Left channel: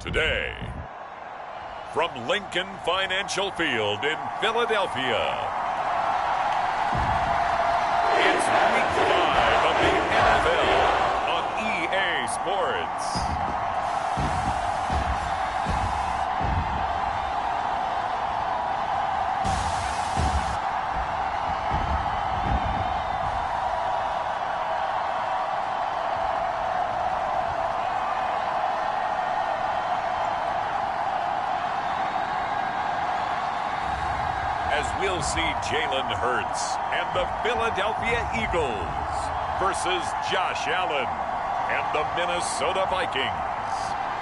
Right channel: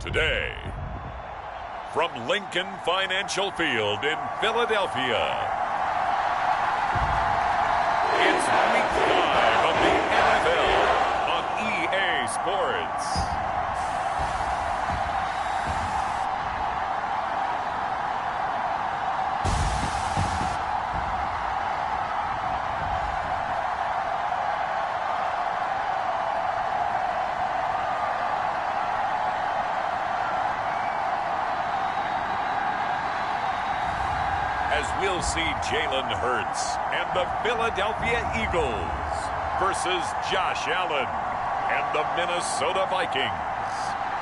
Today, from Lincoln Financial Field in Philadelphia, it's Week 5 of the NFL on EA Sports. As we'll see Jalen Hurts and the Philadelphia Eagles versus Josh Allen and the Minnesota Vikings.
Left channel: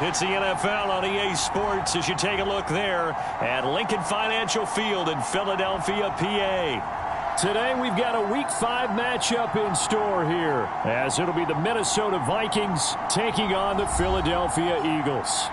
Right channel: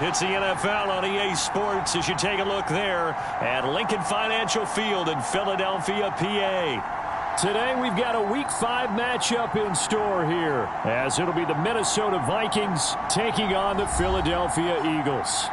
It's the NFL on EA Sports as you take a look there at Lincoln Financial Field in Philadelphia, PA. Today we've got a Week 5 matchup in store here, as it'll be the Minnesota Vikings taking on the Philadelphia Eagles.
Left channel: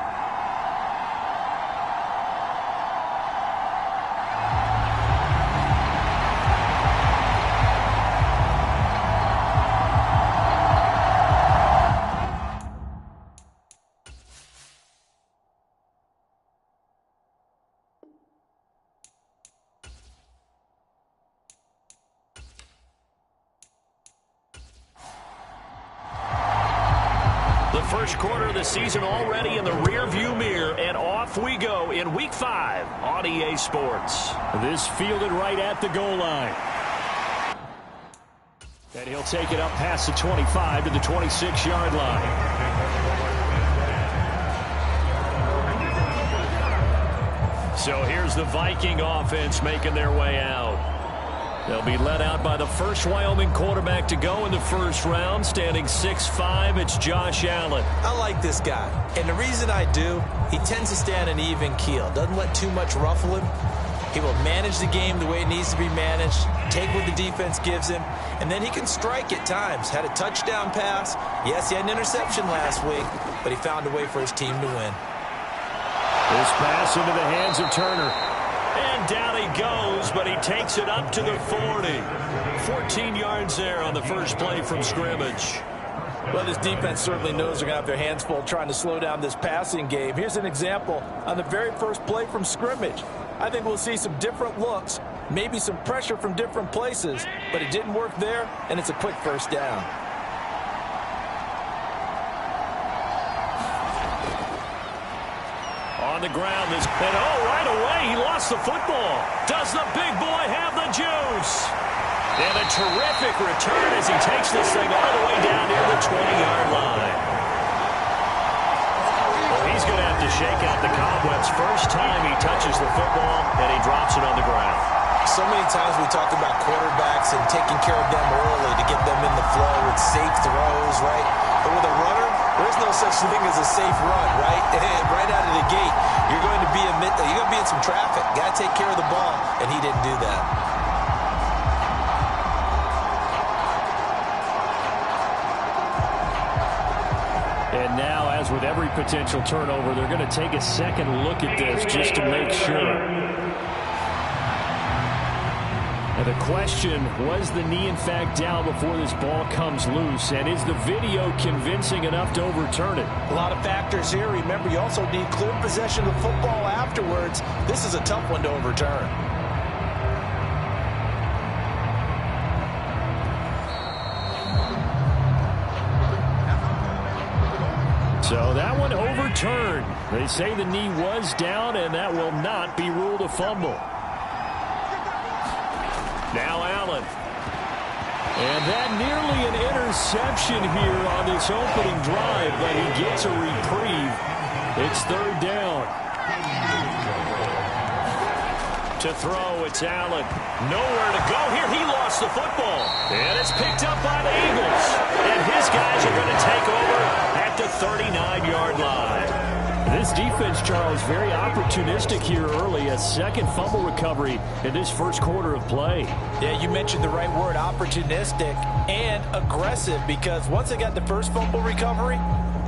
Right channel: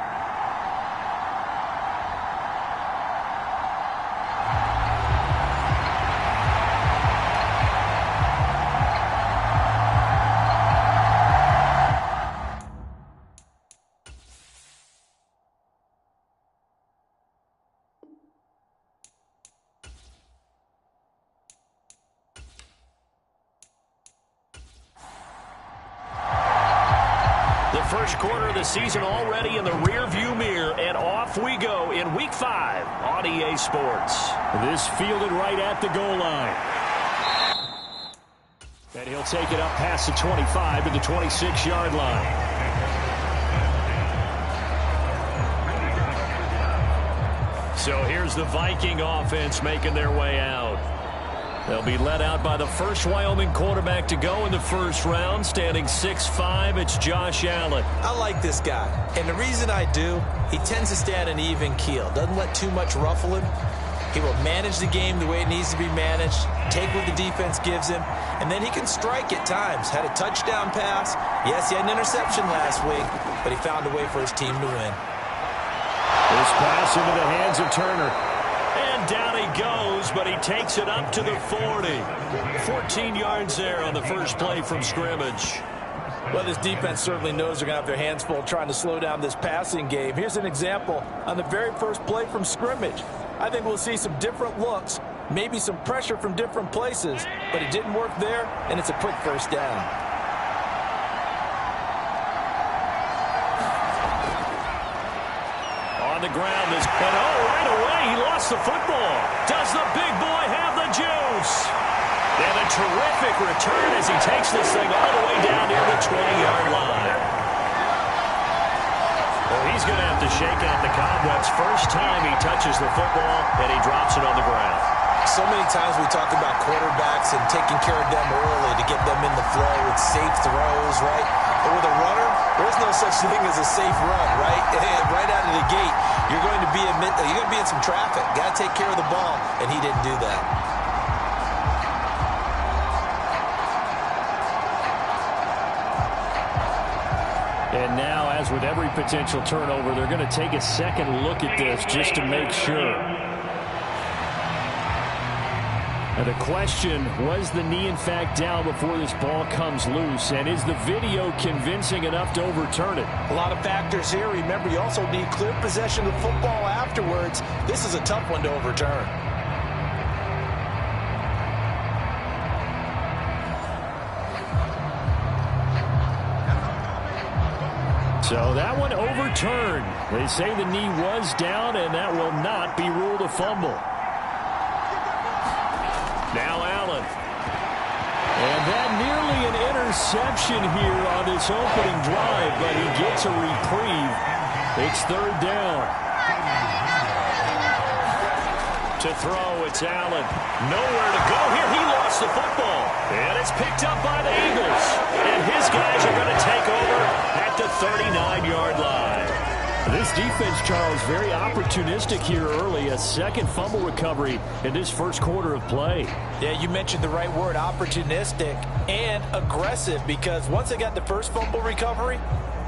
The first quarter of the season already in the rearview mirror, and off we go in Week 5 on EA Sports. This fielded right at the goal line. And he'll take it up past the 25 to the 26-yard line. So here's the Viking offense making their way out. They'll be led out by the first Wyoming quarterback to go in the first round, standing 6'5". It's Josh Allen. I like this guy, and the reason I do, he tends to stay on an even keel. Doesn't let too much ruffle him. He will manage the game the way it needs to be managed, take what the defense gives him, and then he can strike at times. Had a touchdown pass. Yes, he had an interception last week, but he found a way for his team to win. This pass into the hands of Turner. And down he goes, but he takes it up to the 40. 14 yards there on the first play from scrimmage. Well, this defense certainly knows they're going to have their hands full trying to slow down this passing game. Here's an example on the very first play from scrimmage. I think we'll see some different looks, maybe some pressure from different places, but it didn't work there, and it's a quick first down. On the ground, and right away, he lost the football. Does the big boy have the juice? And a terrific return as he takes this thing all the way down near the 20-yard line. Well, he's going to have to shake out the cobwebs first time he touches the football, and he drops it on the ground. So many times we talk about quarterbacks and taking care of them early to get them in the flow with safe throws, right? But with a runner, there's no such thing as a safe run, right? Right out of the gate, you're going to be in some traffic. Got to take care of the ball, and he didn't do that. And now, as with every potential turnover, they're going to take a second look at this just to make sure. And the question, was the knee in fact down before this ball comes loose? And is the video convincing enough to overturn it? A lot of factors here. Remember, you also need clear possession of the football afterwards. This is a tough one to overturn. So that one overturned. They say the knee was down, and that will not be ruled a fumble. Now Allen. And that nearly an interception here on this opening drive, but he gets a reprieve. It's third down. To throw, it's Allen. Nowhere to go here. He lost the football. And it's picked up by the Eagles. And his guys are going to take over at the 39-yard line. This defense, Charles, very opportunistic here early. A second fumble recovery in this first quarter of play. Yeah, you mentioned the right word, opportunistic and aggressive, because once they got the first fumble recovery,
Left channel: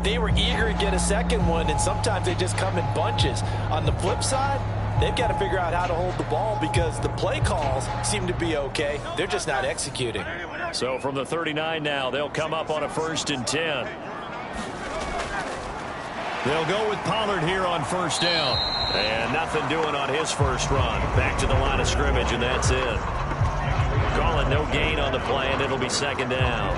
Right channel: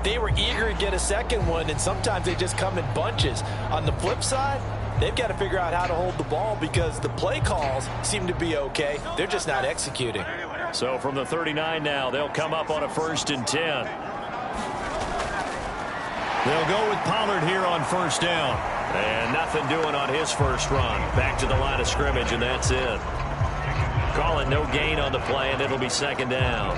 they were eager to get a second one, and sometimes they just come in bunches. On the flip side, they've got to figure out how to hold the ball because the play calls seem to be okay. They're just not executing. So from the 39 now, they'll come up on a 1st and 10. They'll go with Pollard here on first down. And nothing doing on his first run. Back to the line of scrimmage, and that's it. Calling no gain on the play, and it'll be second down.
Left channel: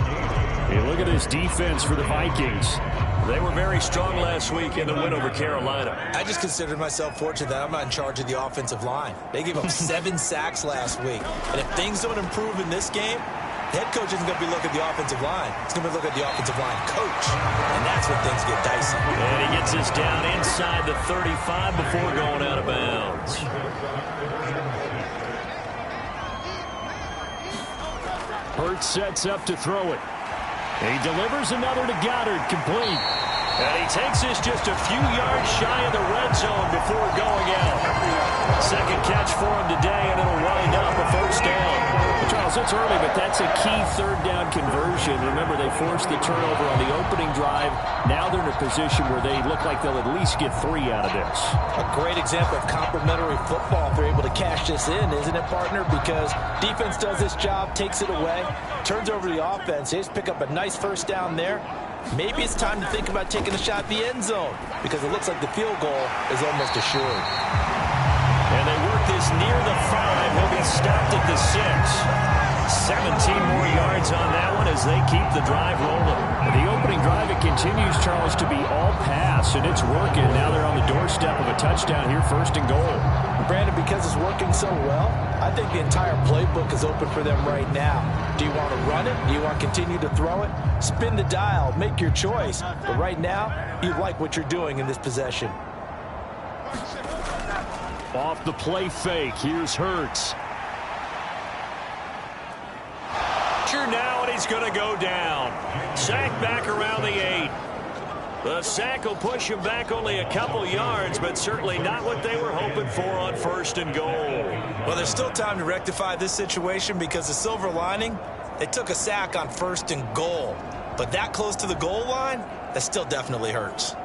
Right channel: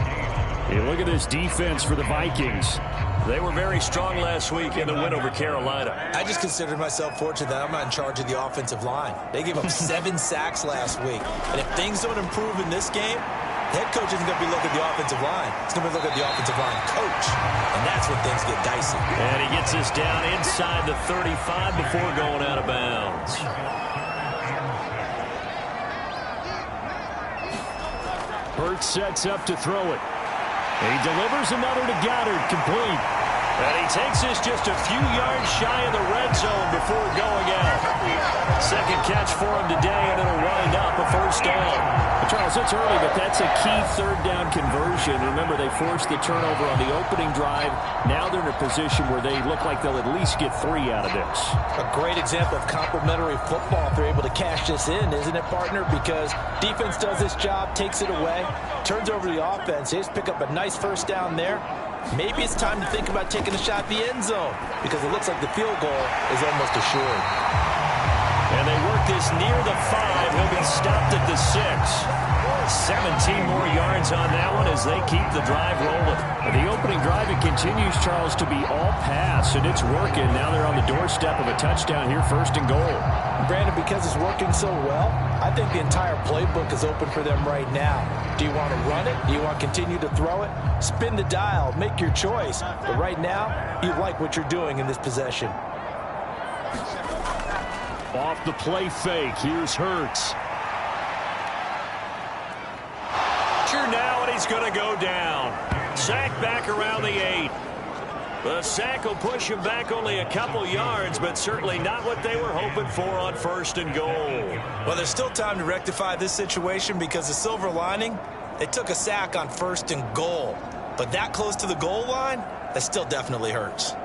Hey, look at this defense for the Vikings. They were very strong last week in the win over Carolina. I just consider myself fortunate that I'm not in charge of the offensive line. They gave up 7 sacks last week. And if things don't improve in this game, the head coach isn't going to be looking at the offensive line. He's going to be looking at the offensive line coach. And that's when things get dicey. And he gets us down inside the 35 before going out of bounds. Hurts sets up to throw it. He delivers another to Goddard, complete. And he takes us just a few yards shy of the red zone before going out. Second catch for him today, and it'll wind up a first down. Charles, it's early, but that's a key third down conversion. Remember, they forced the turnover on the opening drive. Now they're in a position where they look like they'll at least get 3 out of this. A great example of complementary football if they're able to cash this in, isn't it, partner? Because defense does this job, takes it away, turns over the offense. They just pick up a nice first down there. Maybe it's time to think about taking a shot at the end zone because it looks like the field goal is almost assured. And they work this near the 5. He'll be stopped at the 6. 17 more yards on that one as they keep the drive rolling. The opening drive, it continues, Charles, to be all pass, and it's working. Now they're on the doorstep of a touchdown here, first and goal. Brandon, because it's working so well, I think the entire playbook is open for them right now. Do you want to run it? Do you want to continue to throw it? Spin the dial. Make your choice. But right now, you like what you're doing in this possession. Off the play fake, here's Hurts. Now, and he's going to go down. Sack back around the 8. The sack will push him back only a couple yards, but certainly not what they were hoping for on first and goal. Well, there's still time to rectify this situation because the silver lining, they took a sack on first and goal. But that close to the goal line, that still definitely hurts.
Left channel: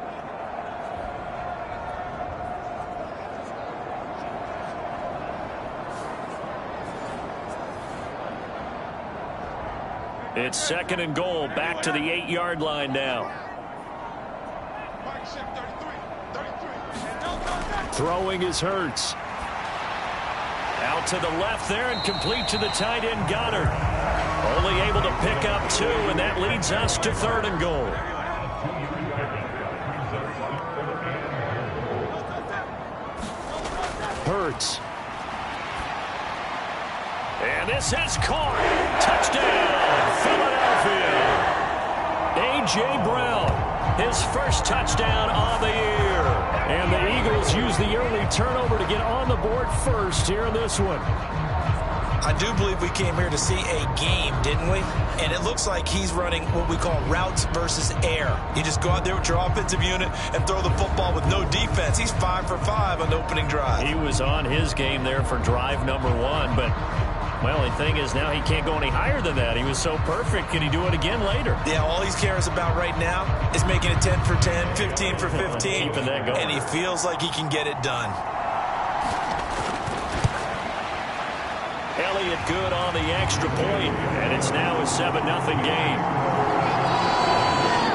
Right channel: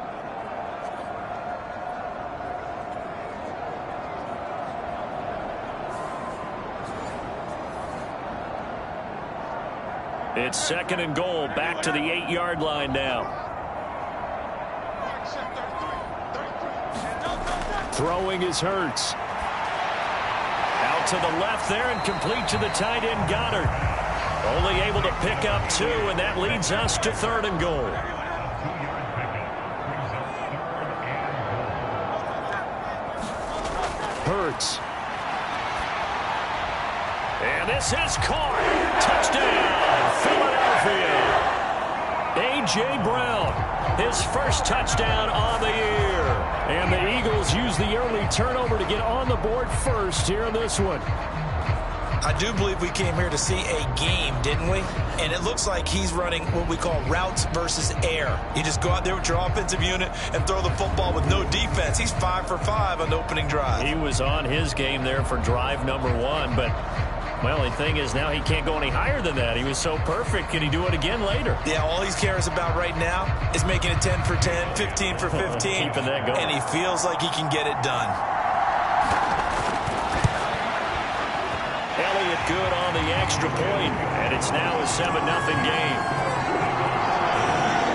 It's second and goal, back to the 8-yard line now. Throwing is Hurts. Out to the left there and complete to the tight end Goddard. Only able to pick up 2, and that leads us to third and goal. Hurts. And this is caught. Touchdown, Philadelphia. A.J. Brown, his first touchdown on the year. And the Eagles use the early turnover to get on the board first here in this one. I do believe we came here to see a game, didn't we? And it looks like he's running what we call routes versus air. You just go out there with your offensive unit and throw the football with no defense. He's 5 for 5 on the opening drive. He was on his game there for drive number 1, but well, the thing is now he can't go any higher than that. He was so perfect. Can he do it again later? Yeah, all he cares about right now is making it 10 for 10, 15 for 15. Keeping that going. And he feels like he can get it done. Elliott good on the extra point, and it's now a 7-0 game.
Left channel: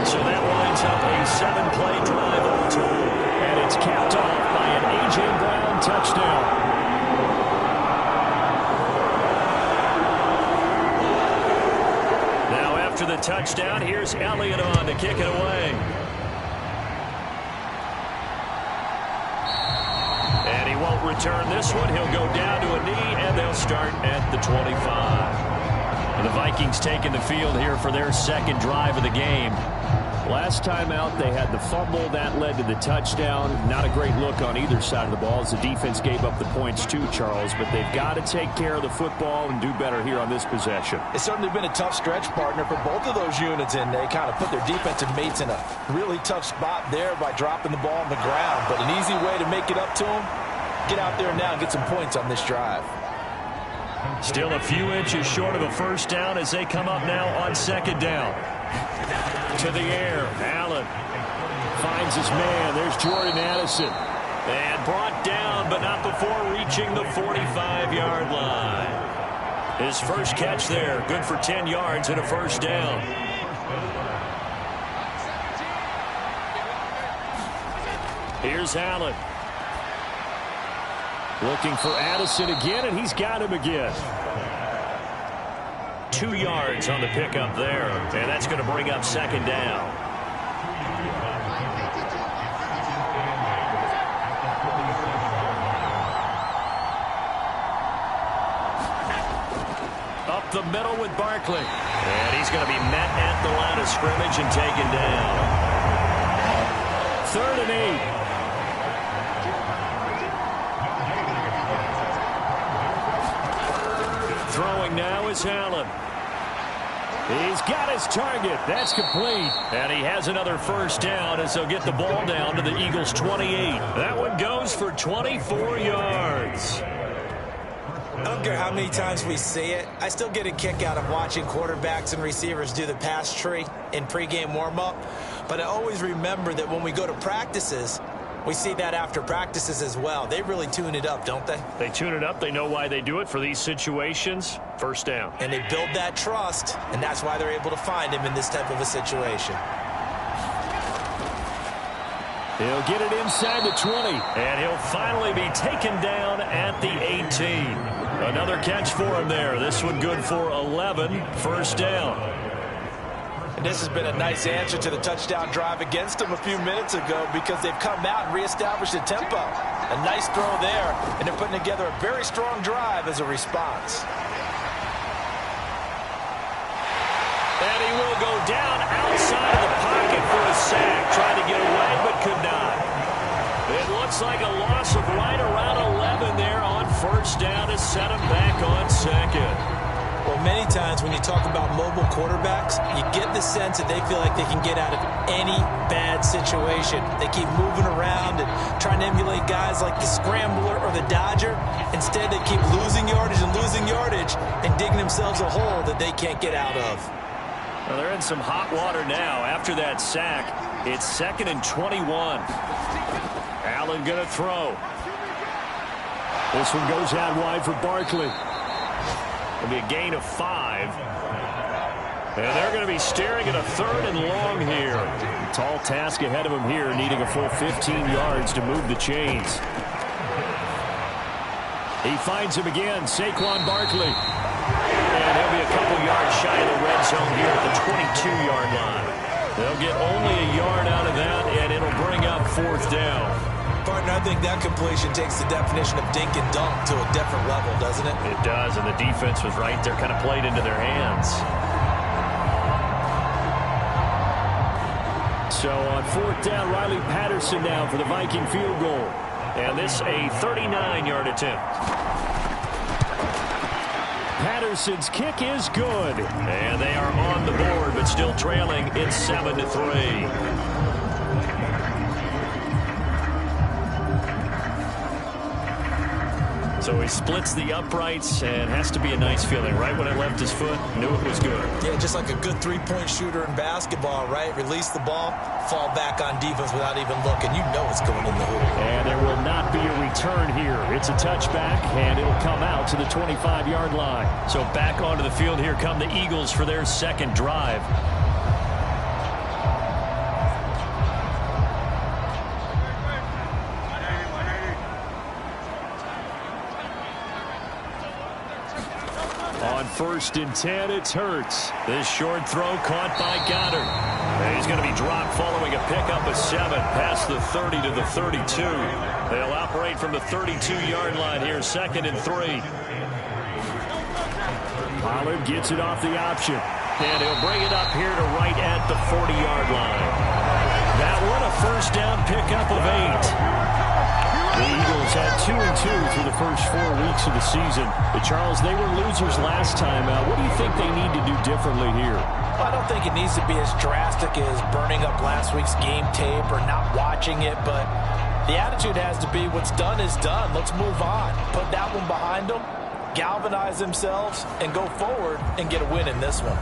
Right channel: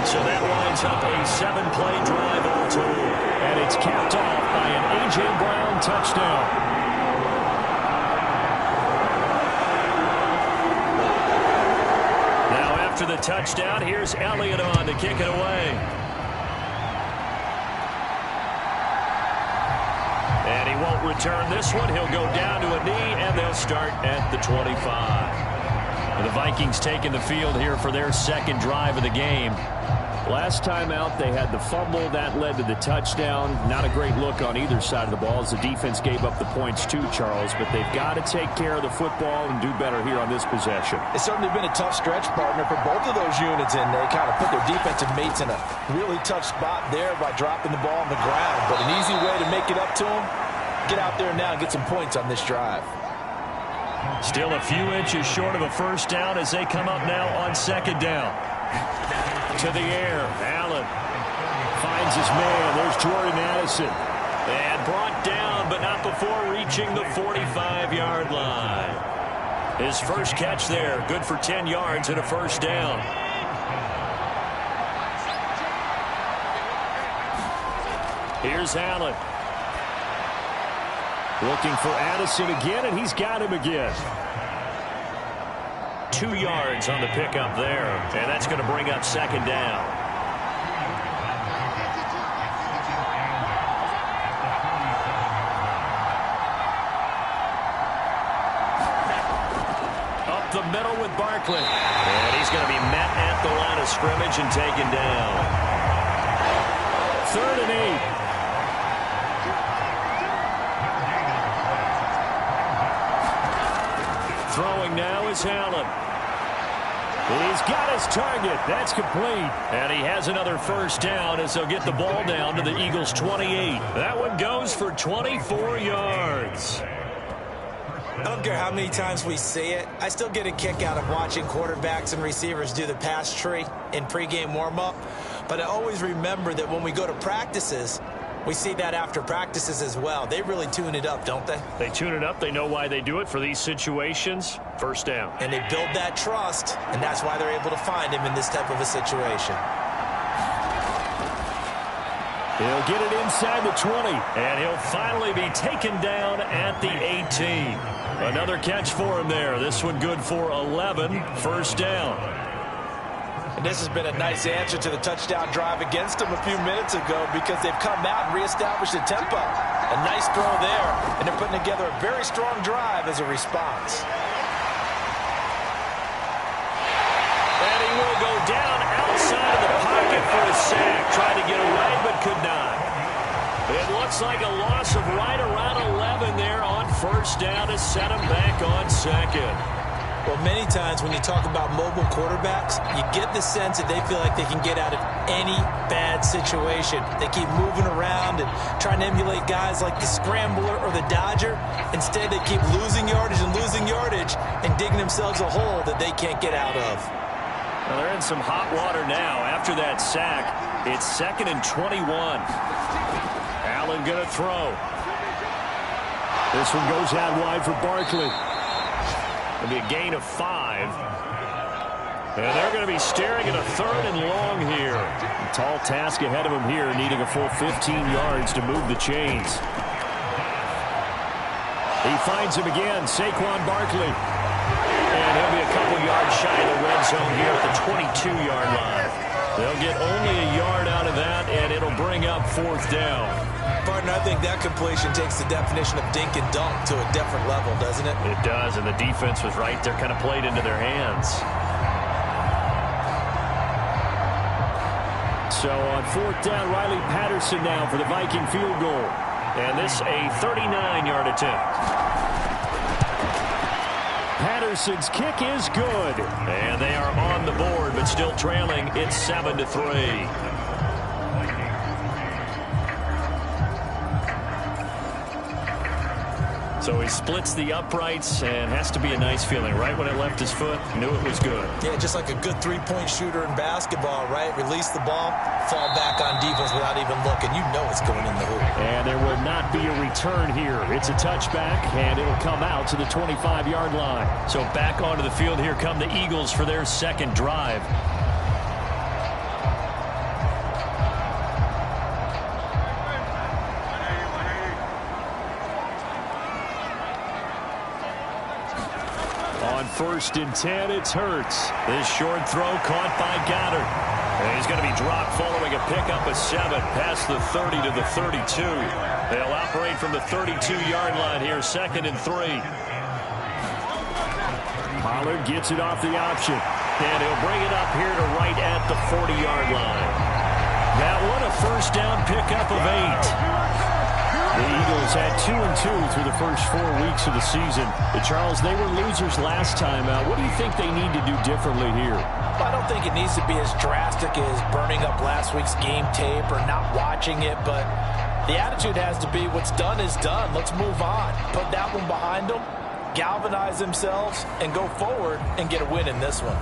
So that winds up a 7-play drive all told. And it's capped off by an A.J. Brown touchdown. Now after the touchdown, here's Elliott on to kick it away. And he won't return this one. He'll go down to a knee, and they'll start at the 25. And the Vikings taking the field here for their second drive of the game. Last time out, they had the fumble. That led to the touchdown. Not a great look on either side of the ball as the defense gave up the points too, Charles. But they've got to take care of the football and do better here on this possession. It's certainly been a tough stretch, partner, for both of those units, and they kind of put their defensive mates in a really tough spot there by dropping the ball on the ground. But an easy way to make it up to them, get out there now and get some points on this drive. Still a few inches short of a first down as they come up now on second down. To the air, Allen finds his man. There's Jordan Addison. And brought down, but not before reaching the 45-yard line. His first catch there, good for 10 yards and a first down. Here's Allen. Looking for Addison again, and he's got him again. 2 yards on the pickup there, and that's going to bring up second down. Up the middle with Barkley. And he's going to be met at the line of scrimmage and taken down. 3rd and 8. Throwing now is Allen. He's got his target. That's complete. And he has another first down as they'll get the ball down to the Eagles' 28. That one goes for 24 yards. I don't care how many times we see it. I still get a kick out of watching quarterbacks and receivers do the pass tree in pregame warm-up. But I always remember that when we go to practices, we see that after practices as well. They really tune it up, don't they? They tune it up. They know why they do it for these situations. First down. And they build that trust, and that's why they're able to find him in this type of a situation. He'll get it inside the 20. And he'll finally be taken down at the 18. Another catch for him there. This one good for 11. First down. And this has been a nice answer to the touchdown drive against them a few minutes ago because they've come out and reestablished the tempo. A nice throw there, and they're putting together a very strong drive as a response. And he will go down outside of the pocket for a sack. Tried to get away, but could not. It looks like a loss of right around 11 there on first down to set him back on second. Well, many times when you talk about mobile quarterbacks, you get the sense that they feel like they can get out of any bad situation. They keep moving around and trying to emulate guys like the scrambler or the dodger. Instead, they keep losing yardage and digging themselves a hole that they can't get out of. Well, they're in some hot water now. After that sack, it's 2nd and 21. Allen going to throw. This one goes out wide for Barkley. It'll be a gain of 5. And they're going to be staring at a 3rd and long here. A tall task ahead of him here, needing a full 15 yards to move the chains. He finds him again, Saquon Barkley. And he'll be a couple yards shy of the red zone here at the 22-yard line. They'll get only a yard out of that, and it'll bring up 4th down. Partner, I think that completion takes the definition of dink and dunk to a different level, doesn't it? It does, and the defense was right there, kind of played into their hands. So on 4th down, Riley Patterson now for the Viking field goal. And this a 39-yard attempt. Patterson's kick is good. And they are on the board, but still trailing. It's 7-3. So he splits the uprights, and has to be a nice feeling. Right when it left his foot, knew it was good. Yeah, just like a good three-point shooter in basketball, right? Release the ball, fall back on defense without even looking. You know it's going in the hoop. And there will not be a return here. It's a touchback, and it'll come out to the 25-yard line. So back onto the field here come the Eagles for their second drive. On 1st and 10, it's Hurts. This short throw caught by Goddard. And he's going to be dropped following a pickup of 7 past the 30 to the 32. They'll operate from the 32-yard line here, 2nd and 3. Pollard gets it off the option. And he'll bring it up here to right at the 40-yard line. That one a first down pickup of 8. The Eagles had 2-2 through the first 4 weeks of the season. Charles, they were losers last time out. What do you think they need to do differently here? Well, I don't think it needs to be as drastic as burning up last week's game tape or not watching it, but the attitude has to be what's done is done. Let's move on. Put that one behind them, galvanize themselves, and go forward and get a win in this one.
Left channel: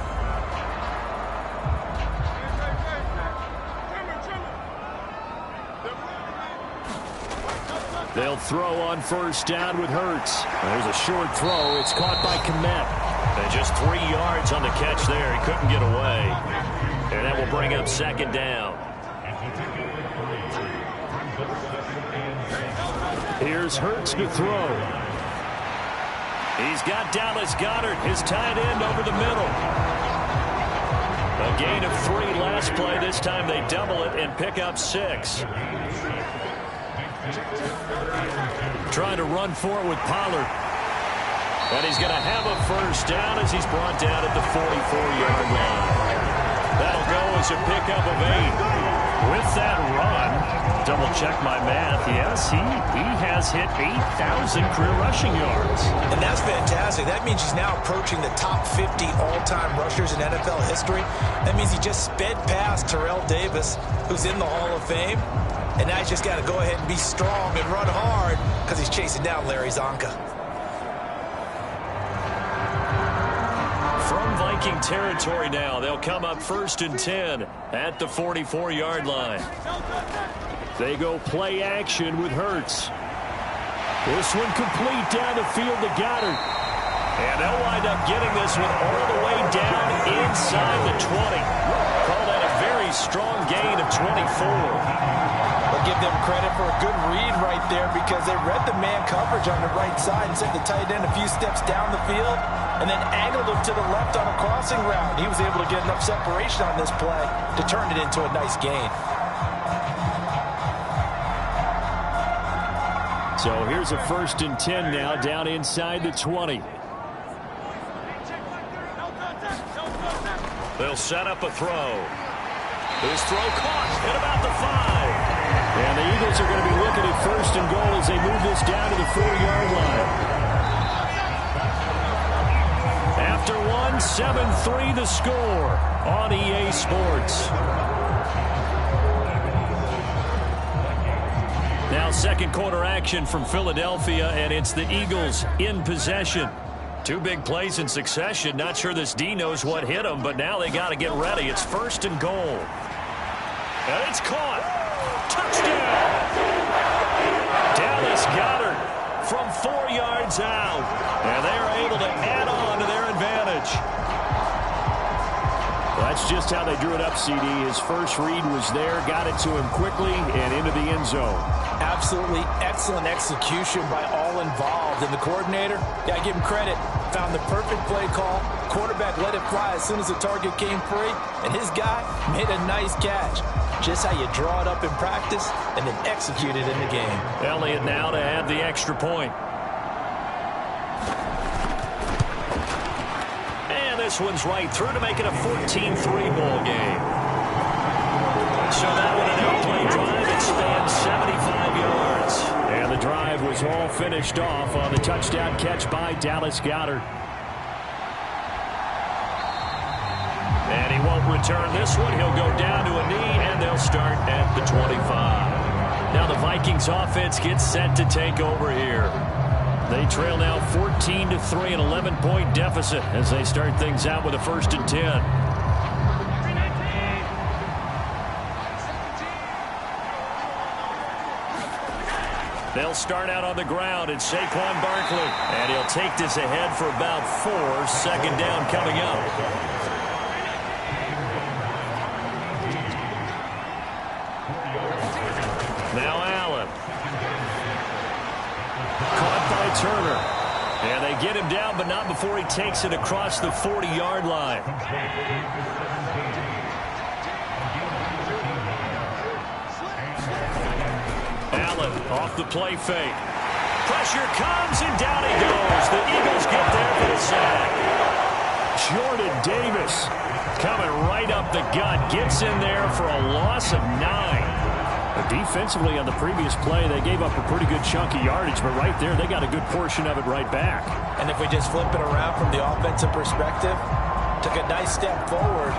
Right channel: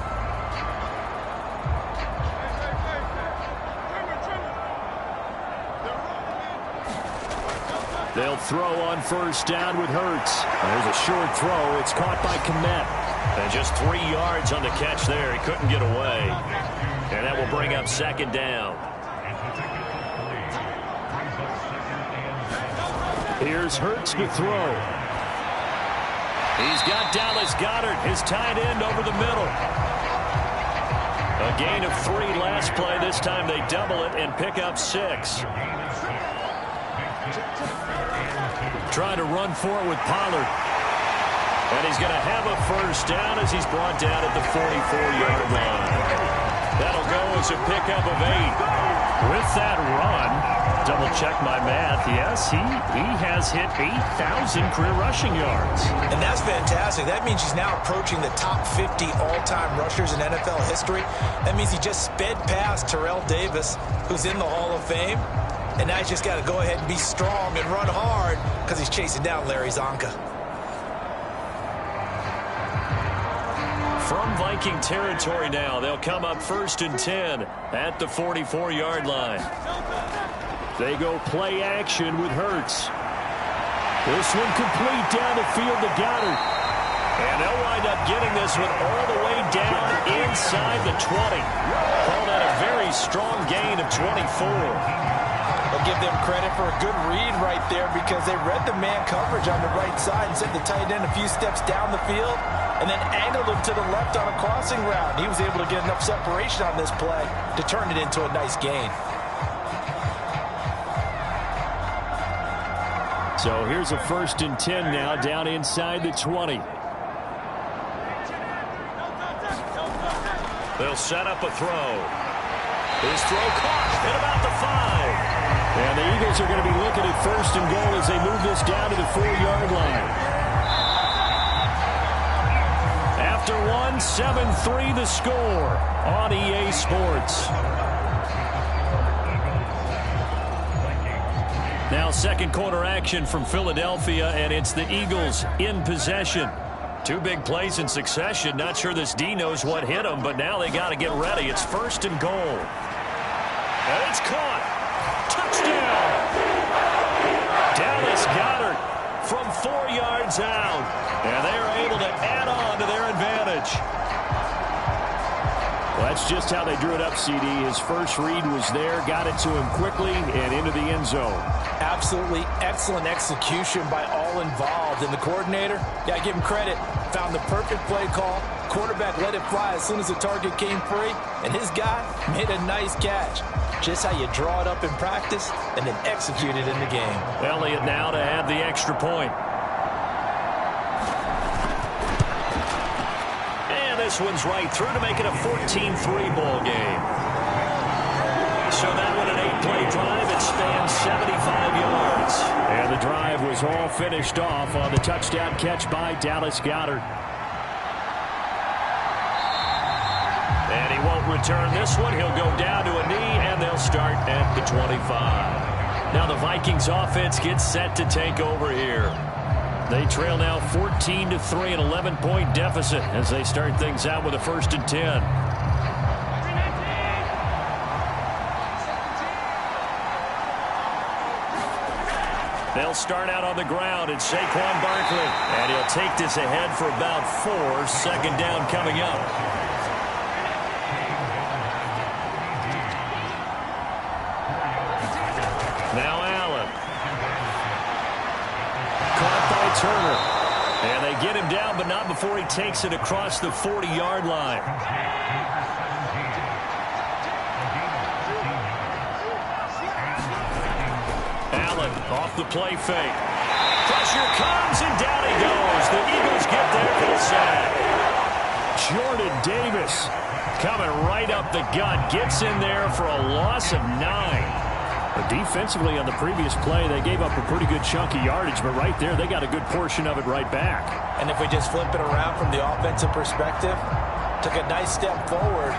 They'll throw on 1st down with Hurts. There's a short throw. It's caught by Kmet. And just 3 yards on the catch there. He couldn't get away. And that will bring up 2nd down. Here's Hurts to throw. He's got Dallas Goedert, his tight end, over the middle. A gain of 3 last play. This time they double it and pick up 6. Trying to run for it with Pollard. And he's going to have a first down as he's brought down at the 44-yard line. That'll go as a pickup of 8. With that run, double check my math. Yes, he has hit 8,000 career rushing yards. And that's fantastic. That means he's now approaching the top 50 all-time rushers in NFL history. That means he just sped past Terrell Davis, who's in the Hall of Fame. And now he's just got to go ahead and be strong and run hard because he's chasing down Larry Zonka. From Viking territory now, they'll come up 1st and 10 at the 44-yard line. They go play action with Hurts. This one complete down the field to Goddard. And they'll wind up getting this one all the way down inside the 20. Call that a very strong gain of 24. But give them credit for a good read right there because they read the man coverage on the right side and sent the tight end a few steps down the field and then angled him to the left on a crossing route. He was able to get enough separation on this play to turn it into a nice gain. So here's a 1st and 10 now down inside the 20. They'll set up a throw. His throw caught at about the 5. And the Eagles are going to be looking at 1st and goal as they move this down to the 4-yard line. After 1, 7-3 the score on EA Sports. Now 2nd quarter action from Philadelphia, and it's the Eagles in possession. 2 big plays in succession. Not sure this D knows what hit them, but now they got to get ready. It's 1st and goal. And it's caught. Touchdown. Dallas Goedert from 4 yards out. And they are able to add on to their advantage. Well, that's just how they drew it up, CD. His first read was there, got it to him quickly, and into the end zone. Absolutely excellent execution by all involved. And the coordinator, got to give him credit, found the perfect play call. Quarterback let it fly as soon as the target came free, and his guy made a nice catch. Just how you draw it up in practice and then execute it in the game. Elliott now to add the extra point. And this one's right through to make it a 14-3 ball game. So that one an 8-play drive. It spans 75 yards. And the drive was all finished off on the touchdown catch by Dallas Goedert. And he won't return this one. He'll go down to a knee, and they'll start at the 25. Now the Vikings offense gets set to take over here. They trail now 14-3, an 11-point deficit as they start things out with a 1st and 10. They'll start out on the ground. It's Saquon Barkley. And he'll take this ahead for about 4. 2nd down coming up. Now Allen. Caught by Turner. And they get him down, but not before he takes it across the 40-yard line. Allen off the play fake. Pressure comes, and down he goes. The Eagles get there for the sack. Jordan Davis coming right up the gut. Gets in there for a loss of 9. But defensively on the previous play, they gave up a pretty good chunk of yardage, but right there, they got a good portion of it right back. And if we just flip it around from the offensive perspective, took a nice step forward,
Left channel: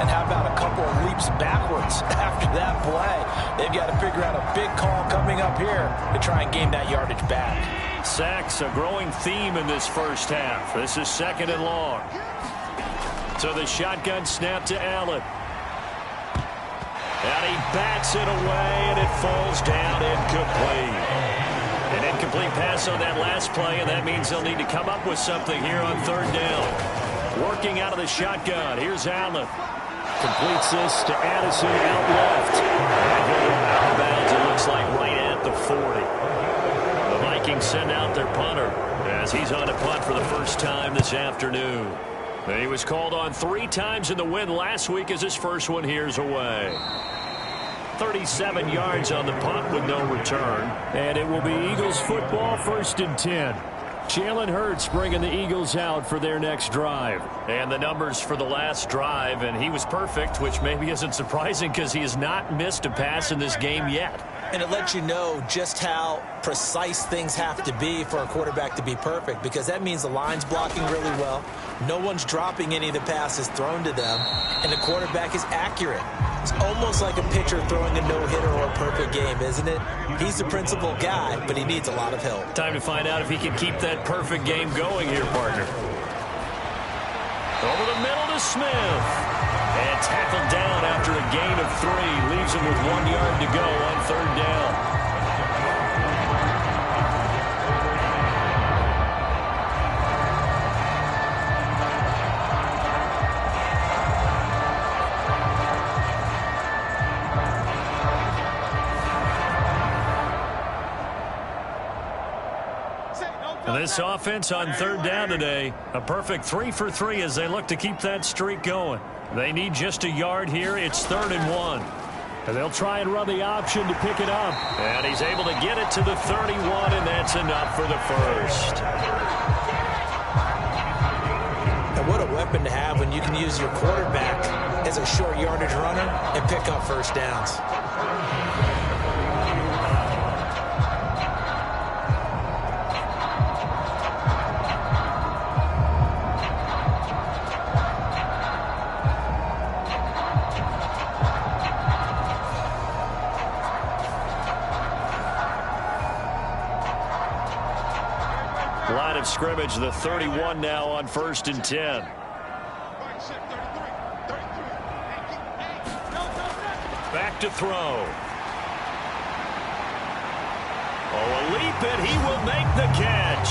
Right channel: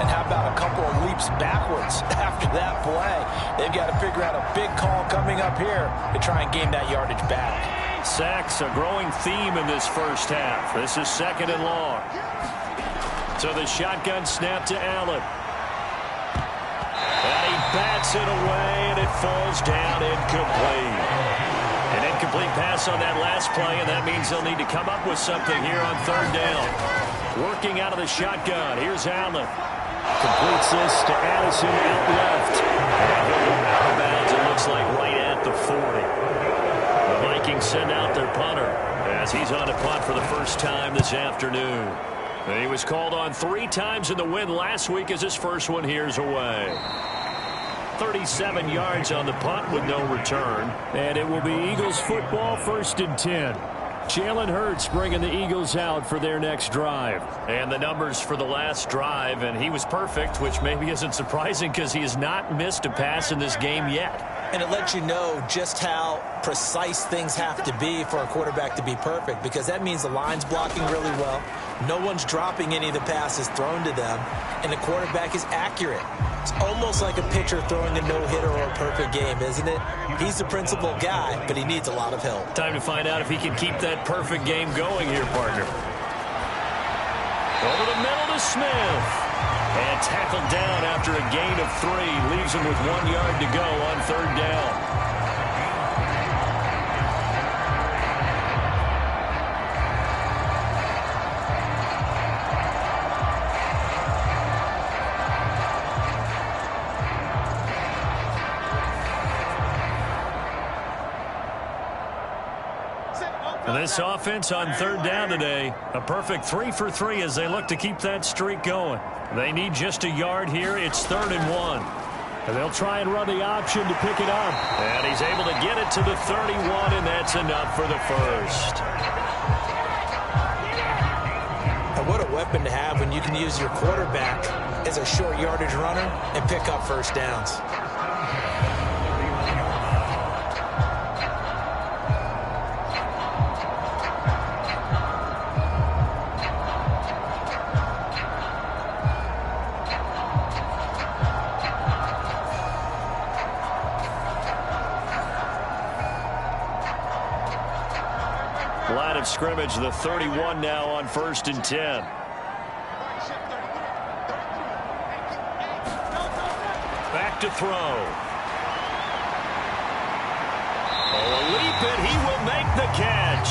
and how about a couple of leaps backwards after that play? They've got to figure out a big call coming up here to try and gain that yardage back. Sacks, a growing theme in this first half. This is 2nd and long. So the shotgun snap to Allen. And he bats it away, and it falls down incomplete. An incomplete pass on that last play, and that means they'll need to come up with something here on 3rd down. Working out of the shotgun. Here's Allen. Completes this to Addison out left. And he'll go out of bounds, it looks like, right at the 40. Vikings send out their punter as he's on a punt for the first time this afternoon. He was called on 3 times in the win last week as his first one here's away. 37 yards on the punt with no return. And it will be Eagles football, 1st and 10. Jalen Hurts bringing the Eagles out for their next drive. And the numbers for the last drive, and he was perfect, which maybe isn't surprising because he has not missed a pass in this game yet. And it lets you know just how precise things have to be for a quarterback to be perfect, because that means the line's blocking really well. No one's dropping any of the passes thrown to them, and the quarterback is accurate. It's almost like a pitcher throwing a no-hitter or a perfect game, isn't it? He's the principal guy, but he needs a lot of help. Time to find out if he can keep that perfect game going here, partner. Over the middle to Smith. And tackled down after a gain of 3. Leaves him with 1 yard to go on 3rd down. This offense on 3rd down today, a perfect 3 for 3 as they look to keep that streak going. They need just a yard here. It's 3rd and 1. And they'll try and run the option to pick it up. And he's able to get it to the 31, and that's enough for the first. And what a weapon to have when you can use your quarterback as a short yardage runner and pick up first downs. Line of scrimmage, the 31 now on 1st and 10. Back to throw. Oh, a leap, and he will make the catch.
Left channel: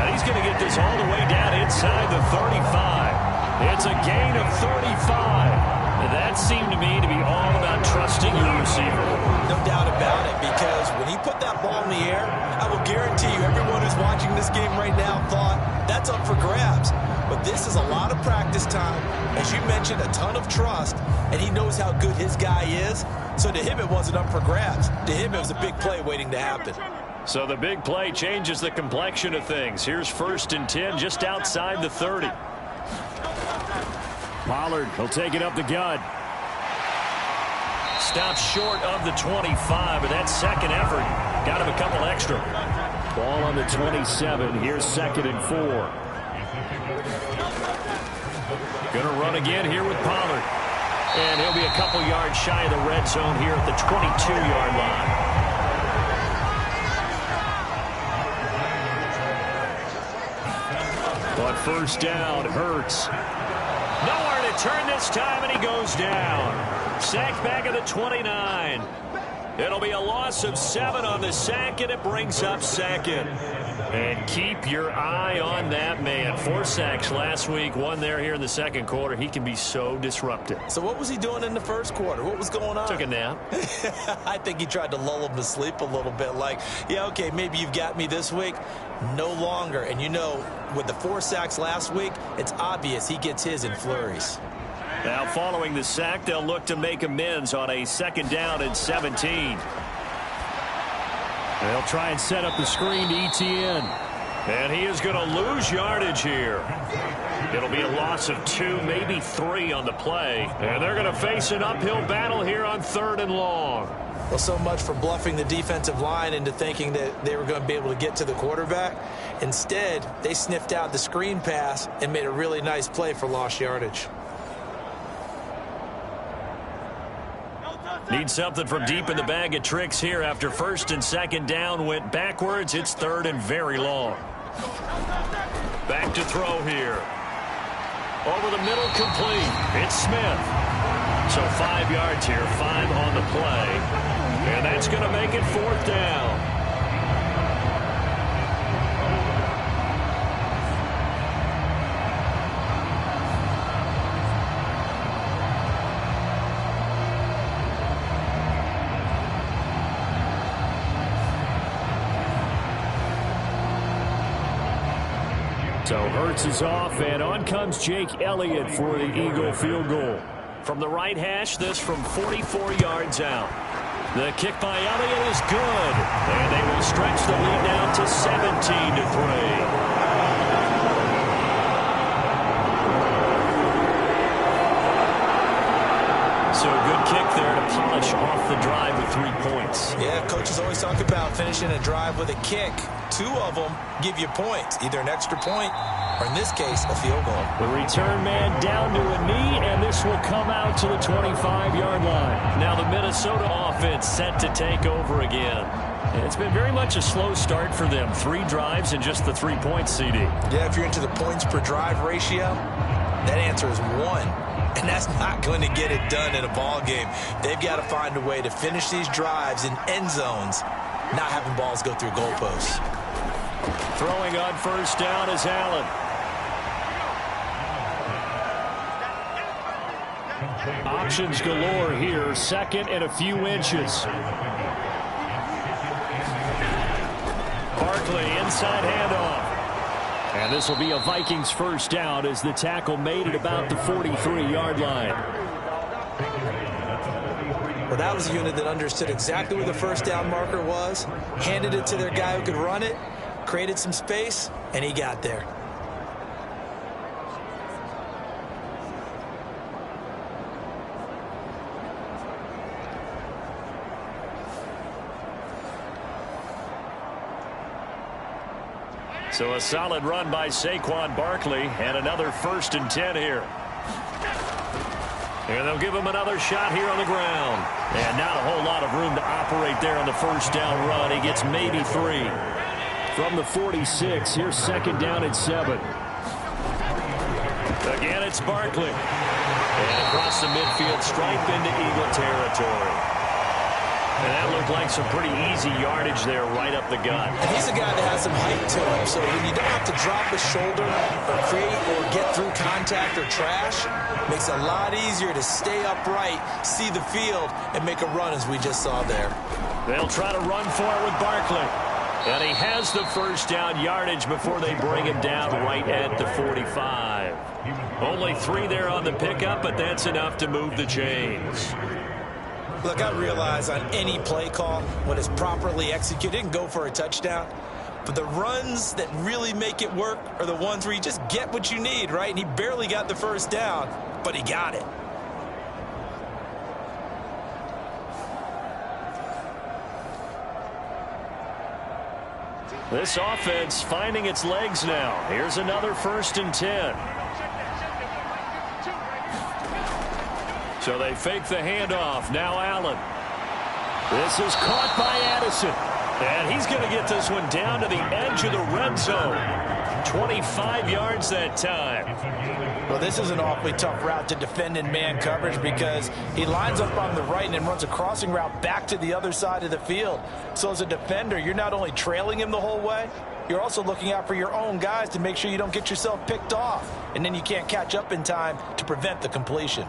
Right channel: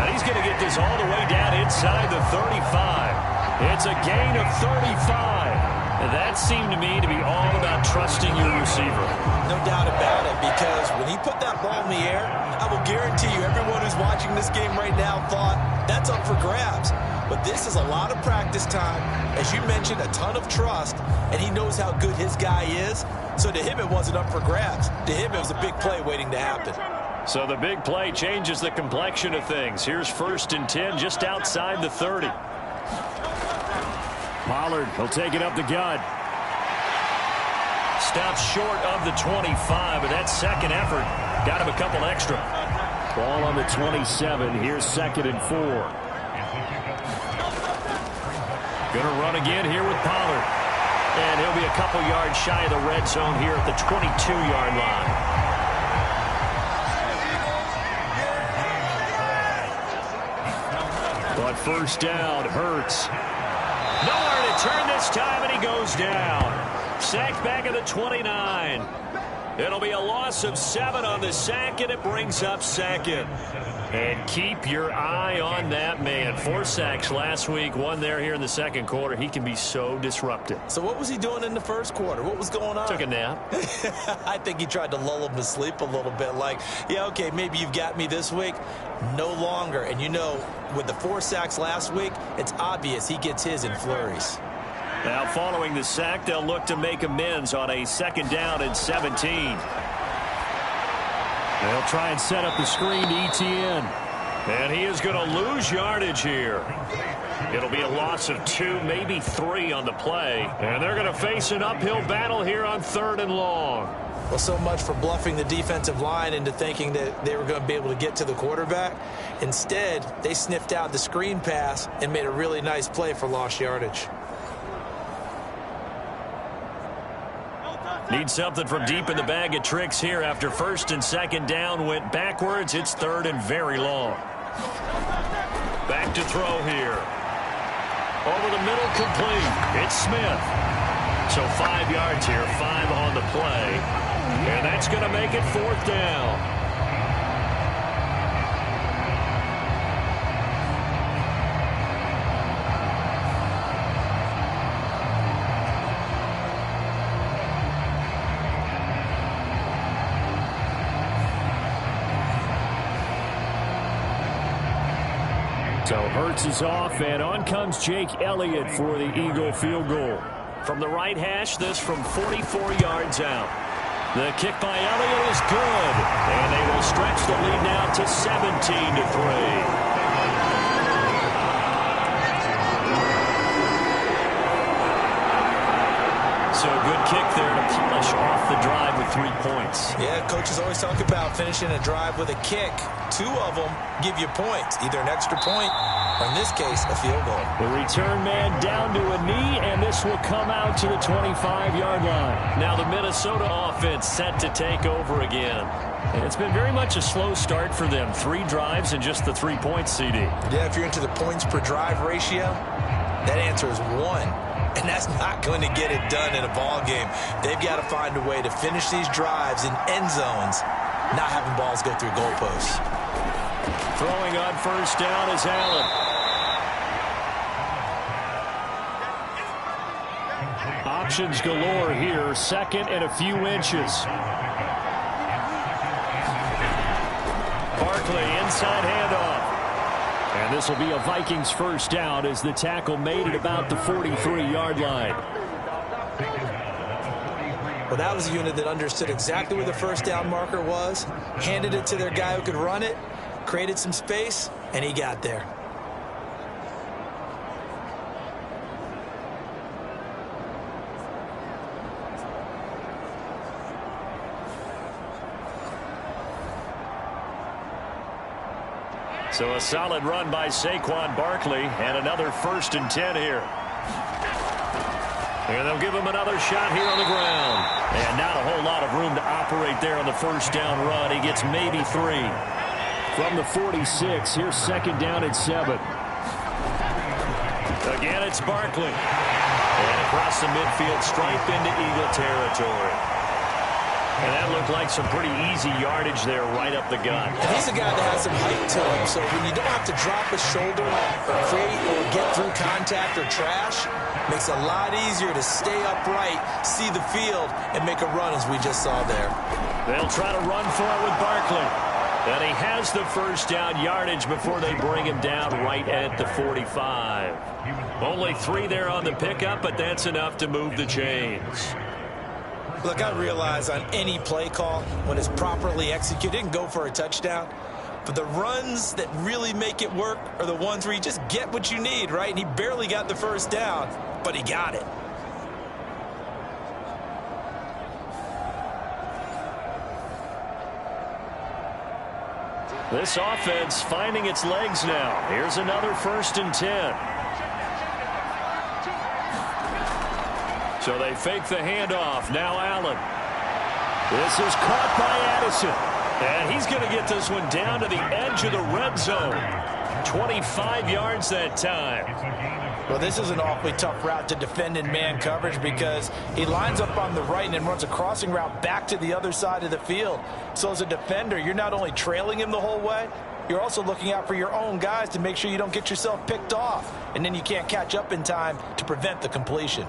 And he's going to get this all the way down inside the 35. It's a gain of 35. That seemed to me to be all about trusting your receiver. No doubt about it, because when he put that ball in the air, I will guarantee you everyone who's watching this game right now thought that's up for grabs. But this is a lot of practice time. As you mentioned, a ton of trust, and he knows how good his guy is. So to him, it wasn't up for grabs. To him, it was a big play waiting to happen. So the big play changes the complexion of things. Here's 1st and 10 just outside the 30. Pollard will take it up the gut. Stops short of the 25, but that second effort got him a couple extra. Ball on the 27. Here's 2nd and 4. Going to run again here with Pollard. And he'll be a couple yards shy of the red zone here at the 22-yard line. But first down, Hurts. Nowhere to turn this time, and he goes down. Sacked back at the 29. It'll be a loss of 7 on the sack, and it brings up 2nd. And keep your eye on that man. 4 sacks last week, 1 there here in the second quarter. He can be so disruptive. So what was he doing in the first quarter? What was going on? Took a nap. I think he tried to lull him to sleep a little bit. Like, yeah, okay, maybe you've got me this week. No longer. And you know, with the 4 sacks last week, it's obvious he gets his in flurries. Now following the sack, they'll look to make amends on a 2nd down and 17. They'll try and set up the screen to ETN. And he is going to lose yardage here. It'll be a loss of 2, maybe 3 on the play. And they're going to face an uphill battle here on 3rd and long. Well, so much for bluffing the defensive line into thinking that they were going to be able to get to the quarterback. Instead, they sniffed out the screen pass and made a really nice play for lost yardage. Need something from deep in the bag of tricks here after 1st and 2nd down went backwards. It's 3rd and very long. Back to throw here. Over the middle, complete. It's Smith. So 5 yards here, 5 on the play. And that's going to make it 4th down. So Hurts is off, and on comes Jake Elliott for the Eagle field goal. From the right hash, this from 44 yards out. The kick by Elliott is good, and they will stretch the lead now to 17-3. So a good kick there to polish off the drive with 3 points. Yeah, coaches always talk about finishing a drive with a kick. 2 of them give you points, either an extra point or, in this case, a field goal. The return man down to a knee, and this will come out to the 25-yard line. Now the Minnesota offense set to take over again. It's been very much a slow start for them. 3 drives and just the 3 points, CD. Yeah, if you're into the points per drive ratio, that answer is 1. And that's not going to get it done in a ball game. They've got to find a way to finish these drives in end zones, not having balls go through goalposts. Throwing on first down is Allen. Options galore here. Second and a few inches. Barkley inside handoff. And this will be a Vikings first down as the tackle made it about the 43-yard line. Well, that was a unit that understood exactly where the first down marker was, handed it to their guy who could run it, created some space, and he got there. So a solid run by Saquon Barkley, and another 1st and 10 here. And they'll give him another shot here on the ground. And not a whole lot of room to operate there on the first down run. He gets maybe 3. From the 46, here's 2nd down and 7. Again, it's Barkley. And across the midfield stripe into Eagle territory. And that looked like some pretty easy yardage there right up the gut. And he's a guy that has some height to him, so when you don't have to drop a shoulder or create or get through contact or trash, makes it a lot easier to stay upright, see the field, and make a run as we just saw there. They'll try to run for it with Barkley. And he has the first down yardage before they bring him down right at the 45. Only 3 there on the pickup, but that's enough to move the chains. Look, I realize on any play call, when it's properly executed, it can go for a touchdown. But the runs that really make it work are the ones where you just get what you need, right? And he barely got the first down, but he got it. This offense finding its legs now. Here's another 1st and 10. So they fake the handoff. Now Allen. This is caught by Addison. And he's going to get this one down to the edge of the red zone. 25 yards that time. Well, this is an awfully tough route to defend in man coverage because he lines up on the right and then runs a crossing route back to the other side of the field. So as a defender, you're not only trailing him the whole way, you're also looking out for your own guys to make sure you don't get yourself picked off. And then you can't catch up in time to prevent the completion.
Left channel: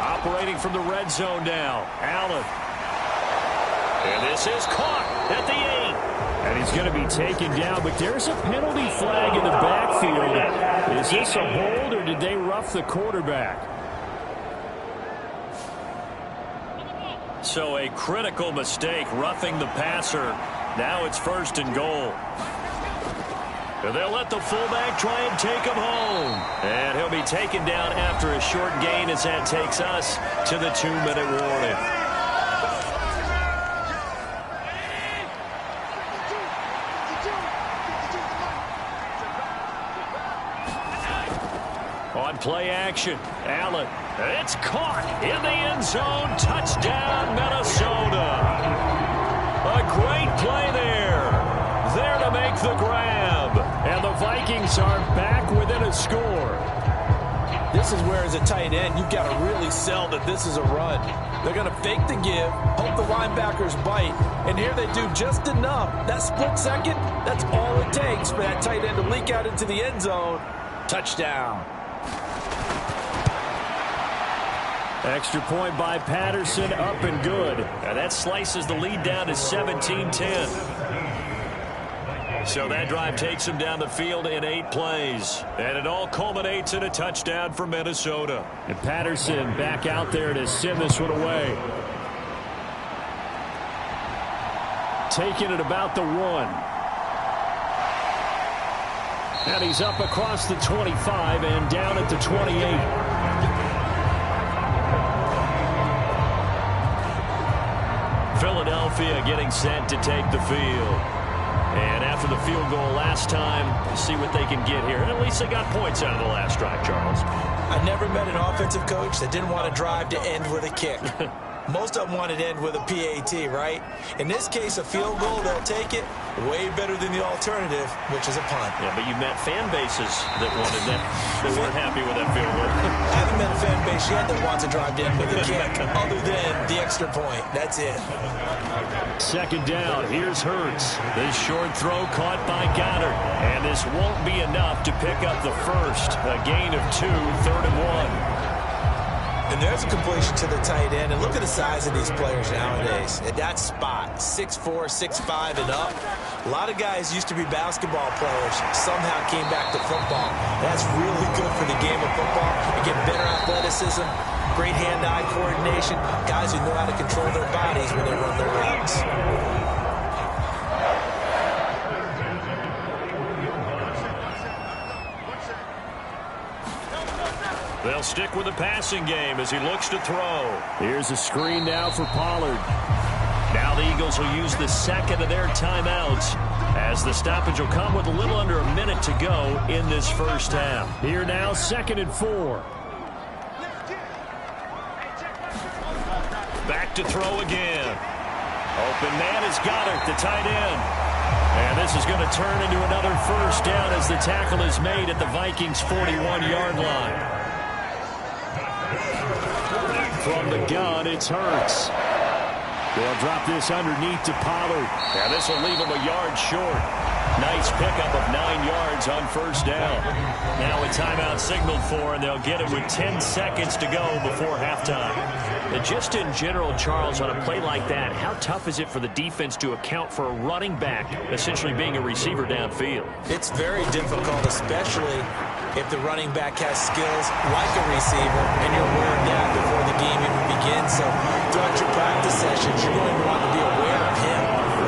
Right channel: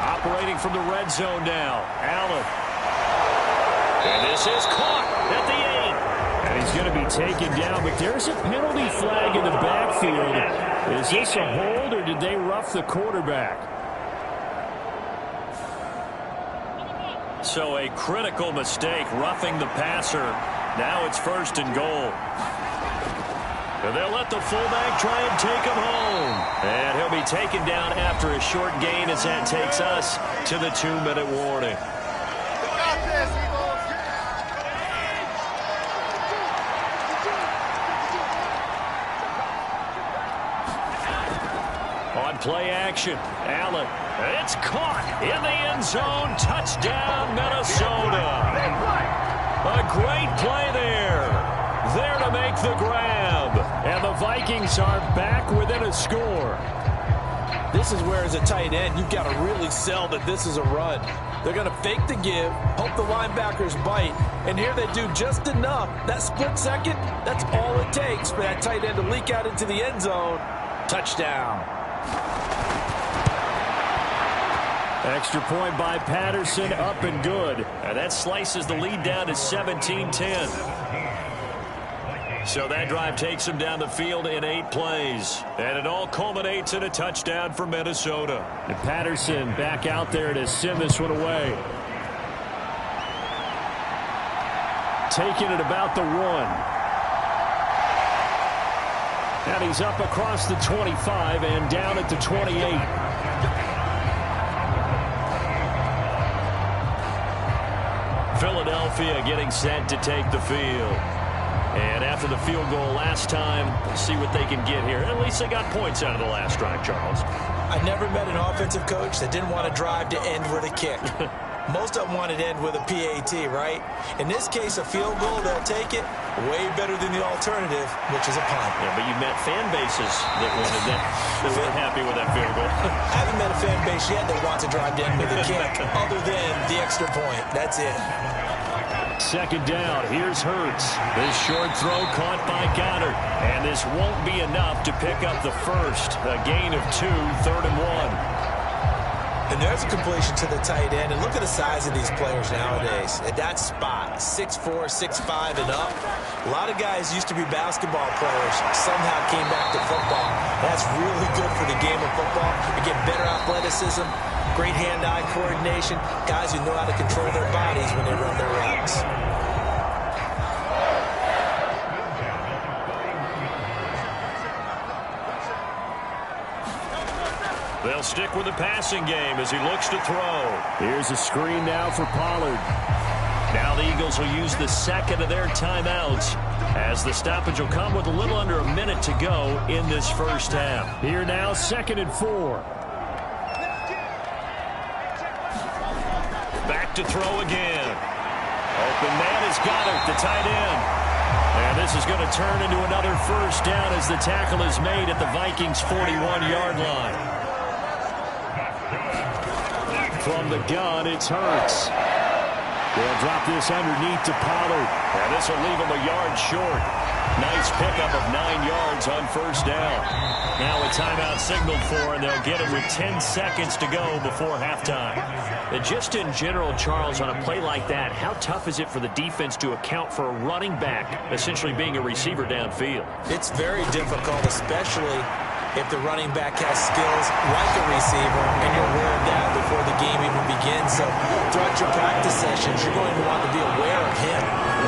Operating from the red zone now. Allen. And this is caught at the 8. And he's going to be taken down, but there's a penalty flag in the backfield. Is this a hold, or did they rough the quarterback? So a critical mistake, roughing the passer. Now it's 1st and goal. And they'll let the fullback try and take him home. And he'll be taken down after a short gain as that takes us to the 2-minute warning. On play action, Allen. It's caught in the end zone. Touchdown, Minnesota. A great play there. There to make the grab. And the Vikings are back within a score. This is where, as a tight end, you've got to really sell that this is a run. They're going to fake the give, hope the linebackers bite, and here they do just enough. That split second, that's all it takes for that tight end to leak out into the end zone. Touchdown. Extra point by Patterson, up and good. And that slices the lead down to 17-10. So that drive takes them down the field in 8 plays. And it all culminates in a touchdown for Minnesota. And Patterson back out there to send this one away. Taking it about the 1. And he's up across the 25 and down at the 28. Philadelphia getting set to take the field. And after the field goal last time, we'll see what they can get here. At least they got points out of the last drive, Charles. I never met an offensive coach that didn't want to drive to end with a kick. Most of them wanted to end with a PAT, right? In this case, a field goal, they'll take it. Way better than the alternative, which is a punt. Yeah, but you met fan bases that wanted that, that weren't happy with that field goal. I haven't met a fan base yet that wants to drive to end with a kick, other than the extra point. That's it. Second down, here's Hurts. This short throw caught by Goddard. And this won't be enough to pick up the first. A gain of 2, 3rd and 1. And there's a completion to the tight end. And look at the size of these players nowadays. At that spot, 6'4", 6'5", and up. A lot of guys used to be basketball players. Somehow came back to football. That's really good for the game of football. You get better athleticism, great hand-eye coordination, guys who know how to control their bodies when they run their routes. They'll stick with the passing game as he looks to throw. Here's a screen now for Pollard. Now the Eagles will use the second of their timeouts as the stoppage will come with a little under a minute to go in this first half. Here now, 2nd and 4. Back to throw again. Open man is Goddard, the tight end. And this is going to turn into another first down as the tackle is made at the Vikings' 41-yard line. From the gun, it's Hurts. They'll drop this underneath to Pollard. And this will leave him a yard short. Nice pickup of 9 yards on first down. Now a timeout signaled for, and they'll get it with 10 seconds to go before halftime. And just in general, Charles, on a play like that, how tough is it for the defense to account for a running back essentially being a receiver downfield? It's very difficult, especially if the running back has skills like a receiver, and you're aware of that before the game even begins. So throughout your practice sessions, you're going to want to be aware of him.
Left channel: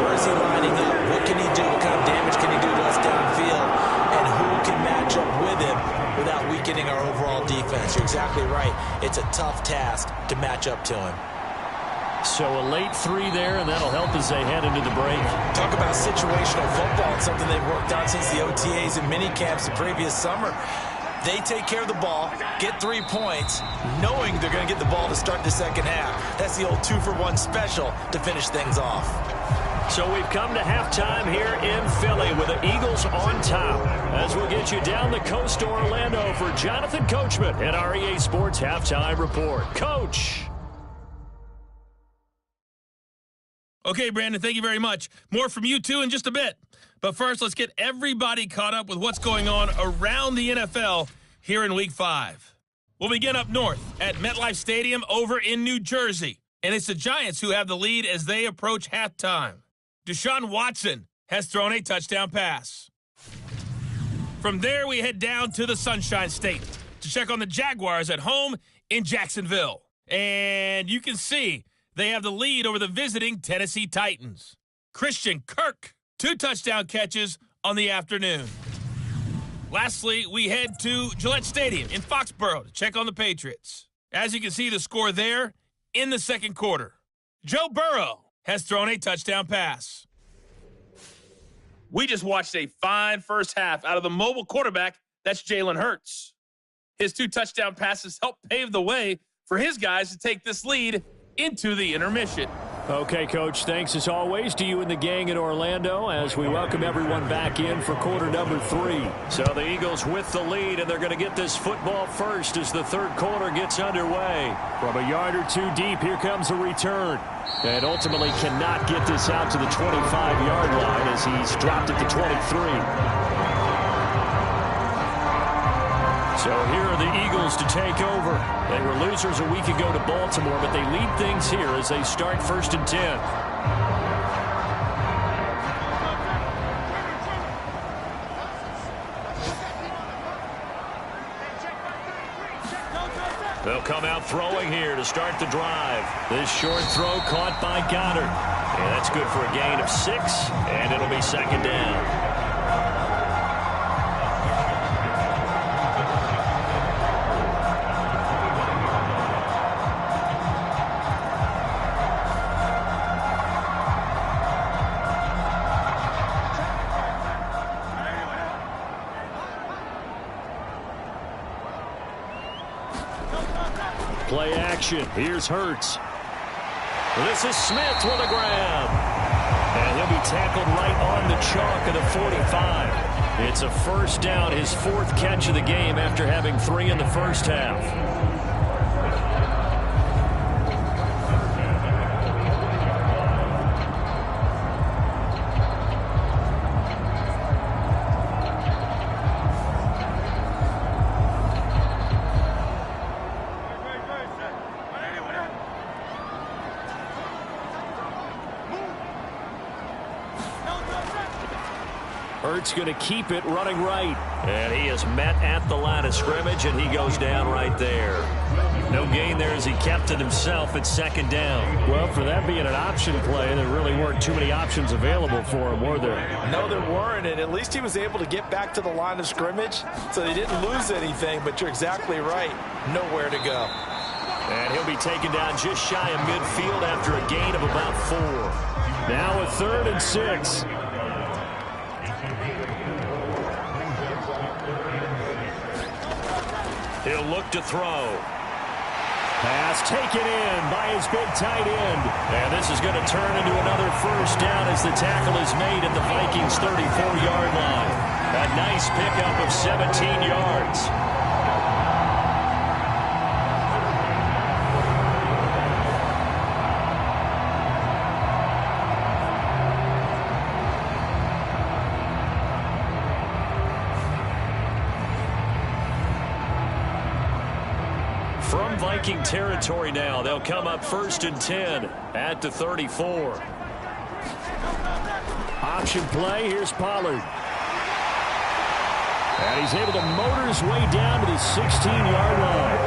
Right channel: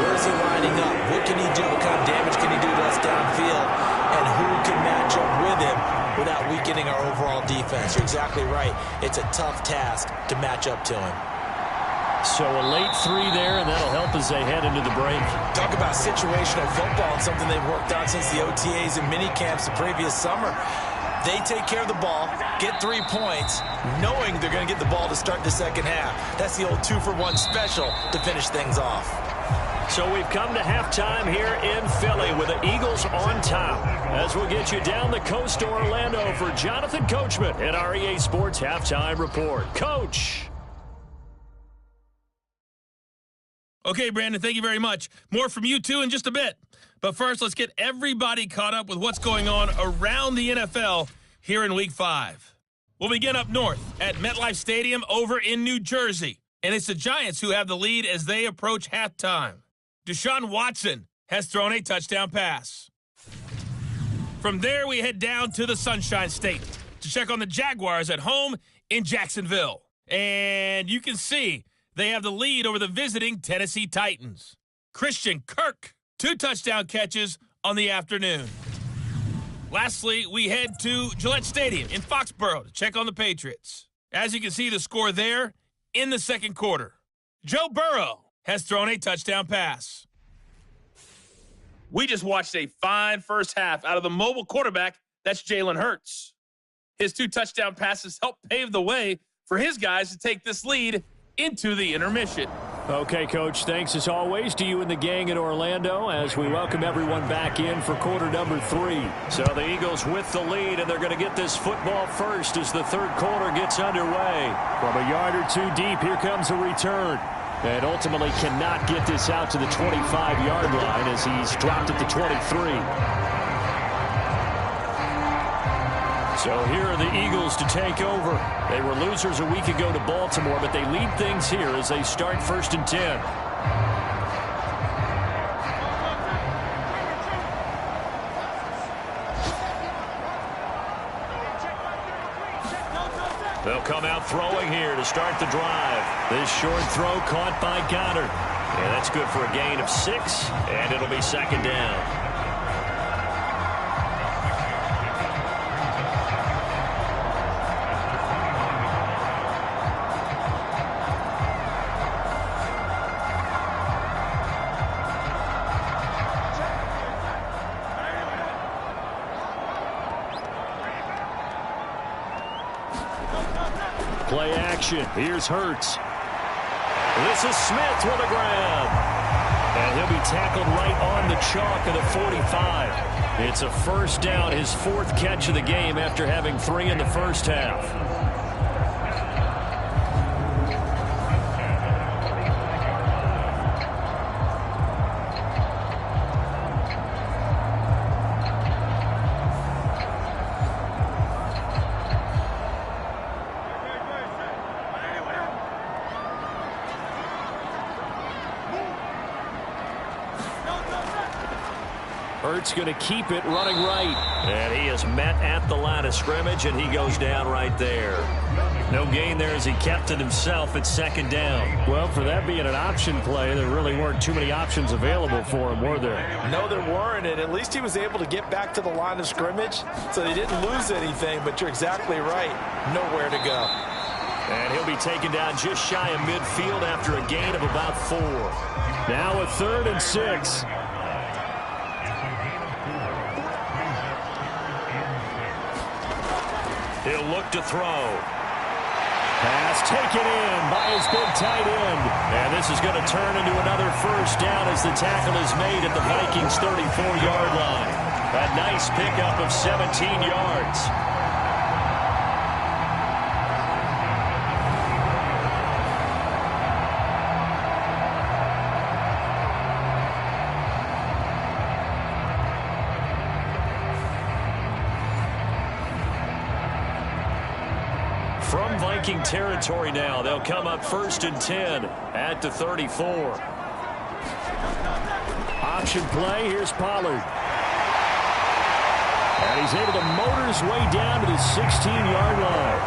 Where is he lining up? What can he do? What kind of damage can he do to us downfield? And who can match up with him without weakening our overall defense? You're exactly right. It's a tough task to match up to him. So a late 3 there, and that'll help as they head into the break. Talk about situational football, and something they've worked on since the OTAs and mini camps the previous summer. They take care of the ball, get 3 points, knowing they're going to get the ball to start the second half. That's the old 2-for-1 special to finish things off. So we've come to halftime here in Philly with the Eagles on top. As we'll get you down the coast to Orlando for Jonathan Coachman at our EA Sports Halftime Report. Coach. Okay, Brandon, thank you very much. More from you, too, in just a bit. But first, let's get everybody caught up with what's going on around the NFL here in Week 5. We'll begin up north at MetLife Stadium over in New Jersey. And it's the Giants who have the lead as they approach halftime. Deshaun Watson has thrown a touchdown pass. From there, we head down to the Sunshine State to check on the Jaguars at home in Jacksonville. And you can see they have the lead over the visiting Tennessee Titans. Christian Kirk, 2 touchdown catches on the afternoon. Lastly, we head to Gillette Stadium in Foxborough to check on the Patriots. As you can see, the score there in the second quarter. Joe Burrow has thrown a touchdown pass. We just watched a fine first half out of the mobile quarterback. That's Jalen Hurts. His 2 touchdown passes helped pave the way for his guys to take this lead into the intermission. Okay, Coach, thanks as always to you and the gang in Orlando as we welcome everyone back in for quarter number 3. So the Eagles with the lead, and they're going to get this football first as the third quarter gets underway. From a yard or 2 deep, here comes a return. And ultimately cannot get this out to the 25-yard line as he's dropped at the 23. So here are the Eagles to take over. They were losers a week ago to Baltimore, but they lead things here as they start 1st and 10. They'll come out throwing here to start the drive. This short throw caught by Goddard. And that's good for a gain of 6, and it'll be 2nd down. Play action. Here's Hurts. This is Smith with a grab. And he'll be tackled right on the chalk of the 45. It's a 1st down, his 4th catch of the game after having 3 in the first half. Hurts going to keep it running right. And he is met at the line of scrimmage, and he goes down right there. No gain there as he kept it himself at 2nd down. Well, for that being an option play, there really weren't too many options available for him, were there? No, there weren't, and at least he was able to get back to the line of scrimmage, so they didn't lose anything, but you're exactly right. Nowhere to go. And he'll be taken down just shy of midfield after a gain of about 4. Now a 3rd and 6. He'll look to throw. Pass taken in by his big tight end. And this is going to turn into another 1st down as the tackle is made at the Vikings' 34-yard line. A nice pickup of 17 yards. From Viking territory now, they'll come up 1st and 10 at the 34. Option play, here's Pollard. And he's able to motor his way down to the 16-yard line.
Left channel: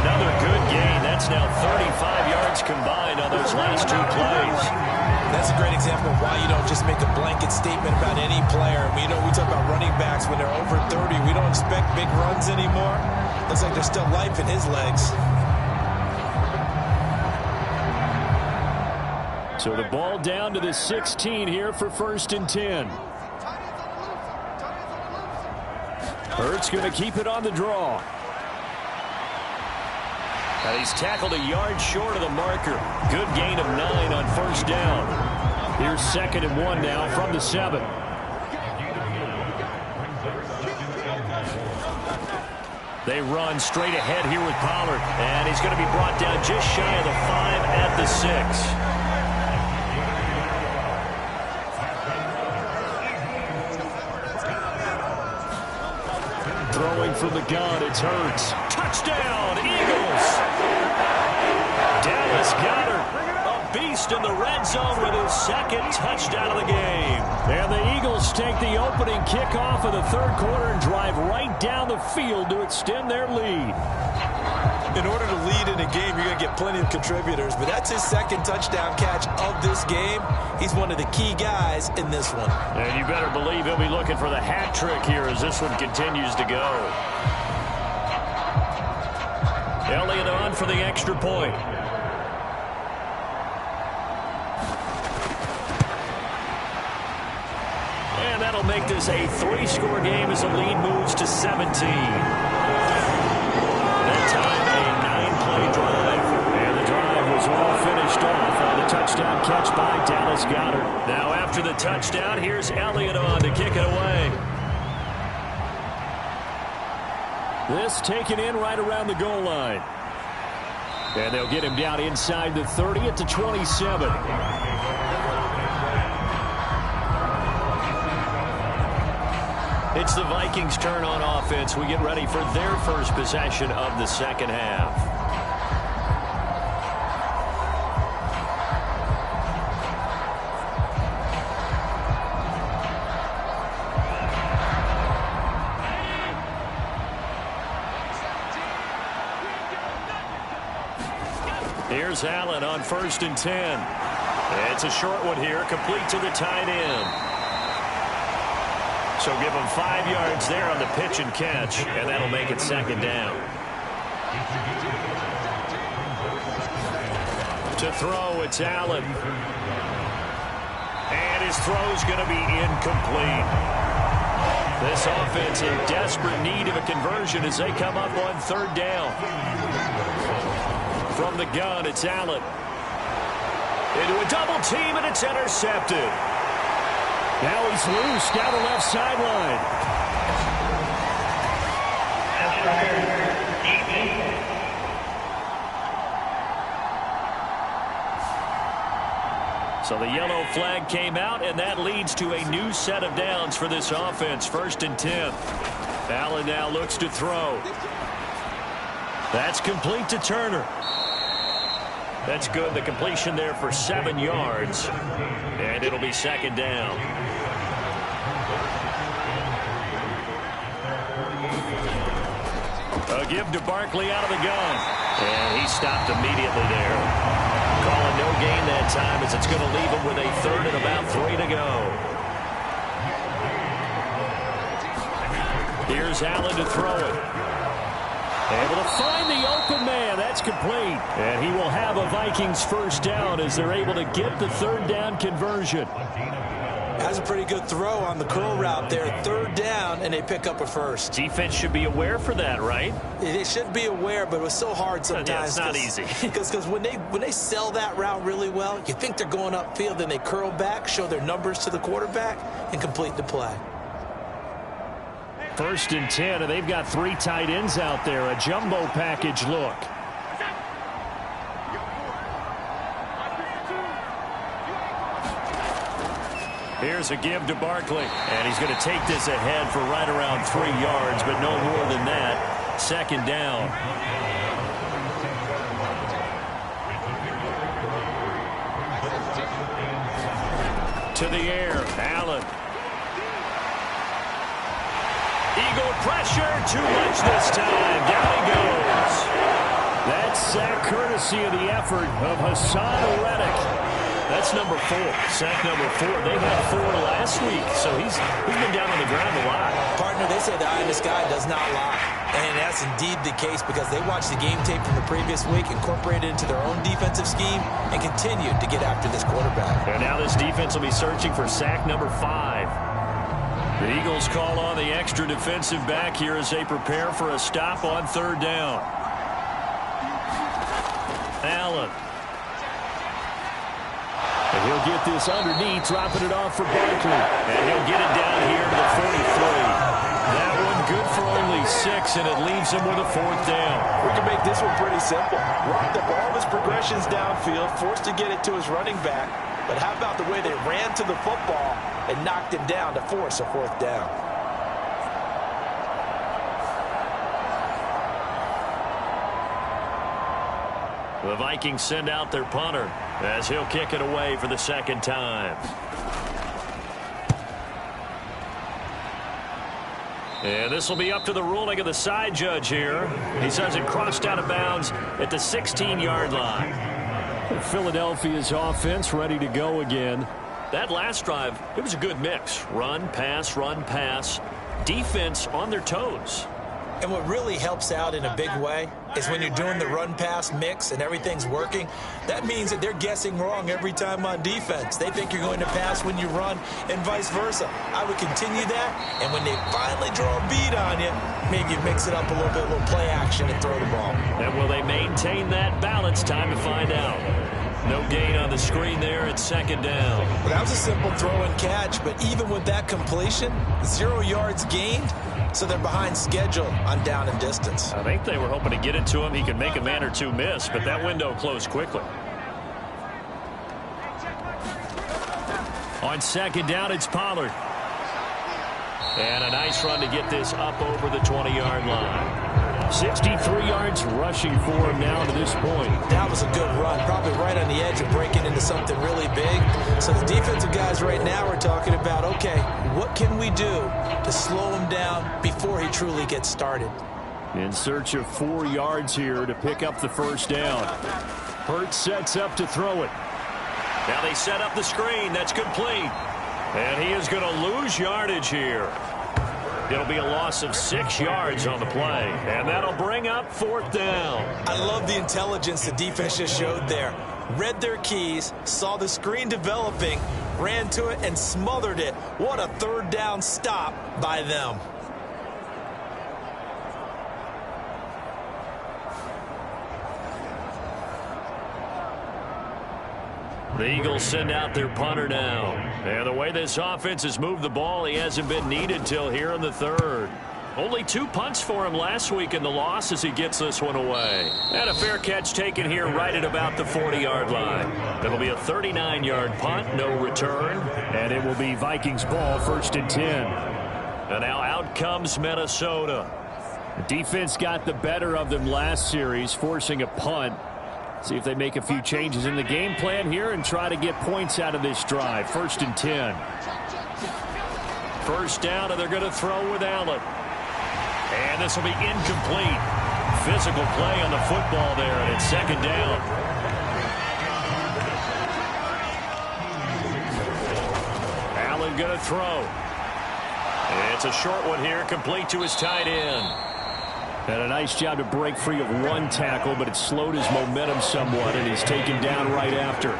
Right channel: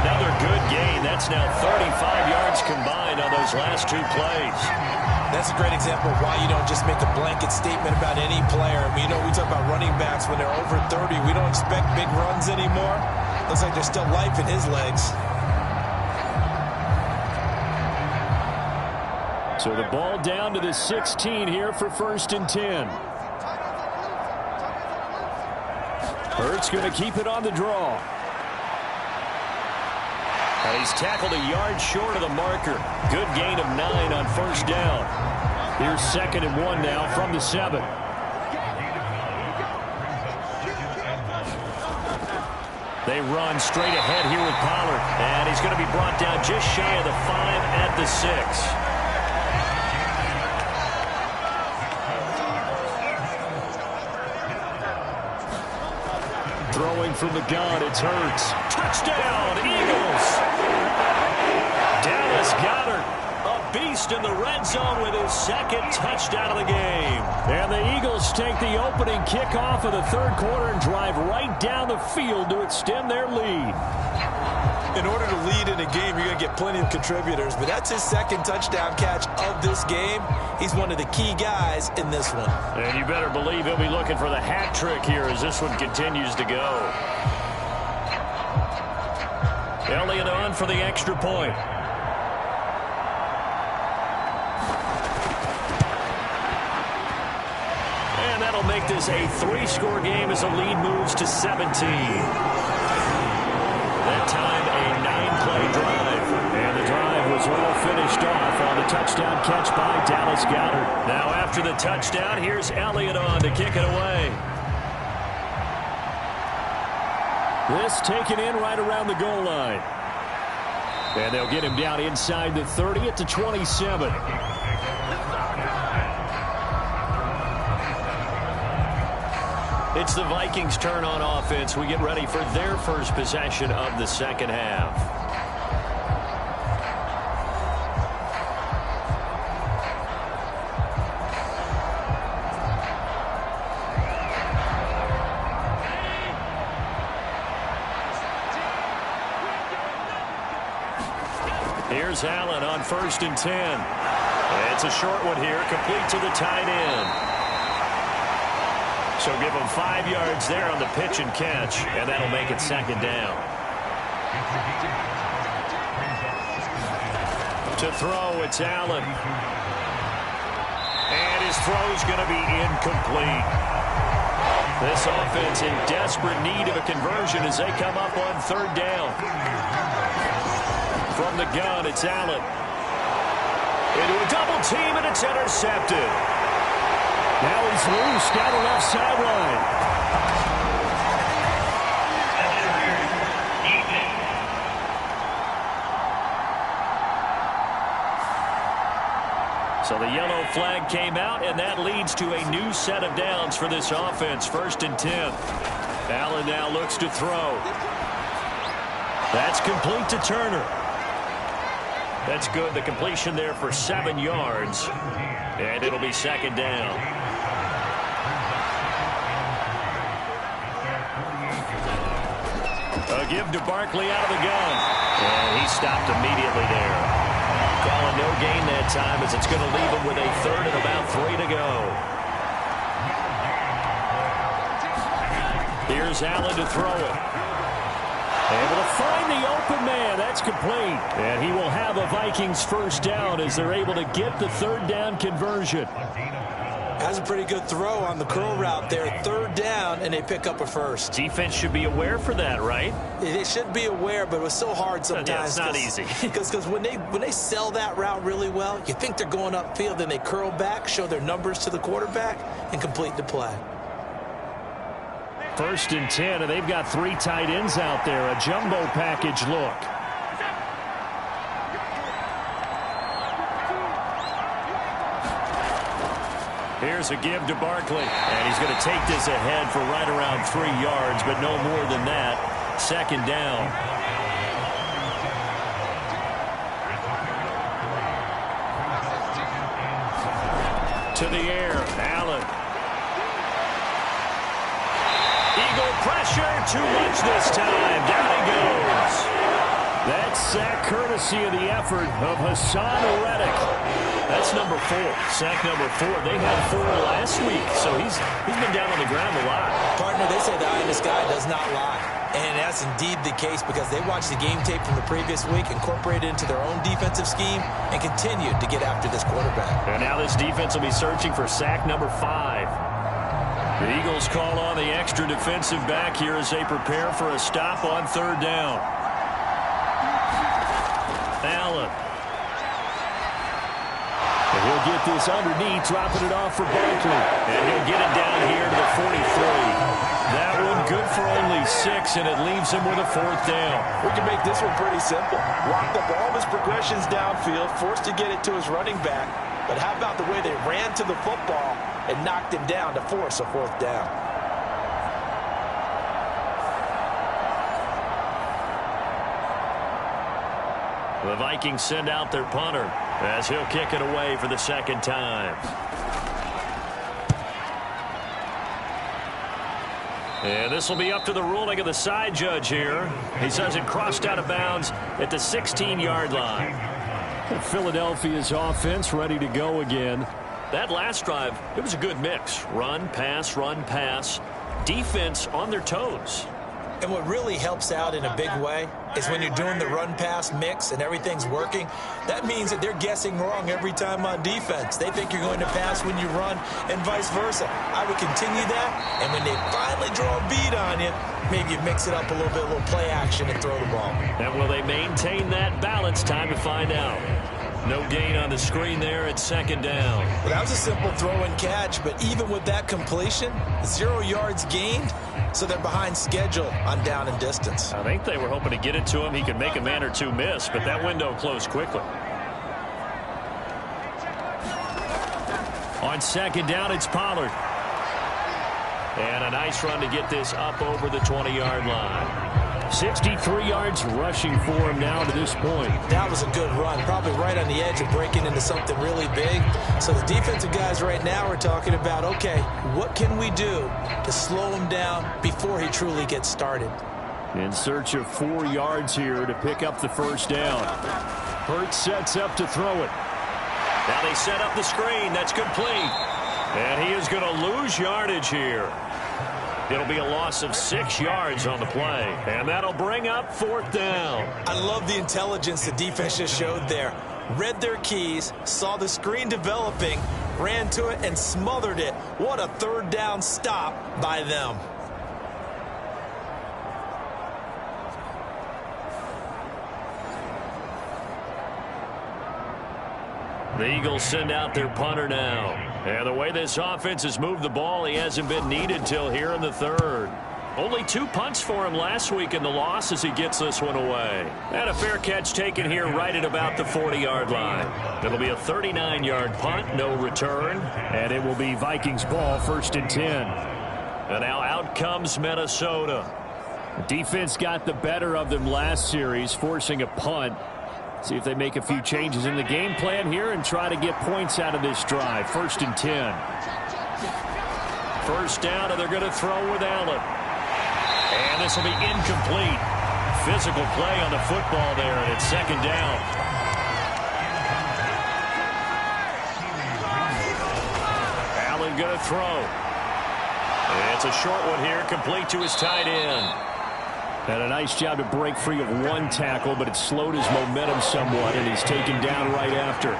Another good gain. That's now 35 yards combined on those last 2 plays. That's a great example of why you don't just make a blanket statement about any player. We talk about running backs when they're over 30. We don't expect big runs anymore. Looks like there's still life in his legs. So the ball down to the 16 here for 1st and 10. Hurts going to keep it on the draw. And he's tackled a yard short of the marker. Good gain of 9 on 1st down. Here's 2nd and 1 now from the 7. They run straight ahead here with Pollard. And he's going to be brought down just shy of the 5 at the 6. Throwing from the gun, it's Hurts. Touchdown, Eagles! Dallas Goedert, a beast in the red zone with his 2nd touchdown of the game. And the Eagles take the opening kickoff of the 3rd quarter and drive right down the field to extend their lead. In order to lead in a game, you're going to get plenty of contributors, but that's his 2nd touchdown catch of this game. He's one of the key guys in this one. And you better believe he'll be looking for the hat trick here as this one continues to go. Elliott on for the extra point. And that'll make this a 3-score game as the lead moves to 17. That time, a 9-play drive. And the drive was all finished off on the touchdown catch by Dallas Goedert. Now, after the touchdown, here's Elliott on to kick it away. This taken in right around the goal line. And they'll get him down inside the 30 at the 27. It's the Vikings' turn on offense. We get ready for their first possession of the second half. Here's Allen on 1st and 10. It's a short one here, complete to the tight end. So give him 5 yards there on the pitch and catch, and that'll make it second down. To throw, it's Allen. And his throw's going to be incomplete. This offense in desperate need of a conversion as they come up on 3rd down. From the gun, it's Allen. Into a double team, and it's intercepted. Now he's loose down the left sideline. So the yellow flag came out, and that leads to a new set of downs for this offense. 1st and 10. Allen now looks to throw. That's complete to Turner. That's good. The completion there for 7 yards. And it'll be second down. A give to Barkley out of the gun. And he stopped immediately there. Calling no gain that time as it's going to leave him with a 3rd and about 3 to go. Here's Allen to throw it. Able to find the open man. That's complete. And he will have a Vikings first down as they're able to get the 3rd down conversion. That's a pretty good throw on the curl route there. 3rd down, and they pick up a first. Defense should be aware for that, right? They should be aware, but it was so hard sometimes. Yeah, it's not easy. Because when they sell that route really well, you think they're going upfield, then they curl back, show their numbers to the quarterback, and complete the play. 1st and 10, and they've got 3 tight ends out there. A jumbo package look. Here's a give to Barkley. And he's going to take this ahead for right around 3 yards, but no more than that. 2nd down. To the air, Allen. Eagle pressure, too much this time. Down he goes. That's sack courtesy of the effort of Hassan Reddick. That's number 4. Sack number 4. They had 4 last week, so he's been down on the ground a lot. Partner, they say the eye in the sky does not lie. And that's indeed the case because they watched the game tape from the previous week, incorporated it into their own defensive scheme, and continued to get after this quarterback. And now this defense will be searching for sack number 5. The Eagles call on the extra defensive back here as they prepare for a stop on 3rd down. Allen. And he'll get this underneath, dropping it off for Barkley. And he'll get it down here to the 43. That one good for only 6, and it leaves him with a 4th down. We can make this one pretty simple. Locked up all of his progressions downfield, forced to get it to his running back. But how about the way they ran to the football and knocked him down to force a 4th down? The Vikings send out their punter as he'll kick it away for the 2nd time. And this will be up to the ruling of the side judge here. He says it crossed out of bounds at the 16-yard line. Philadelphia's offense ready to go again. That last drive, it was a good mix. Run, pass, defense on their toes. And what really helps out in a big way is when you're doing the run-pass mix and everything's working, that means that they're guessing wrong every time on defense. They think you're going to pass when you run and vice versa. I would continue that, and when they finally draw a beat on you, maybe you mix it up a little bit, a little play action and throw the ball. And will they maintain that balance? Time to find out. No gain on the screen there at 2nd down. Well, that was a simple throw and catch, but even with that completion, 0 yards gained, so they're behind schedule on down and distance. I think they were hoping to get it to him. He could make a man or two miss, but that window closed quickly. On 2nd down, it's Pollard. And a nice run to get this up over the 20-yard line. 63 yards rushing for him now to this point. That was a good run, probably right on the edge of breaking into something really big. So the defensive guys right now are talking about, okay, what can we do to slow him down before he truly gets started? In search of 4 yards here to pick up the first down. Hurts sets up to throw it. Now they set up the screen. That's complete. And he is going to lose yardage here. It'll be a loss of 6 yards on the play. And that'll bring up 4th down. I love the intelligence the defense just showed there. Read their keys, saw the screen developing, ran to it, and smothered it. What a 3rd down stop by them. The Eagles send out their punter now. And the way this offense has moved the ball, he hasn't been needed till here in the 3rd. Only 2 punts for him last week in the loss as he gets this one away. And a fair catch taken here right at about the 40-yard line. It'll be a 39-yard punt, no return. And it will be Vikings ball, 1st and 10. And now out comes Minnesota. The defense got the better of them last series, forcing a punt. See if they make a few changes in the game plan here and try to get points out of this drive. 1st and 10. First down, and they're going to throw with Allen. And this will be incomplete. Physical play on the football there, and it's 2nd down. Allen going to throw. It's a short one here, complete to his tight end. And a nice job to break free of 1 tackle, but it slowed his momentum somewhat, and he's taken down right after.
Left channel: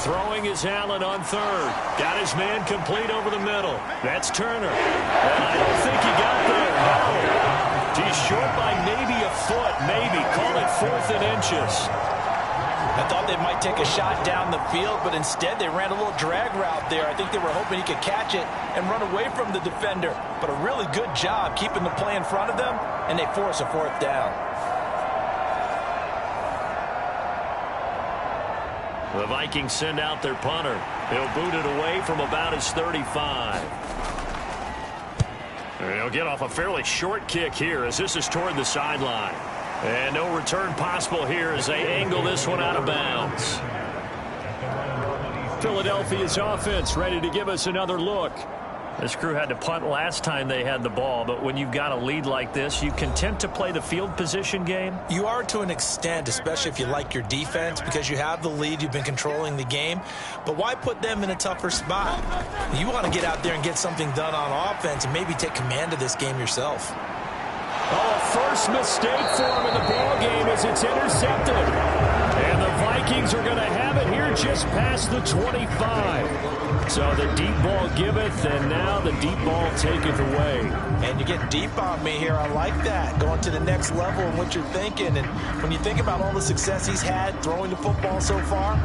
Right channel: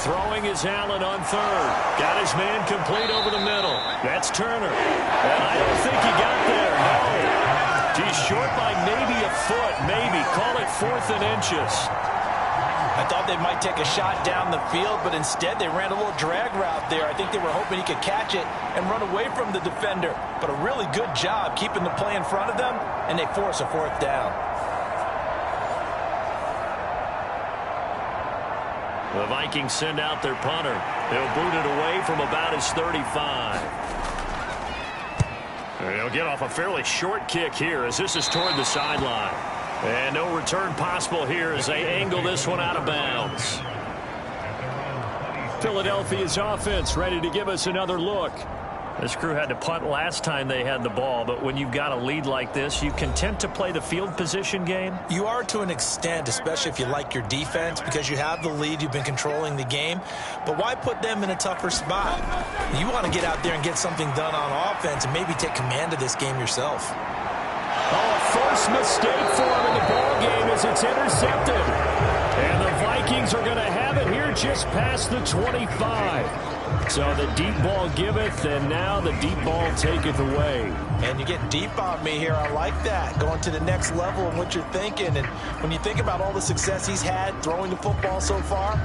Throwing is Allen on 3rd. Got his man complete over the middle. That's Turner. And I don't think he got there. No. He's short by maybe a foot, maybe. Call it 4th and inches. I thought they might take a shot down the field, but instead they ran a little drag route there. I think they were hoping he could catch it and run away from the defender. But a really good job keeping the play in front of them, and they force a 4th down. The Vikings send out their punter. He'll boot it away from about his 35. And he'll get off a fairly short kick here as this is toward the sideline. And no return possible here as they angle this one out of bounds. Philadelphia's offense ready to give us another look. This crew had to punt last time they had the ball, but when you've got a lead like this, you content to play the field position game? You are to an extent, especially if you like your defense, because you have the lead, you've been controlling the game. But why put them in a tougher spot? You want to get out there and get something done on offense and maybe take command of this game yourself. Oh, a first mistake for him in the ball game as it's intercepted. And the Vikings are going to have it here just past the 25. So the deep ball giveth, and now the deep ball taketh away. And you get deep on me here. I like that. Going to the next level in what you're thinking. And when you think about all the success he's had throwing the football so far,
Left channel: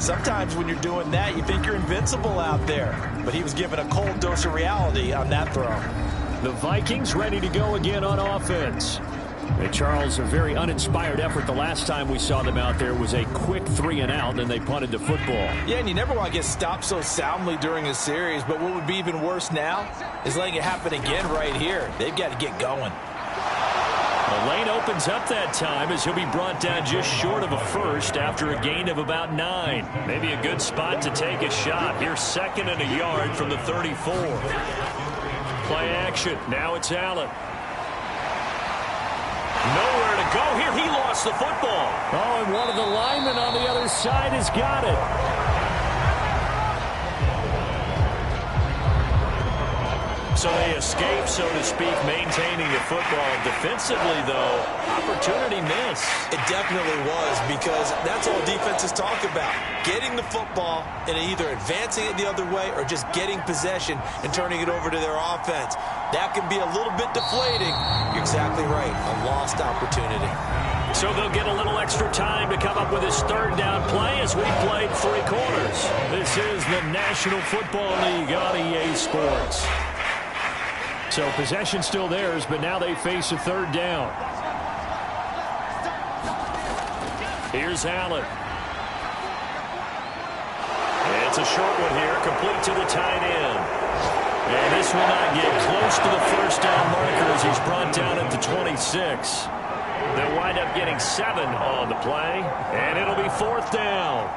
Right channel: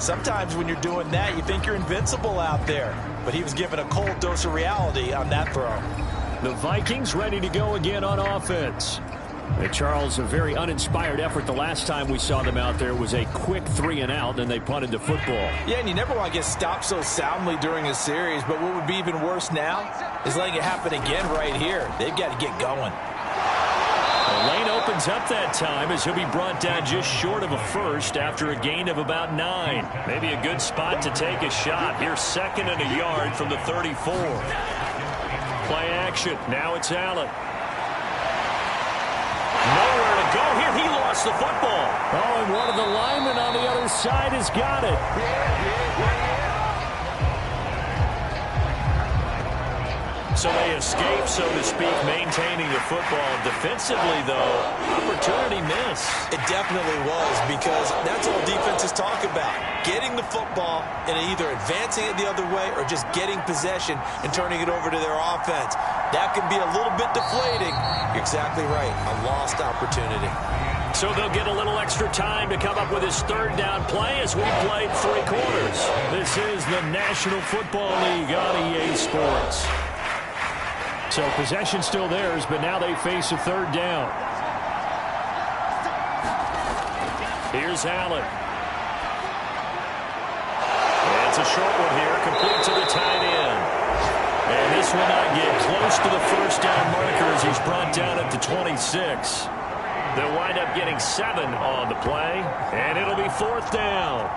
sometimes when you're doing that, you think you're invincible out there. But he was given a cold dose of reality on that throw. The Vikings ready to go again on offense. And Charles, a very uninspired effort. The last time we saw them out there was a quick 3 and out, and they punted the football. Yeah, and you never want to get stopped so soundly during a series, but what would be even worse now is letting it happen again right here. They've got to get going. The lane opens up that time as he'll be brought down just short of a first after a gain of about 9. Maybe a good spot to take a shot. Here's 2nd and a yard from the 34. Play action. Now it's Allen. Nowhere to go here. He lost the football. Oh, and one of the linemen on the other side has got it. So they escape, so to speak, maintaining the football. Defensively, though, opportunity miss. It definitely was, because that's all defenses talk about. Getting the football and either advancing it the other way or just getting possession and turning it over to their offense. That can be a little bit deflating. You're exactly right. A lost opportunity. So they'll get a little extra time to come up with his 3rd down play as we played 3 quarters. This is the National Football League on EA Sports. So possession still theirs, but now they face a 3rd down. Here's Allen. It's a short one here, complete to the tight end. And this will not get close to the first down marker as he's brought down at the 26. They'll wind up getting 7 on the play, and it'll be 4th down.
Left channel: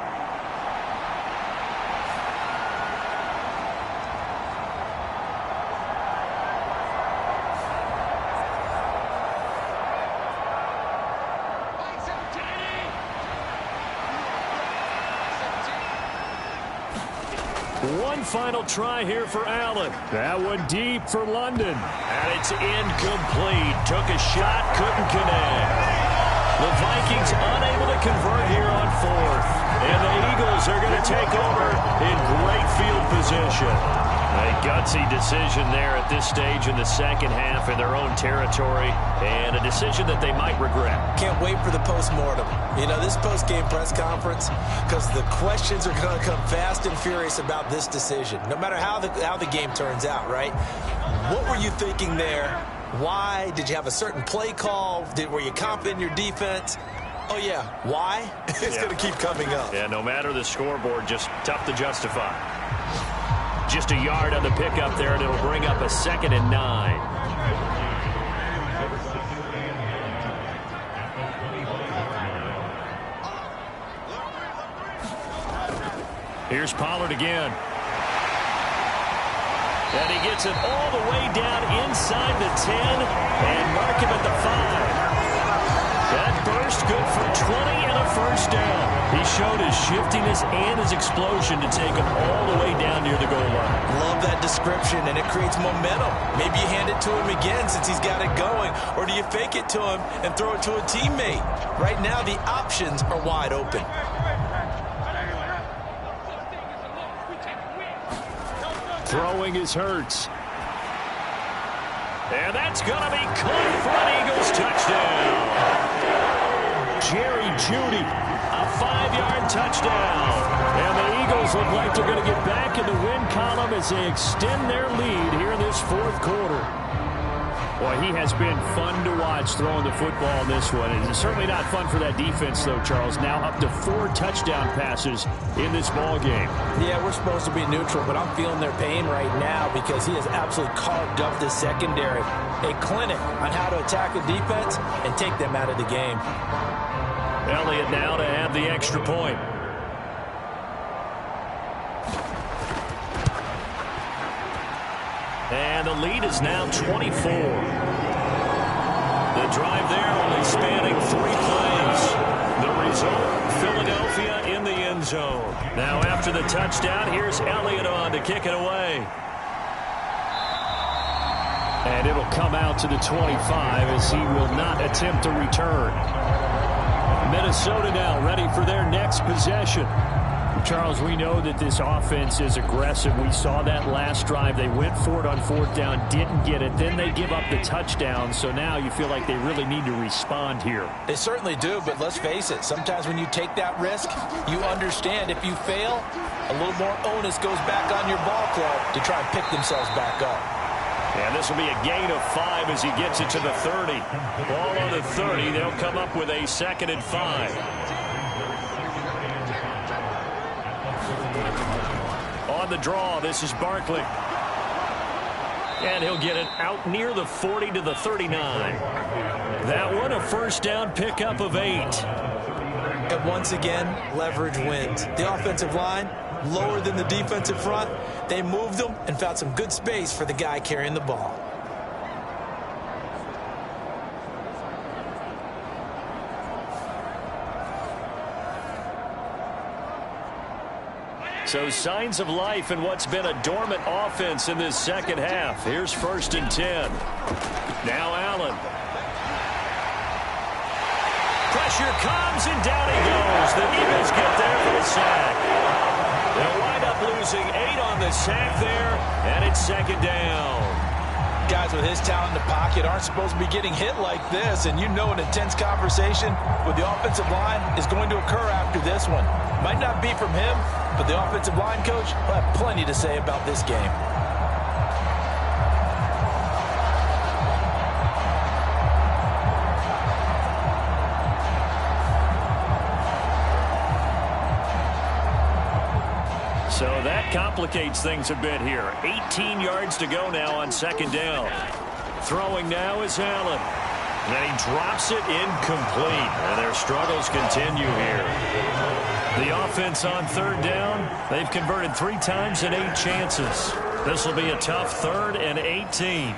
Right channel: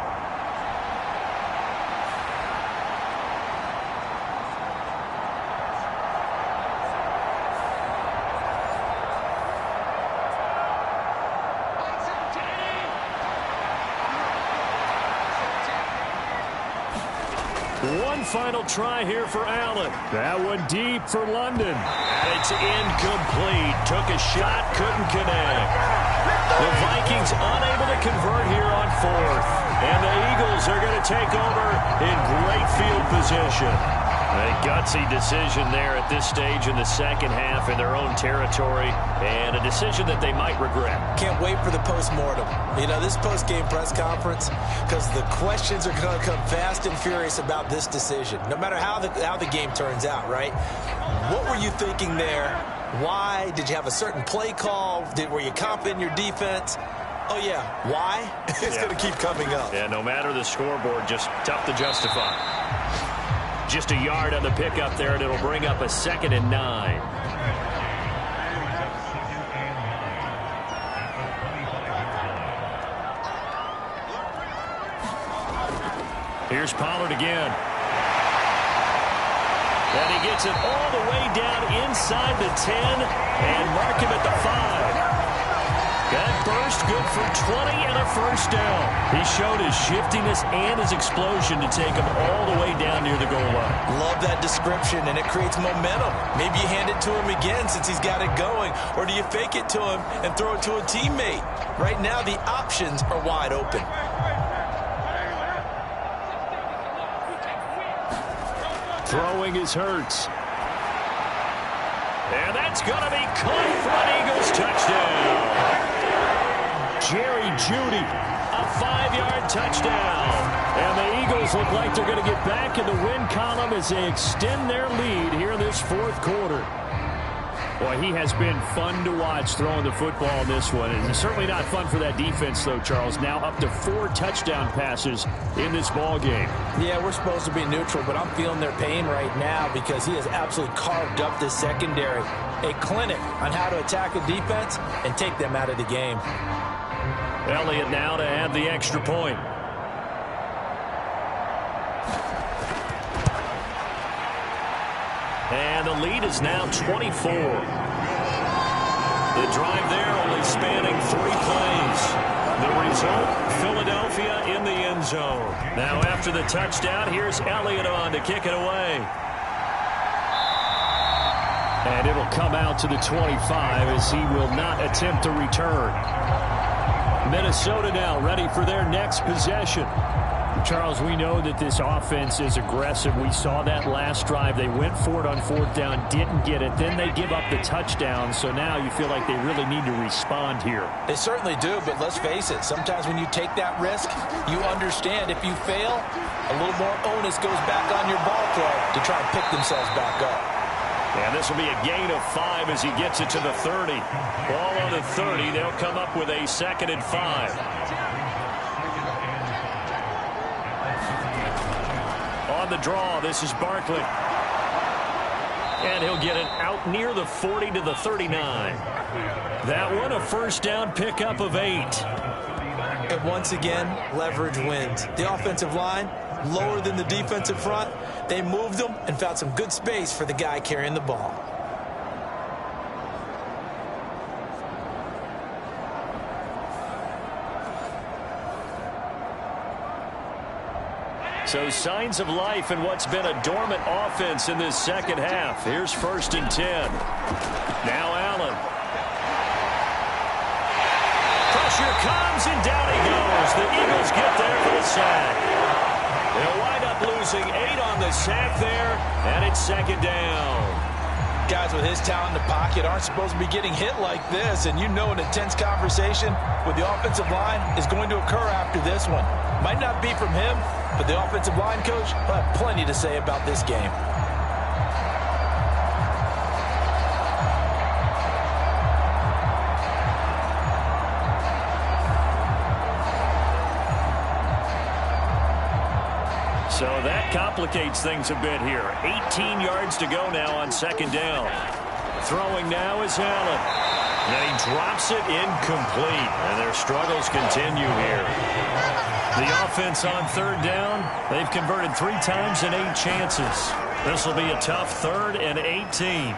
One final try here for Allen. That one deep for London. And it's incomplete. Took a shot, couldn't connect. The Vikings unable to convert here on 4th. And the Eagles are going to take over in great field position. A gutsy decision there at this stage in the second half in their own territory, and a decision that they might regret. Can't wait for the postmortem. You know, this post-game press conference, because the questions are going to come fast and furious about this decision, no matter how the game turns out, right? What were you thinking there? Why? Did you have a certain play call? Were you confident in your defense? Oh, yeah. Why? It's going to keep coming up. Yeah, no matter the scoreboard, just tough to justify. Just a yard on the pickup there, and it'll bring up a 2nd and 9. Here's Pollard again. And he gets it all the way down inside the 10 and mark him at the 5. That burst good for 20 and a first down. He showed his shiftiness and his explosion to take him all the way down near the goal line. Love that description, and it creates momentum. Maybe you hand it to him again since he's got it going, or do you fake it to him and throw it to a teammate? Right now, the options are wide open. Throwing is Hurts. And that's going to be caught for an Eagles touchdown. Jerry Jeudy, a 5-yard touchdown. And the Eagles look like they're going to get back in the win column as they extend their lead here in this 4th quarter. Boy, he has been fun to watch throwing the football in this one. It's certainly not fun for that defense, though, Charles. Now up to 4 touchdown passes in this ball game. Yeah, we're supposed to be neutral, but I'm feeling their pain right now because he has absolutely carved up this secondary. A clinic on how to attack a defense and take them out of the game. Elliott now to have the extra point. And the lead is now 24. The drive there only spanning 3 plays. The result, Philadelphia in the end zone. Now after the touchdown, here's Elliott on to kick it away. And it'll come out to the 25 as he will not attempt to return. Minnesota now ready for their next possession. Charles, we know that this offense is aggressive. We saw that last drive. They went for it on 4th down, didn't get it. Then they give up the touchdown. So now you feel like they really need to respond here. They certainly do, but let's face it. Sometimes when you take that risk, you understand if you fail, a little more onus goes back on your ball club to try and pick themselves back up. And this will be a gain of 5 as he gets it to the 30. Ball on the 30. They'll come up with a 2nd and 5. On the draw, this is Barkley. And he'll get it out near the 40 to the 39. That one a first down pickup of 8. And once again, leverage wins. The offensive line, lower than the defensive front. They moved them and found some good space for the guy carrying the ball. So signs of life in what's been a dormant offense in this second half. Here's 1st and 10. Now Allen. Pressure comes and down he goes. The Eagles get there for the sack. They'll wind up losing 8 on the sack there, and it's 2nd down. Guys with his talent in the pocket aren't supposed to be getting hit like this, and you know an intense conversation with the offensive line is going to occur after this one. Might not be from him, but the offensive line coach will have plenty to say about this game. So that complicates things a bit here. 18 yards to go now on second down. Throwing now is Allen. And he drops it incomplete. And their struggles continue here. The offense on third down, they've converted 3 times in 8 chances. This will be a tough 3rd and 18.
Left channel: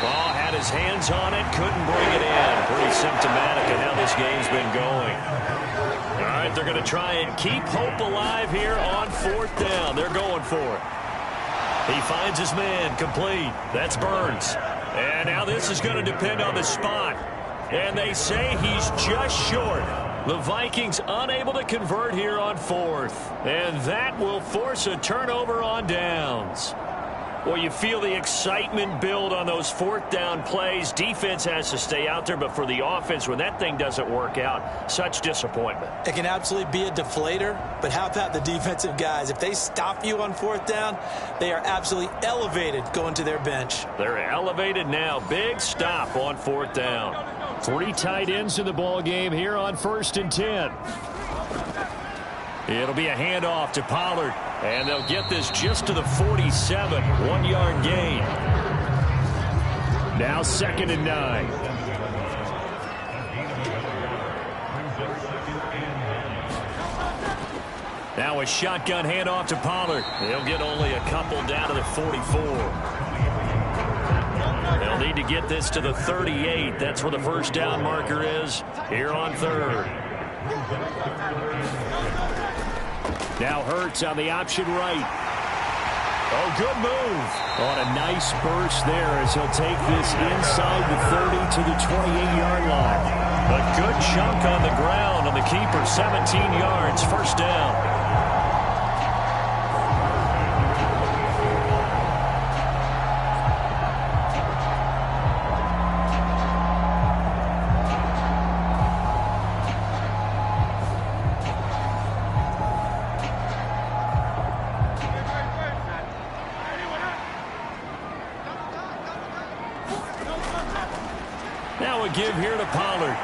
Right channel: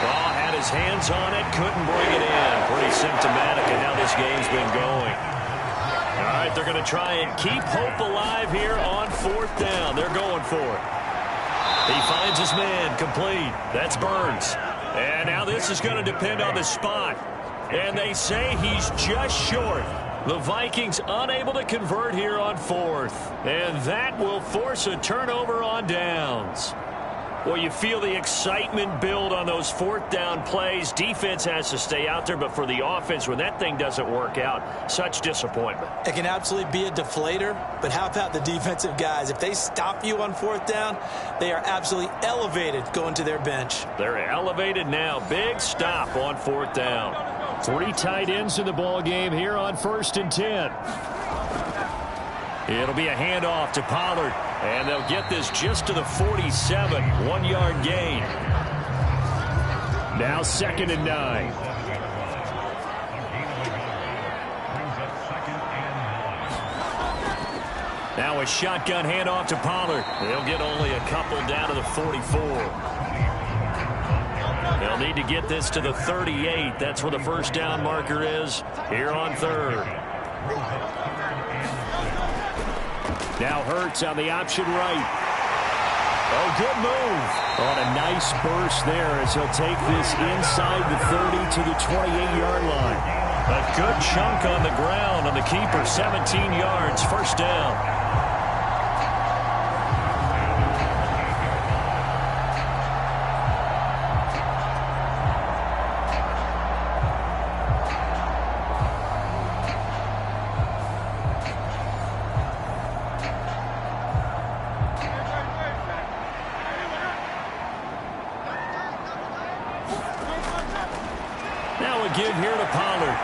Ball had his hands on it, couldn't bring it in. Pretty symptomatic of how this game's been going. All right, they're going to try and keep hope alive here on 4th down. They're going for it. He finds his man, complete. That's Burns. And now this is going to depend on the spot. And they say he's just short. The Vikings unable to convert here on 4th. And that will force a turnover on downs. Well, you feel the excitement build on those 4th down plays. Defense has to stay out there, but for the offense, when that thing doesn't work out, such disappointment. It can absolutely be a deflator, but how about the defensive guys? If they stop you on 4th down, they are absolutely elevated going to their bench. They're elevated now. Big stop on 4th down. 3 tight ends in the ball game here on 1st and 10. It'll be a handoff to Pollard. And they'll get this just to the 47. 1-yard gain. Now 2nd and 9. Now a shotgun handoff to Pollard. They'll get only a couple down to the 44. They'll need to get this to the 38. That's where the first down marker is here on 3rd. Now Hurts on the option right. Oh, good move. On a nice burst there as he'll take this inside the 30 to the 28-yard line. A good chunk on the ground on the keeper. 17 yards, first down. Give here to Pollard.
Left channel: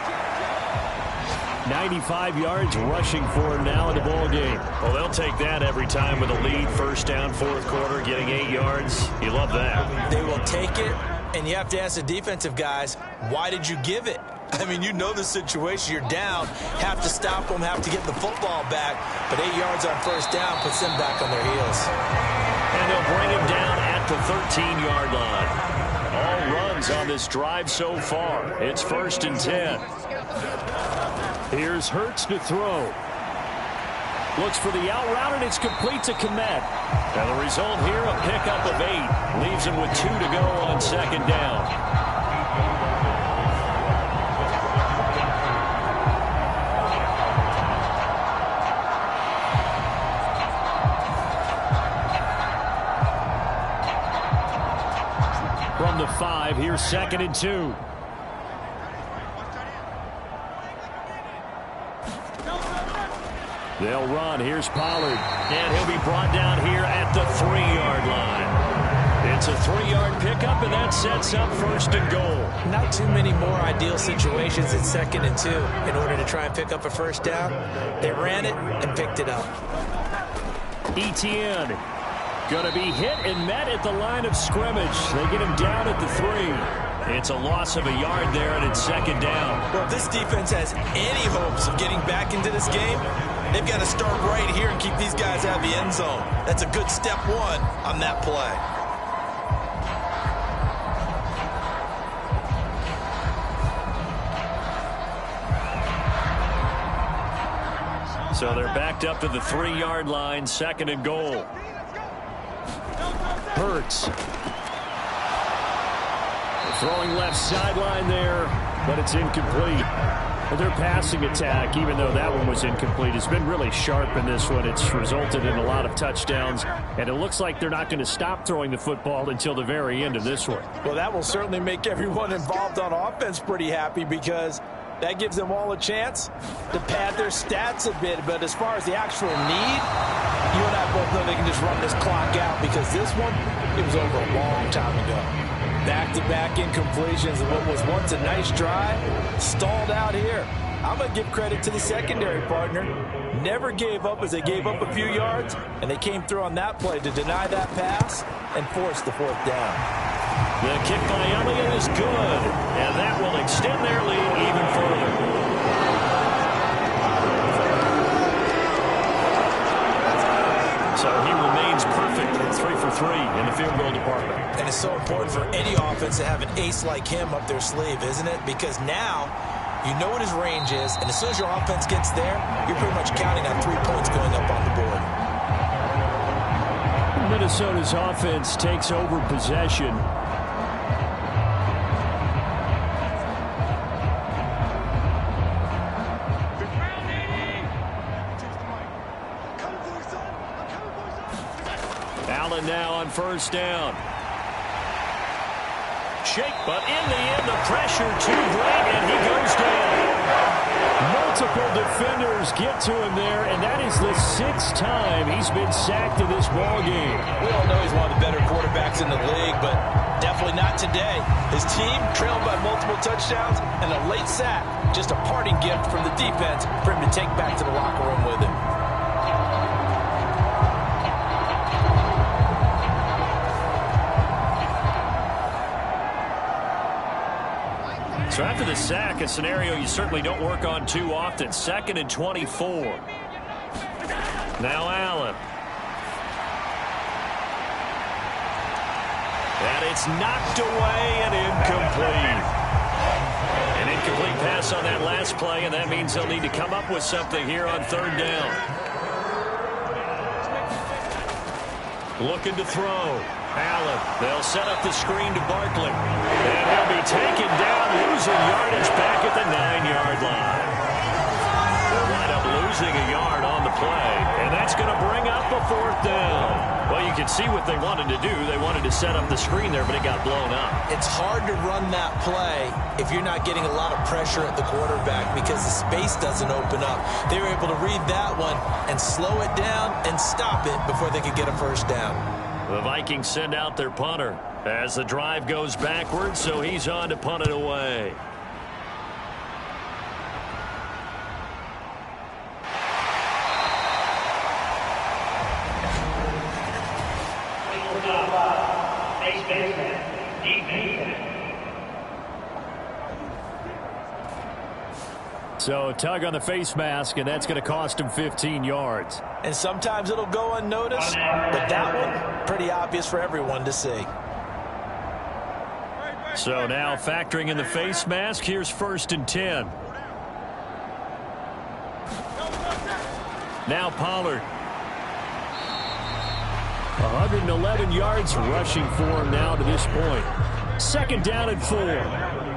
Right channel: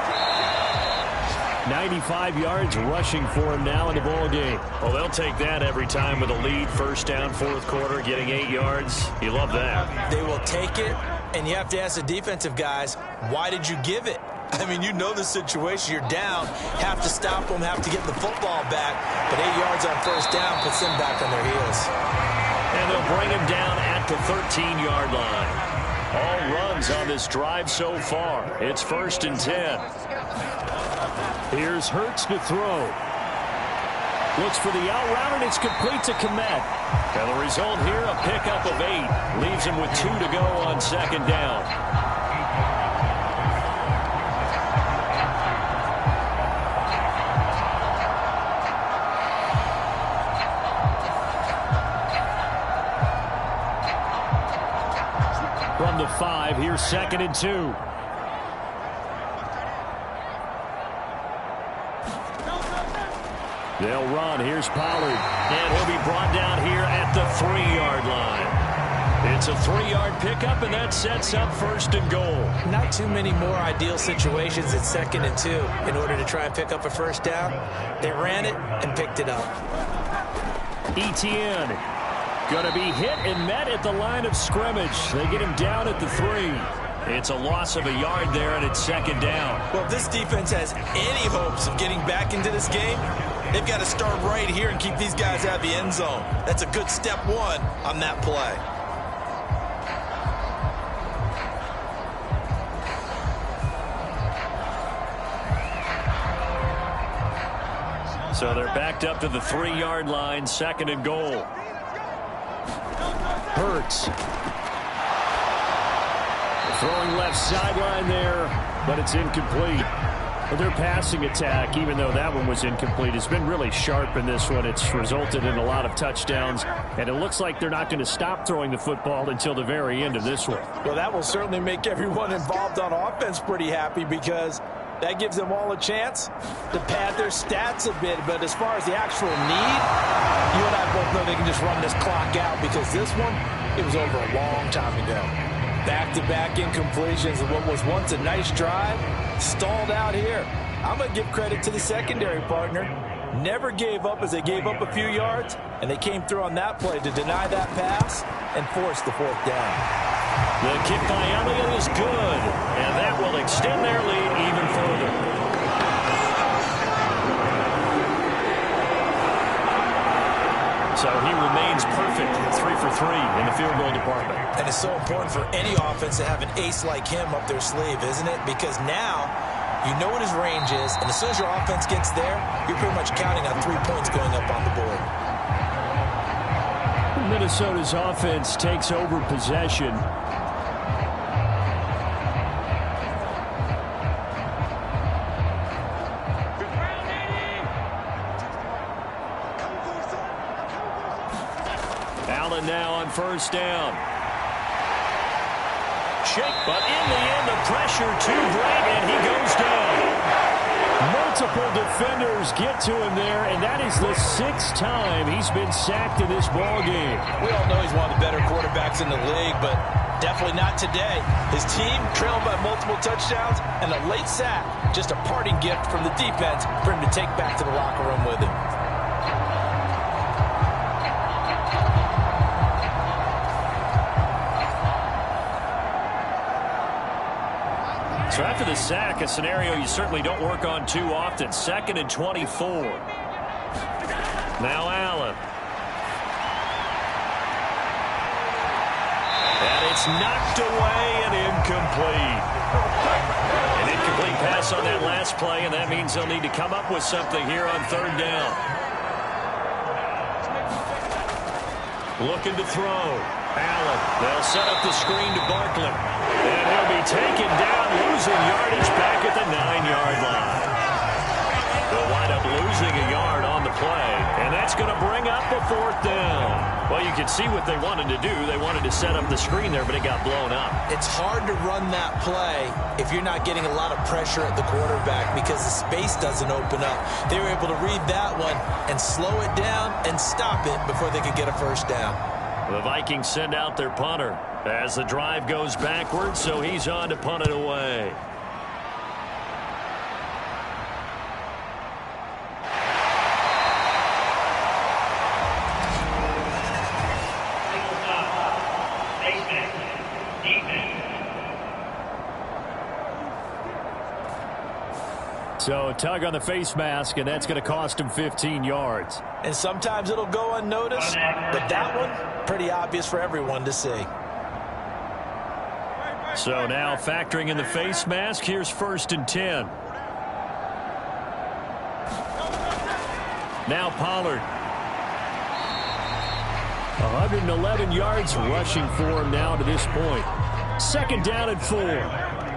95 yards rushing for him now in the ball game. Well, they'll take that every time with a lead. First down, 4th quarter, getting 8 yards. You love that. They will take it, and you have to ask the defensive guys, why did you give it? I mean, you know the situation. You're down, have to stop them, have to get the football back, but 8 yards on first down puts them back on their heels. And they'll bring him down at the 13-yard line. All runs on this drive so far. It's 1st and 10. Here's Hurts to throw. Looks for the out route, and it's complete to Kmet. And the result here, a pickup of 8. Leaves him with 2 to go on 2nd down. From the 5, here's 2nd and 2. They'll run. Here's Pollard. And he'll be brought down here at the 3-yard line. It's a 3-yard pickup, and that sets up 1st and goal. Not too many more ideal situations at 2nd and 2 in order to try and pick up a first down. They ran it and picked it up. Etienne going to be hit and met at the line of scrimmage. They get him down at the 3. It's a loss of a yard there, and it's 2nd down. Well, if this defense has any hopes of getting back into this game, they've got to start right here and keep these guys out of the end zone. That's a good step 1 on that play. So they're backed up to the 3-yard line, 2nd and goal. Hurts. Throwing left sideline there, but it's incomplete. But their passing attack, even though that one was incomplete, has been really sharp in this one. It's resulted in a lot of touchdowns, and it looks like they're not going to stop throwing the football until the very end of this one. Well, that will certainly make everyone involved on offense pretty happy because that gives them all a chance to pad their stats a bit. But as far as the actual need, you and I both know they can just run this clock out because this one, it was over a long time ago. Back-to-back incompletions of what was once a nice drive, stalled out here. I'm going to give credit to the secondary partner. Never gave up as they gave up a few yards, and they came through on that play to deny that pass and force the fourth down. The kick by Elliott is good, and that will extend their lead even further. So he remains perfect, 3 for 3 in the field goal department. And it's so important for any offense to have an ace like him up their sleeve, isn't it? Because now you know what his range is, and as soon as your offense gets there, you're pretty much counting on 3 points going up on the board. Minnesota's offense takes over possession. Allen now on first down. Shake, but in the end, the pressure too great, and he goes down. Multiple defenders get to him there, and that is the 6th time he's been sacked in this ball game. We all know he's one of the better quarterbacks in the league, but definitely not today. His team trailing by multiple touchdowns, and a late sack, just a parting gift from the defense for him to take back to the locker room with him. So after the sack, a scenario you certainly don't work on too often. 2nd and 24. Now Allen. And it's knocked away and incomplete. An incomplete pass on that last play, and that means they'll need to come up with something here on 3rd down. Looking to throw. Allen. They'll set up the screen to Barkley. And he'll be taken down, losing yardage back at the 9-yard line. They'll wind up losing a yard on the play, and that's going to bring up a 4th down. Well, you can see what they wanted to do. They wanted to set up the screen there, but it got blown up. It's hard to run that play if you're not getting a lot of pressure at the quarterback because the space doesn't open up. They were able to read that one and slow it down and stop it before they could get a 1st down. The Vikings send out their punter as the drive goes backwards, so he's on to punt it away. So a tug on the face mask, and that's going to cost him 15 yards. And sometimes it'll go unnoticed, but that one, pretty obvious for everyone to see. So now factoring in the face mask, here's 1st and 10. Now Pollard. 111 yards rushing for him now to this point. 2nd down and 4.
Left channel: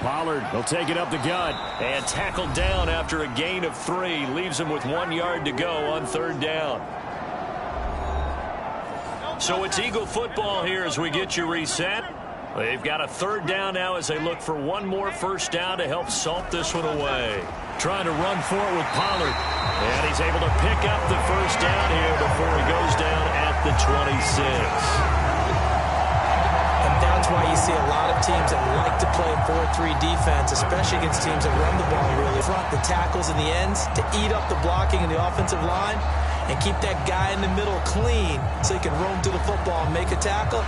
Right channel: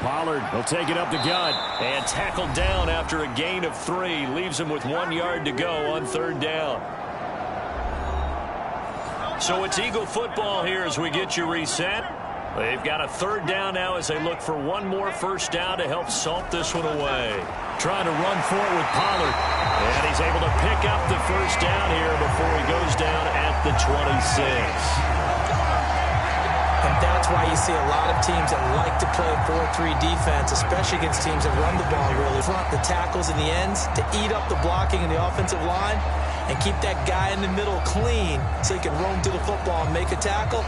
Pollard will take it up the gut. And tackled down after a gain of 3. Leaves him with 1 yard to go on 3rd down. So it's Eagle football here as we get you reset. They've got a 3rd down now as they look for one more 1st down to help salt this one away. Trying to run for it with Pollard. And he's able to pick up the 1st down here before he goes down at the 26. And that's why you see a lot of teams that like to play 4-3 defense, especially against teams that run the ball really front, the tackles and the ends, to eat up the blocking in the offensive line and keep that guy in the middle clean so he can roam to the football and make a tackle.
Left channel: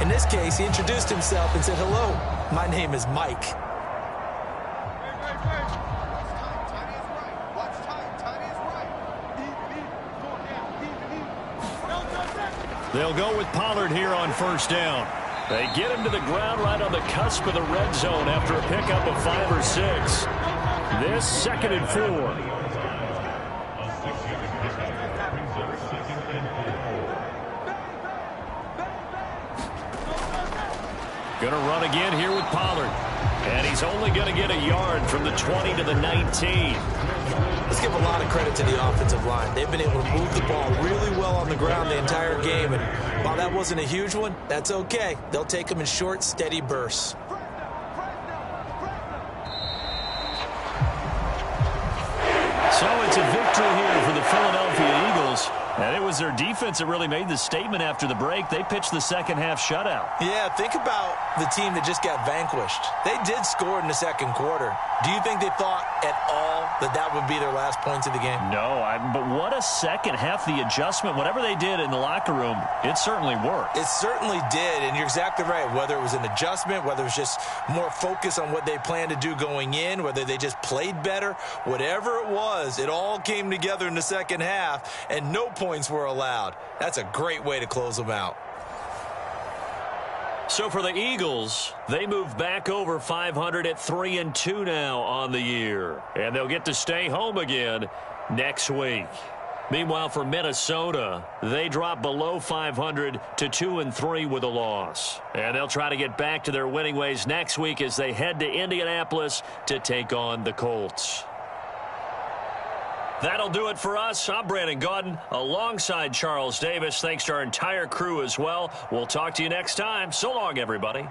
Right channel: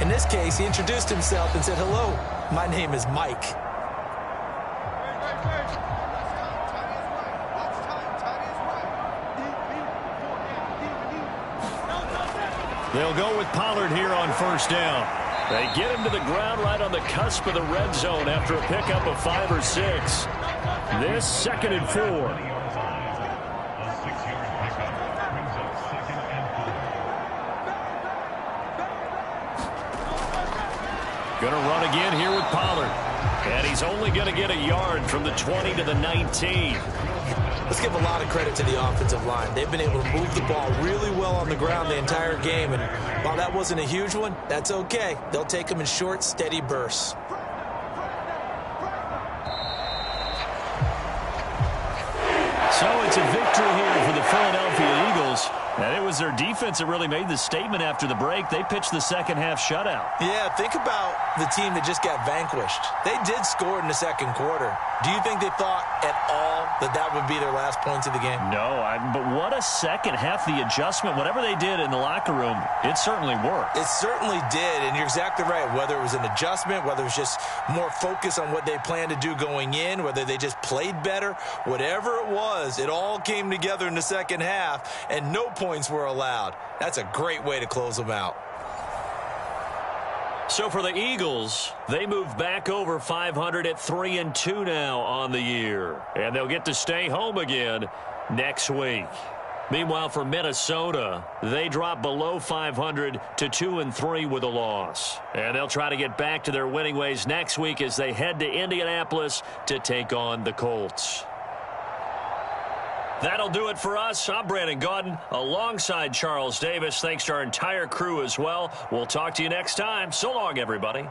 In this case, he introduced himself and said, "Hello, my name is Mike." They'll go with Pollard here on 1st down. They get him to the ground right on the cusp of the red zone after a pickup of 5 or 6. This 2nd and 4. Going to run again here with Pollard. And he's only going to get a yard from the 20 to the 19. Let's give a lot of credit to the offensive line. They've been able to move the ball really well on the ground the entire game. And while that wasn't a huge one, that's okay. They'll take them in short, steady bursts. So it's a victory here for the Philadelphia Eagles. And it was their defense that really made the statement after the break. They pitched the second half shutout. Yeah, think about the team that just got vanquished. They did score in the second quarter. Do you think they thought at all that that would be their last points of the game? No, but what a second half. The adjustment, whatever they did in the locker room, it certainly worked. It certainly did, and you're exactly right. Whether it was an adjustment, whether it was just more focus on what they planned to do going in, whether they just played better, whatever it was, it all came together in the second half, and no points were allowed. That's a great way to close them out. So for the Eagles, they move back over 500 at 3-2 now on the year. And they'll get to stay home again next week. Meanwhile, for Minnesota, they drop below 500 to 2-3 with a loss. And they'll try to get back to their winning ways next week as they head to Indianapolis to take on the Colts. That'll do it for us. I'm Brandon Gaudin alongside Charles Davis. Thanks to our entire crew as well. We'll talk to you next time. So long, everybody.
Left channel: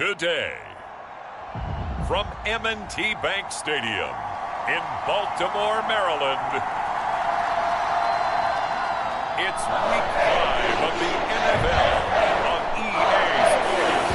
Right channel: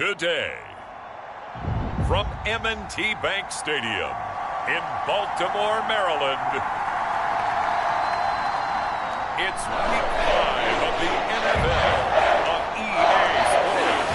today. From M&T Bank Stadium in Baltimore, Maryland, it's Week 5 of the NFL on EA Sports.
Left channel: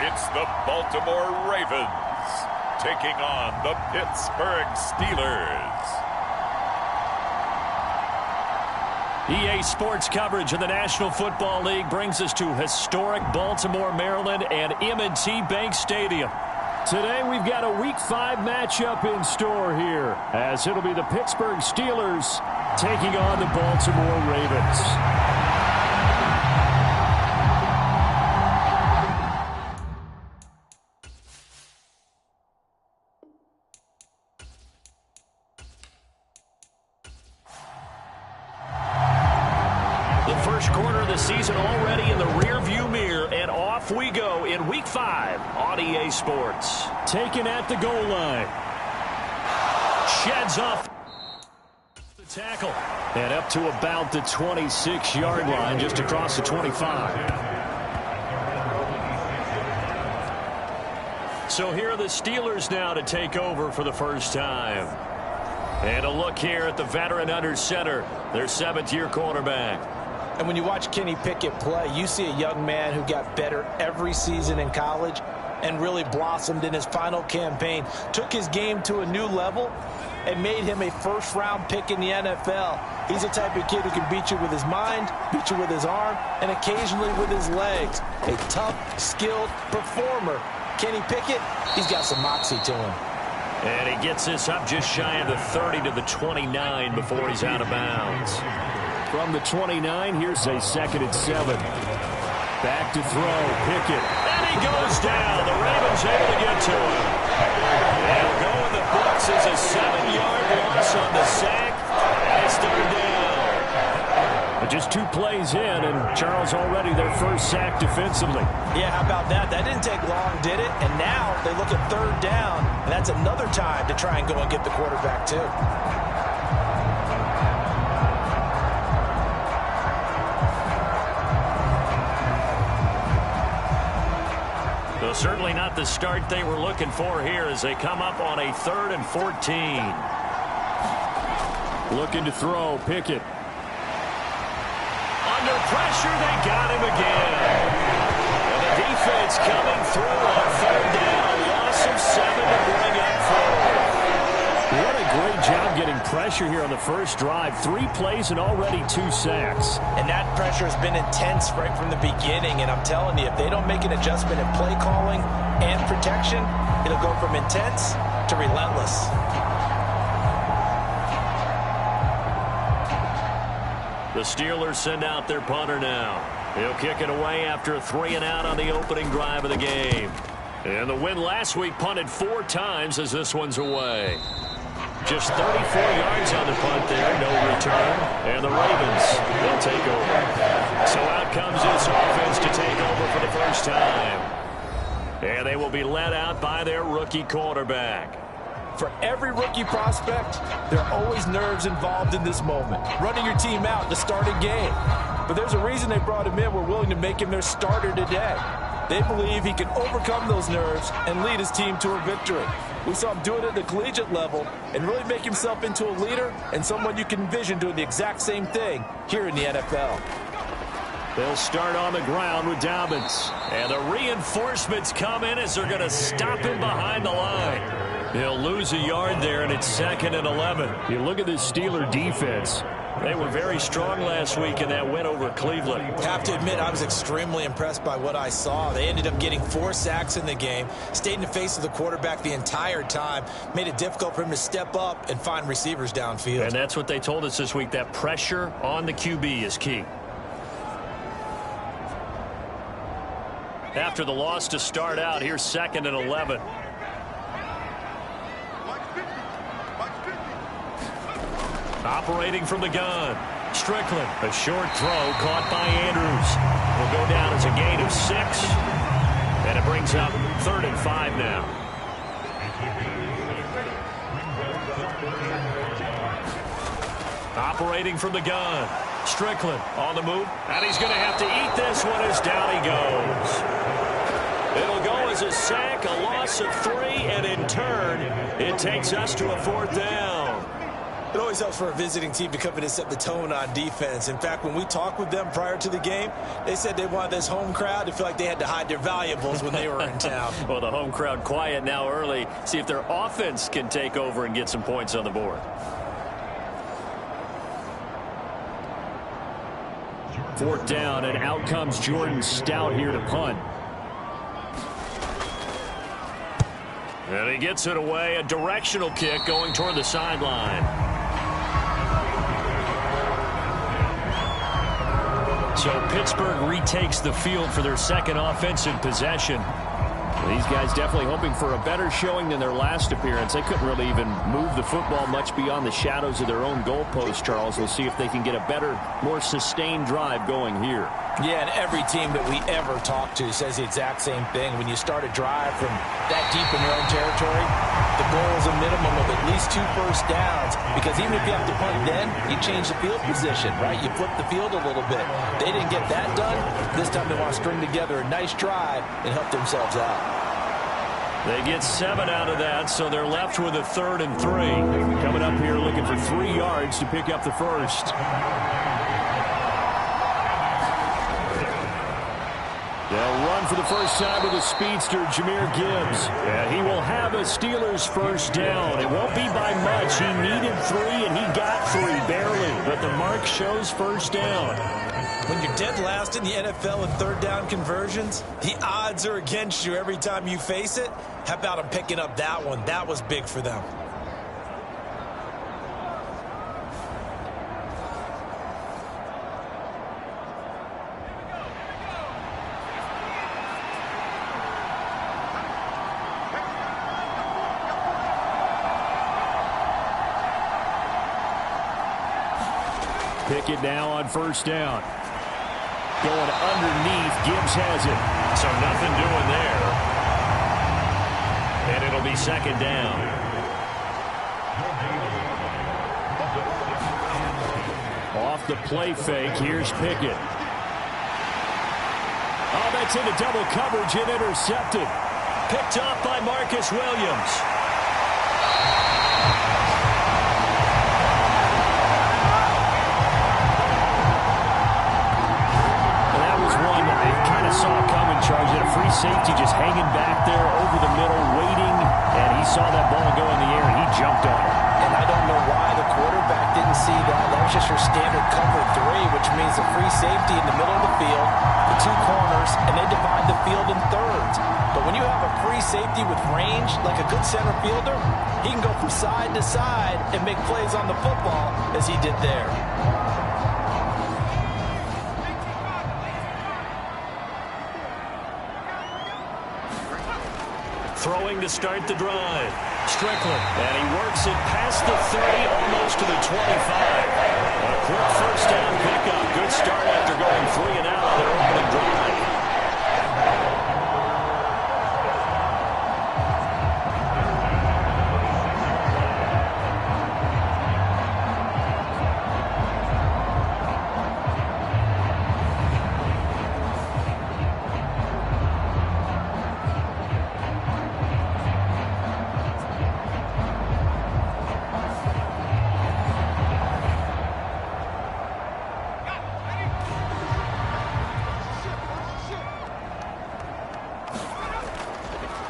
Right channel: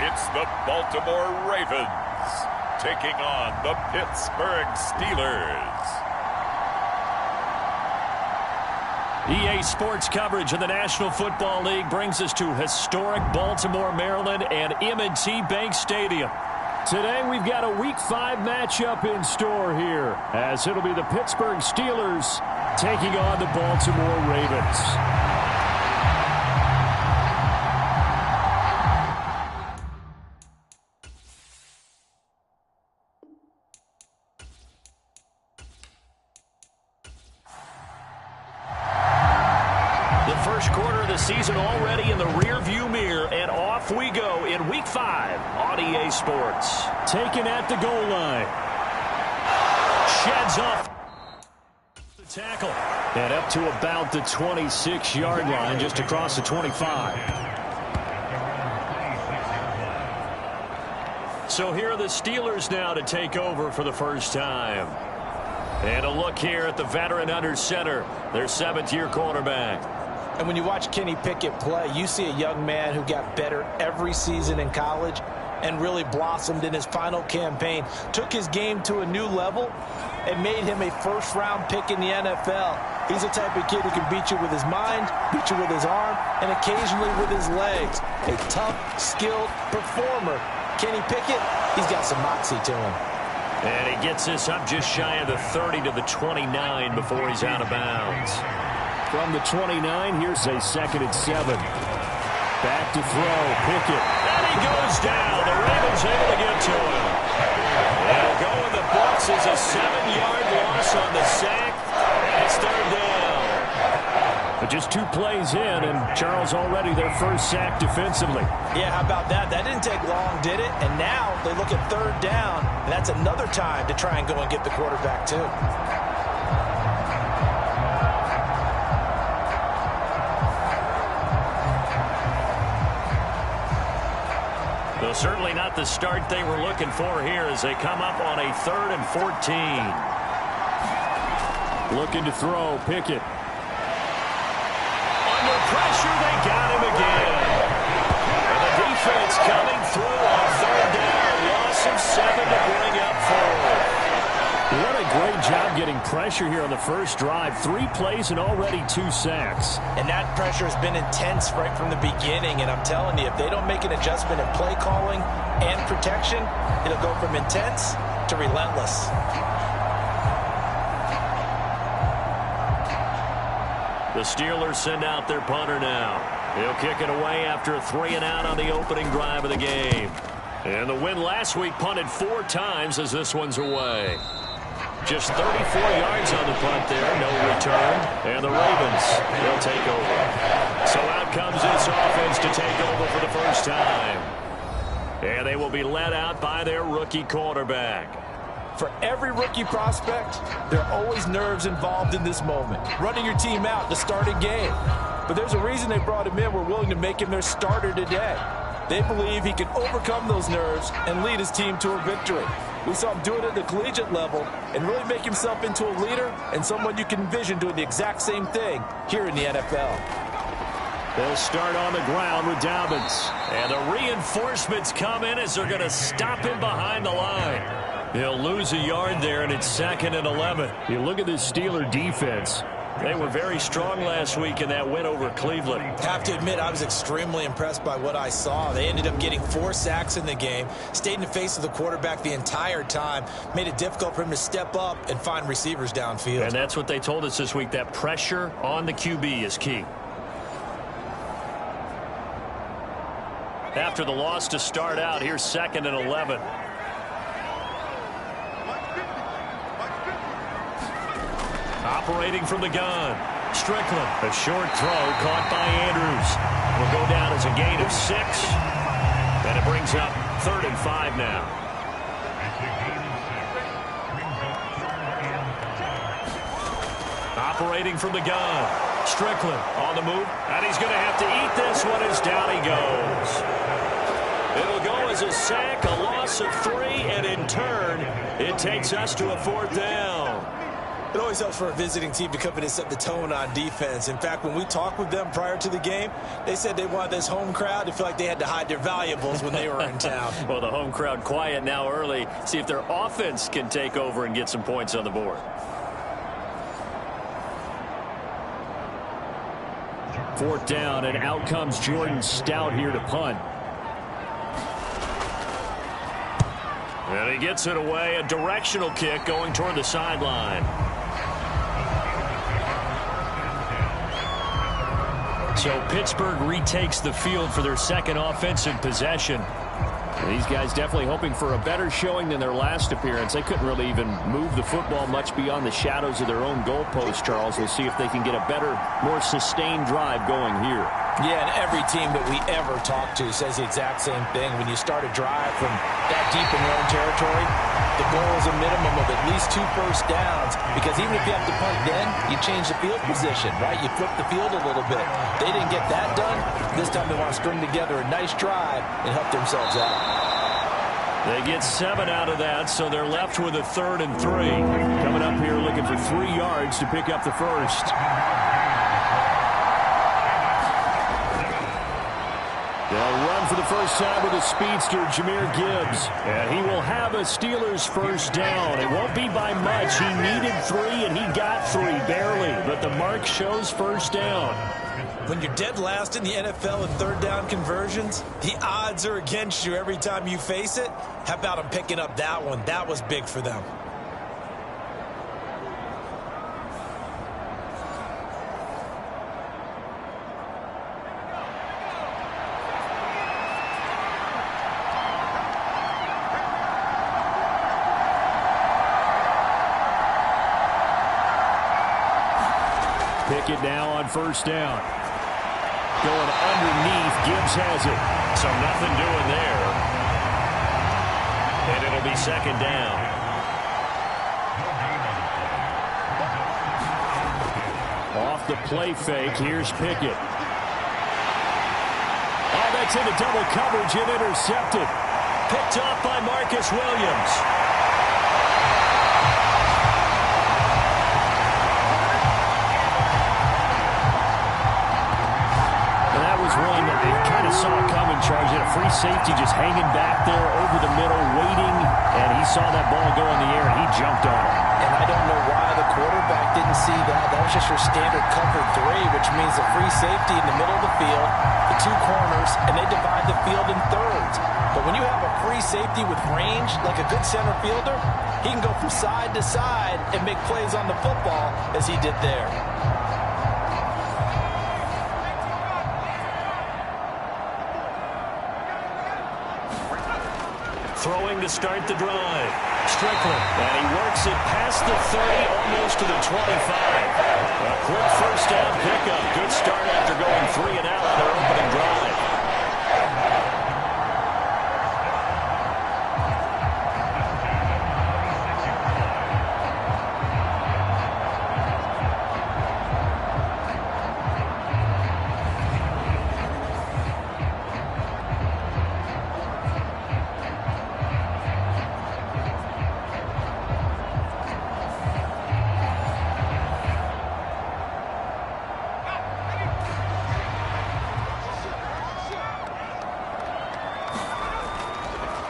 It's the Baltimore Ravens taking on the Pittsburgh Steelers. EA Sports coverage of the National Football League brings us to historic Baltimore, Maryland and M&T Bank Stadium. Today we've got a Week 5 matchup in store here, as it'll be the Pittsburgh Steelers taking on the Baltimore Ravens. The first quarter of the season already in the rearview mirror, and off we go in Week 5 on EA Sports. Taken at the goal line. Sheds off the tackle. And up to about the 26-yard line, just across the 25. So here are the Steelers now to take over for the first time. And a look here at the veteran under center, their 7th-year quarterback. And when you watch Kenny Pickett play, you see a young man who got better every season in college and really blossomed in his final campaign, took his game to a new level, and made him a first-round pick in the NFL. He's the type of kid who can beat you with his mind, beat you with his arm, and occasionally with his legs. A tough, skilled performer. Kenny Pickett, he's got some moxie to him. And he gets this up just shy of the 30 to the 29 before he's out of bounds. From the 29, here's a 2nd and 7. Back to throw, Pickett. And he goes down. The Ravens able to get to him. It'll go in the books as a 7-yard loss on the sack. And it's 3rd down. But just 2 plays in, and Charles already their first sack defensively. Yeah, how about that? That didn't take long, did it? And now they look at 3rd down, and that's another time to try and go and get the quarterback too. So certainly not the start they were looking for here as they come up on a 3rd and 14. Looking to throw, Pickett. Under pressure, they got him again. And the defense coming through on 3rd down. Loss of 7 to bring up 4. What a great job getting pressure here on the first drive. 3 plays and already 2 sacks. And that pressure has been intense right from the beginning. And I'm telling you, if they don't make an adjustment in play calling and protection, it'll go from intense to relentless. The Steelers send out their punter now. He'll kick it away after a 3-and-out on the opening drive of the game. And the win last week punted 4 times as this one's away. Just 34 yards on the punt there, no return. And the Ravens, they'll take over. So out comes this offense to take over for the first time. And they will be led out by their rookie quarterback. For every rookie prospect, there are always nerves involved in this moment. Running your team out to start a game. But there's a reason they brought him in. We're willing to make him their starter today. They believe he can overcome those nerves and lead his team to a victory. We saw him do it at the collegiate level and really make himself into a leader and someone you can envision doing the exact same thing here in the NFL. They'll start on the ground with Dobbins. And the reinforcements come in as they're going to stop him behind the line. He'll lose a yard there, and it's 2nd and 11. You look at this Steeler defense. They were very strong last week in that win over Cleveland. Have to admit, I was extremely impressed by what I saw. They ended up getting 4 sacks in the game, stayed in the face of the quarterback the entire time, made it difficult for him to step up and find receivers downfield. And that's what they told us this week, that pressure on the QB is key. After the loss to start out, here's 2nd and 11. Operating from the gun. Strickland. A short throw caught by Andrews. It'll go down as a gain of 6. And it brings up 3rd and 5 now. Operating from the gun. Strickland on the move. And he's going to have to eat this one as down he goes. It'll go as a sack, a loss of 3, and in turn, it takes us to a 4th down. It always helps for a visiting team to come in and set the tone on defense. In fact, when we talked with them prior to the game, they said they wanted this home crowd to feel like they had to hide their valuables when they were in town. Well, the home crowd quiet now early. See if their offense can take over and get some points on the board. 4th down, and out comes Jordan Stout here to punt. And he gets it away, a directional kick going toward the sideline. So Pittsburgh retakes the field for their second offensive possession. These guys definitely hoping for a better showing than their last appearance. They couldn't really even move the football much beyond the shadows of their own goalpost, Charles. We'll see if they can get a better, more sustained drive going here. Yeah, and every team that we ever talk to says the exact same thing. When you start a drive from that deep in your own territory, the goal is a minimum of at least 2 first downs, because even if you have to punt then, you change the field position, right? You flip the field a little bit. They didn't get that done. This time they want to string together a nice drive and help themselves out. They get 7 out of that, so they're left with a 3rd and 3. Coming up here looking for 3 yards to pick up the first. They'll run for the first time with a speedster, Jahmyr Gibbs. And he will have a Steelers first down. It won't be by much. He needed 3, and he got 3, barely. But the mark shows first down. When you're dead last in the NFL in 3rd down conversions, the odds are against you every time you face it. How about them picking up that one? That was big for them. Pickett now on first down. Going underneath. Gibbs has it. So nothing doing there. And it'll be 2nd down. Off the play fake. Here's Pickett. Oh, that's into double coverage and intercepted. Picked off by Marcus Williams. One I kind of saw coming, Charles. He had a free safety just hanging back there over the middle, waiting, and he saw that ball go in the air, and he jumped on it. And I don't know why the quarterback didn't see that. That was just your standard cover 3, which means a free safety in the middle of the field, the 2 corners, and they divide the field in thirds. But when you have a free safety with range, like a good center fielder, he can go from side to side and make plays on the football as he did there. Throwing to start the drive. Strickland. And he works it past the 30, almost to the 25. A quick first down pickup. Good start after going 3 and out on their opening drive.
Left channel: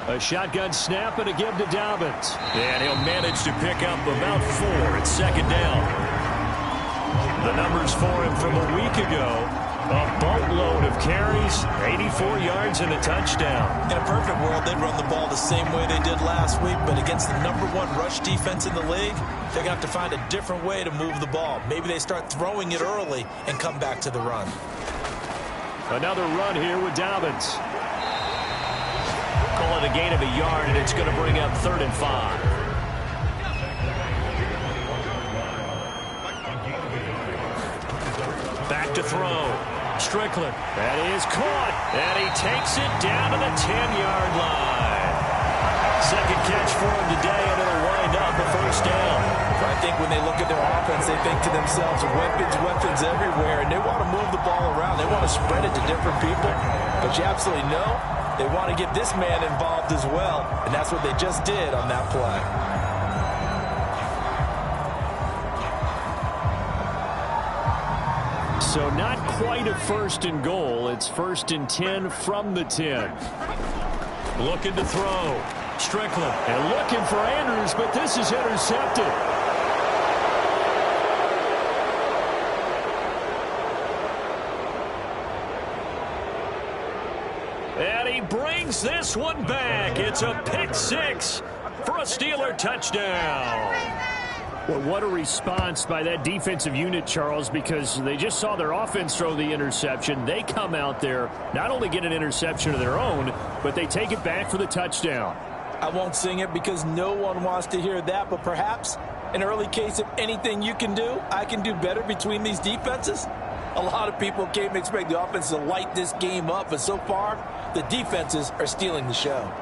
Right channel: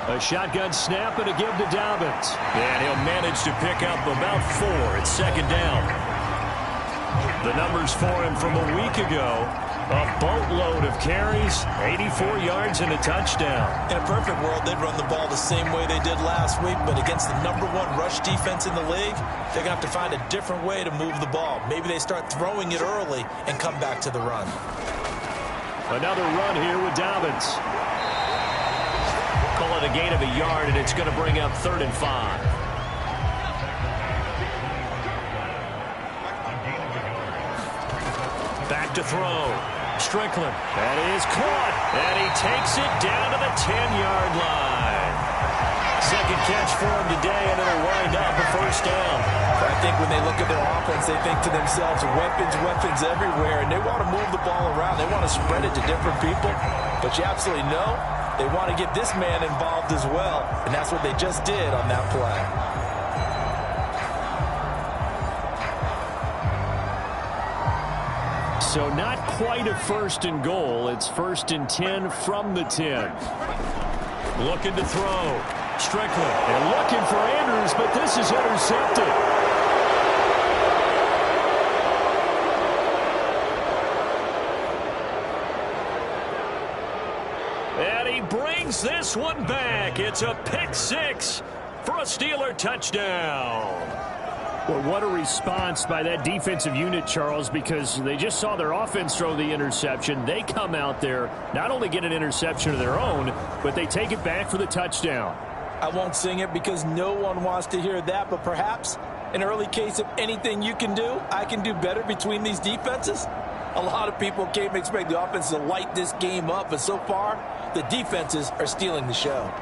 A shotgun snap and a give to Dobbins. And he'll manage to pick up about 4 at 2nd down. The numbers for him from a week ago. A boatload of carries, 84 yards and a touchdown. In a perfect world, they'd run the ball the same way they did last week, but against the #1 rush defense in the league, they're going to have to find a different way to move the ball. Maybe they start throwing it early and come back to the run. Another run here with Dobbins. Call it a gain of a yard, and it's going to bring up 3rd and 5. to throw. Strickland. That is caught. And he takes it down to the 10-yard line. Second catch for him today, and it'll wind up a first down. I think when they look at their offense, they think to themselves, weapons everywhere, and they want to move the ball around. They want to spread it to different people. But you absolutely know they want to get this man involved as well, and that's what they just did on that play. So not quite a first and goal. It's 1st and 10 from the 10. Looking to throw. Strickland. And looking for Andrews, but this is intercepted. And he brings this one back. It's a pick six for a Steeler touchdown. Well, what a response by that defensive unit, Charles, because they just saw their offense throw the interception. They come out there, not only get an interception of their own, but they take it back for the touchdown. I won't sing it because no one wants to hear that, but perhaps an early case of anything you can do, I can do better between these defenses. A lot of people came expect the offense to light this game up, but so far, the defenses are stealing the show.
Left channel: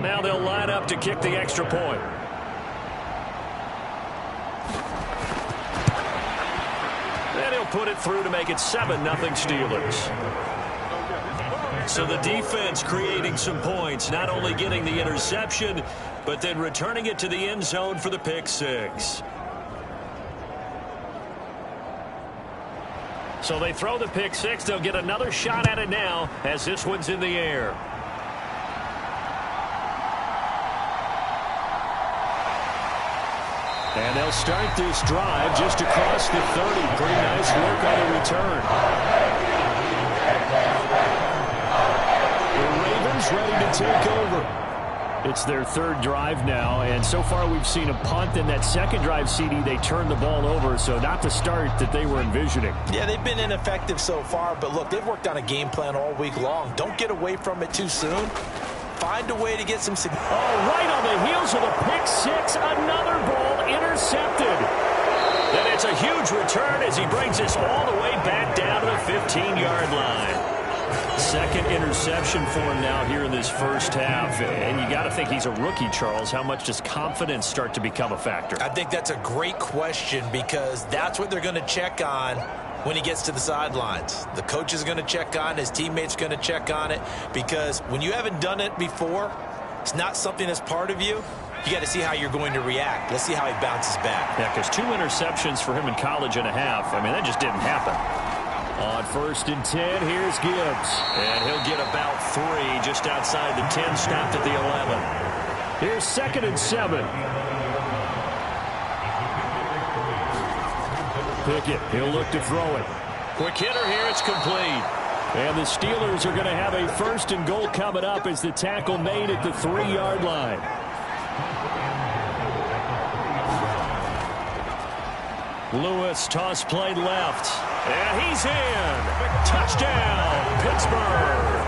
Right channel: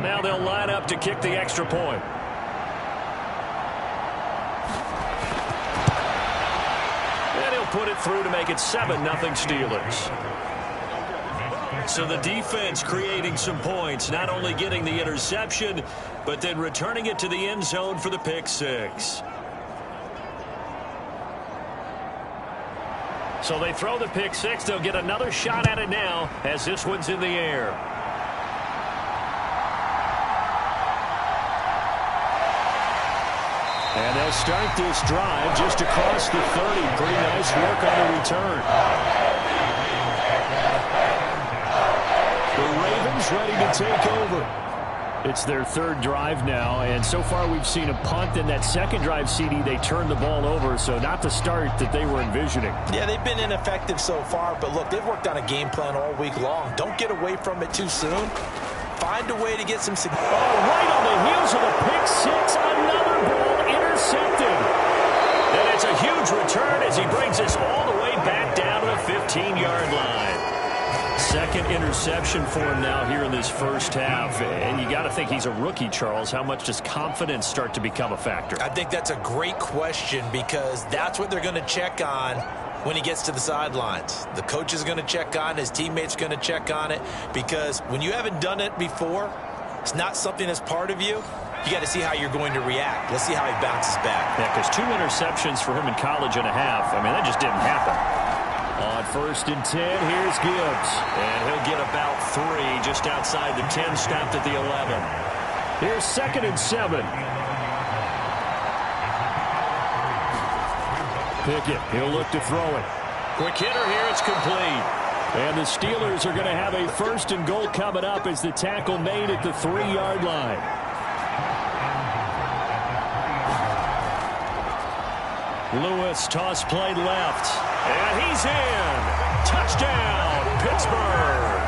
Now they'll line up to kick the extra point. And he'll put it through to make it 7-0 Steelers. So the defense creating some points, not only getting the interception, but then returning it to the end zone for the pick six. So they throw the pick six. They'll get another shot at it now as this one's in the air. And they'll start this drive just across the 30. Pretty nice work on the return. The Ravens ready to take over. It's their third drive now, and so far we've seen a punt. In that second drive, CD, they turned the ball over, so not the start that they were envisioning. Yeah, they've been ineffective so far, but look, they've worked on a game plan all week long. Don't get away from it too soon. Find a way to get some... right on the heels of the pick six, another ball intercepted. And it's a huge return as he brings us all the way back down to the 15-yard line. Second interception for him now here in this first half. And you got to think he's a rookie, Charles. How much does confidence start to become a factor? I think that's a great question because that's what they're going to check on when he gets to the sidelines. The coach is going to check on it. His teammates are going to check on it because when you haven't done it before, it's not something that's part of you. You got to see how you're going to react. Let's see how he bounces back. Yeah, because 2 interceptions for him in college and a half. I mean, that just didn't happen. On 1st and 10, here's Gibbs. And he'll get about 3 just outside the 10, stopped at the 11. Here's 2nd and 7. Pickett, he'll look to throw it. Quick hitter here, it's complete. And the Steelers are going to have a 1st and goal coming up as the tackle made at the 3-yard line. Lewis, toss play left. And he's in. Touchdown, Pittsburgh.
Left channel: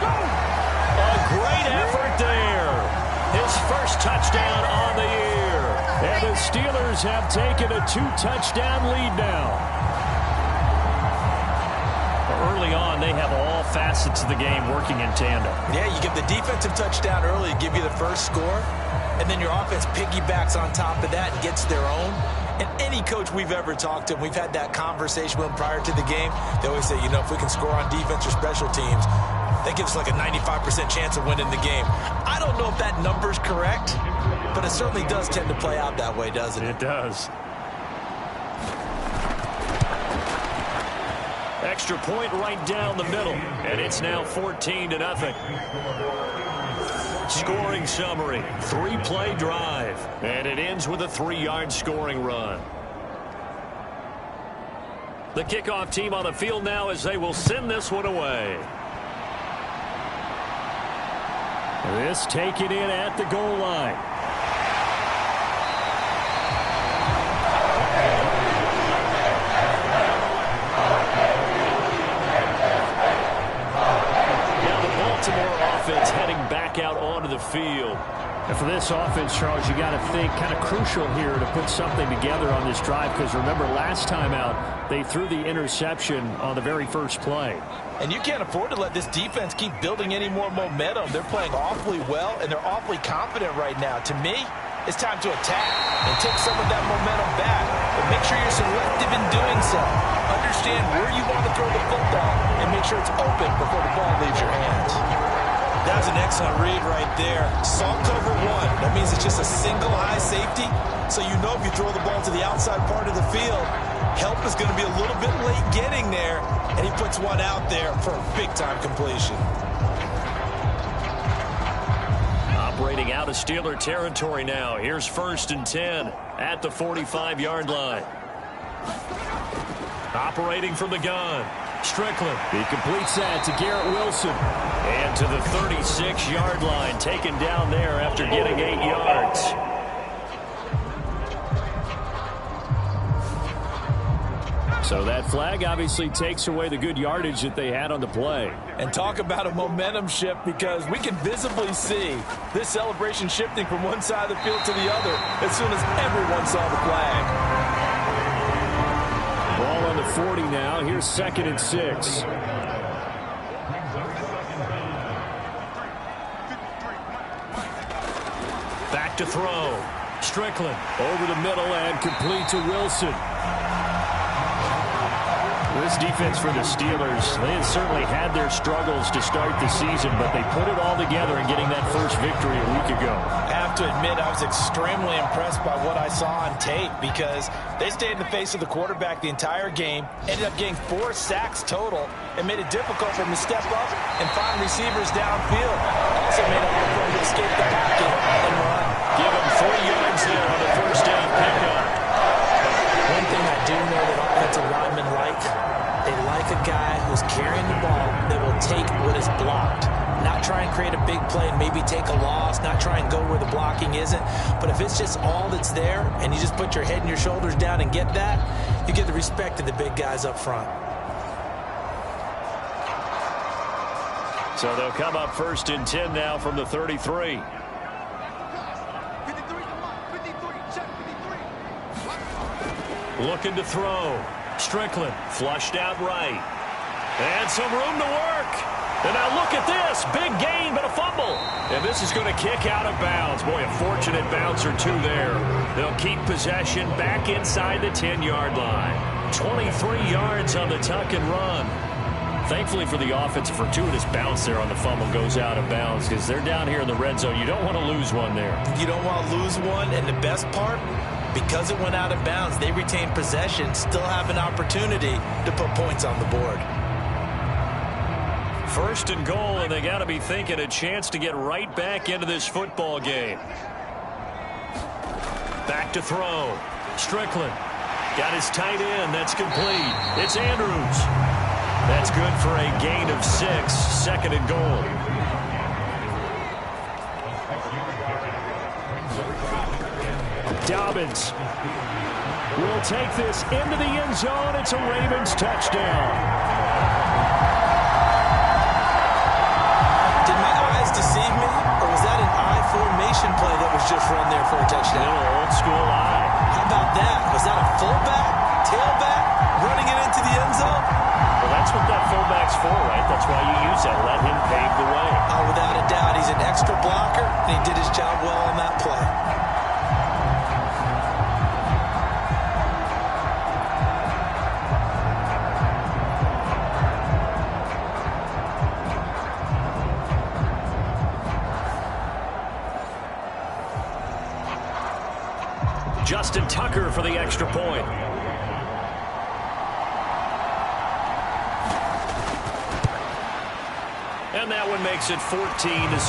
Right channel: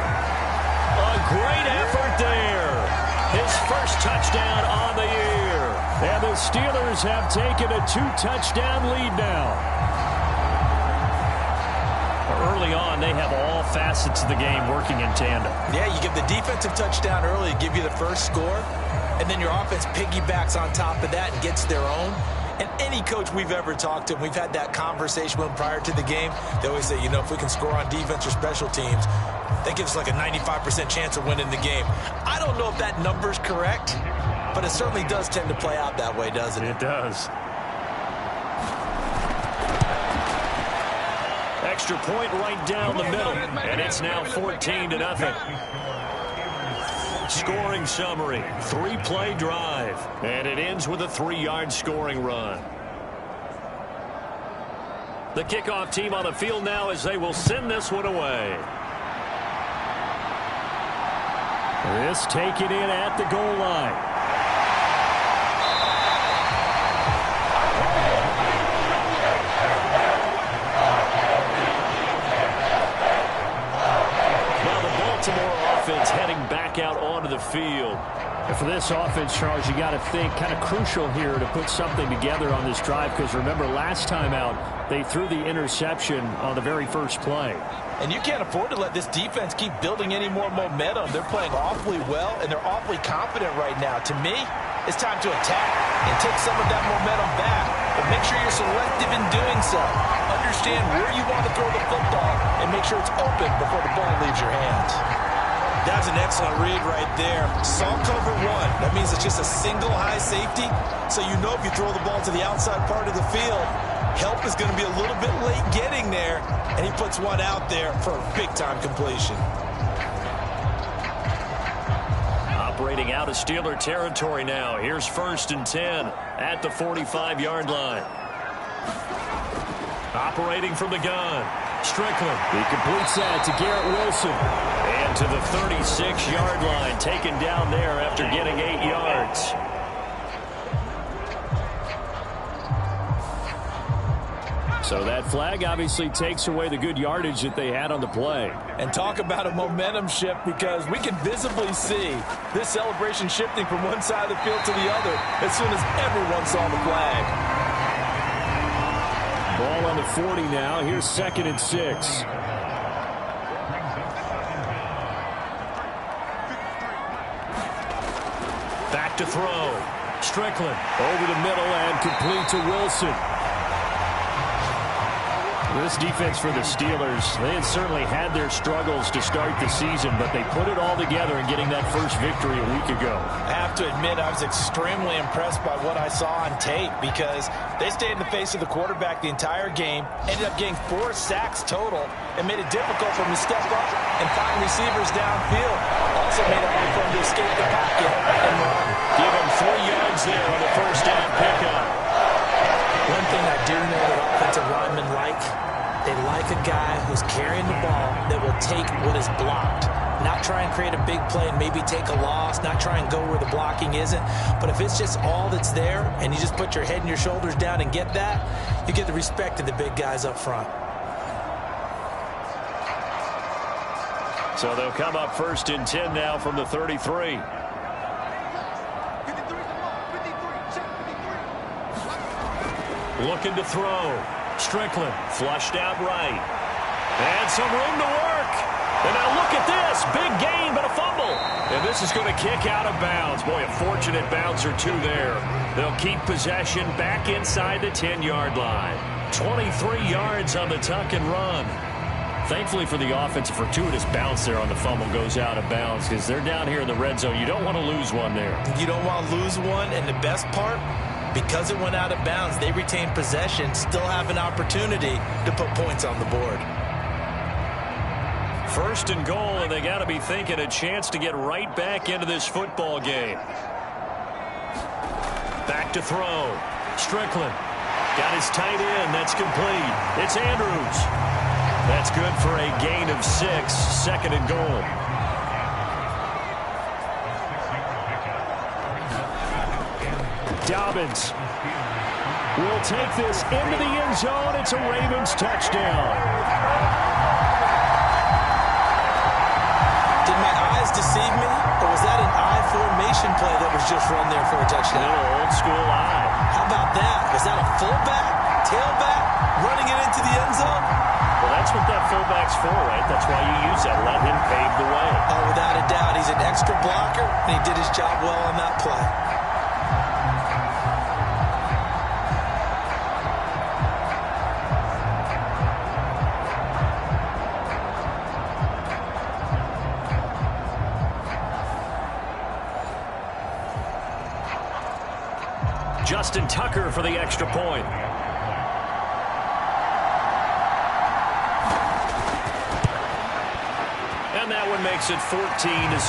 A great effort there. His first touchdown on the year. And the Steelers have taken a 2-touchdown lead now. Early on, they have all facets of the game working in tandem. Yeah, you give the defensive touchdown early, give you the first score, and then your offense piggybacks on top of that and gets their own. And any coach we've ever talked to, we've had that conversation with them prior to the game, they always say, you know, if we can score on defense or special teams, that gives us like a 95% chance of winning the game. I don't know if that number's correct, but it certainly does tend to play out that way, doesn't it? It does. Extra point right down the middle, and it's now 14-0. Scoring summary, 3-play drive, and it ends with a 3-yard scoring run. The kickoff team on the field now as they will send this one away. This taken in at the goal line. Now the Baltimore offense heading back out onto the field. And for this offense, Charles, you got to think kind of crucial here to put something together on this drive, because remember last time out they threw the interception on the very first play. And you can't afford to let this defense keep building any more momentum. They're playing awfully well, and they're awfully confident right now. To me, it's time to attack and take some of that momentum back. But make sure you're selective in doing so. Understand where you want to throw the football and make sure it's open before the ball leaves your hands. That's an excellent read right there. Saw cover one. That means it's just a single high safety. So you know if you throw the ball to the outside part of the field, help is going to be a little bit late getting there. And he puts one out there for a big-time completion. Operating out of Steeler territory now. Here's 1st and 10 at the 45-yard line. Operating from the gun. Strickland. He completes that to Garrett Wilson. And to the 36-yard line, taken down there after getting 8 yards. So that flag obviously takes away the good yardage that they had on the play. And talk about a momentum shift, because we can visibly see this celebration shifting from one side of the field to the other as soon as everyone saw the flag. Ball on the 40 now. Here's 2nd and 6. Back to throw. Strickland. Over the middle and complete to Wilson. This defense for the Steelers, they had certainly had their struggles to start the season, but they put it all together in getting that first victory a week ago. I have to admit, I was extremely impressed by what I saw on tape, because they stayed in the face of the quarterback the entire game, ended up getting 4 sacks total, and made it difficult for him to step up and find receivers downfield. Also made it hard for him to escape the pocket and run. Give him 3 yards there on the first down pickup. One thing I do know that offensive linemen like, they like a guy who's carrying the ball that will take what is blocked. Not try and create a big play and maybe take a loss, not try and go where the blocking isn't. But if it's just all that's there and you just put your head and your shoulders down and get that, you get the respect of the big guys up front. So they'll come up 1st and 10 now from the 33. Looking to throw. Strickland flushed out right. And some room to work. And now look at this. Big gain, but a fumble. And this is going to kick out of bounds. Boy, a fortunate bounce or two there. They'll keep possession back inside the 10-yard line. 23 yards on the tuck and run. Thankfully for the offense, a fortuitous bounce there on the fumble goes out of bounds, because they're down here in the red zone. You don't want to lose one there. You don't want to lose one, and the best part, because it went out of bounds, they retain possession, still have an opportunity to put points on the board. 1st and goal, and they got to be thinking a chance to get right back into this football game. Back to throw. Strickland got his tight end. That's complete. It's Andrews. That's good for a gain of 6. 2nd and goal. Dobbins will take this into the end zone. It's a Ravens touchdown. Did my eyes deceive me, or was that an I formation play that was just run there for a touchdown? A little old school eye. How about that? Was that a fullback, tailback, running it into the end zone? Well, that's what that fullback's for, right? That's why you use that. Let him pave the way. Oh, without a doubt. He's an extra blocker, and he did his job well on that play. Justin Tucker for the extra point. And that one makes it 14-7.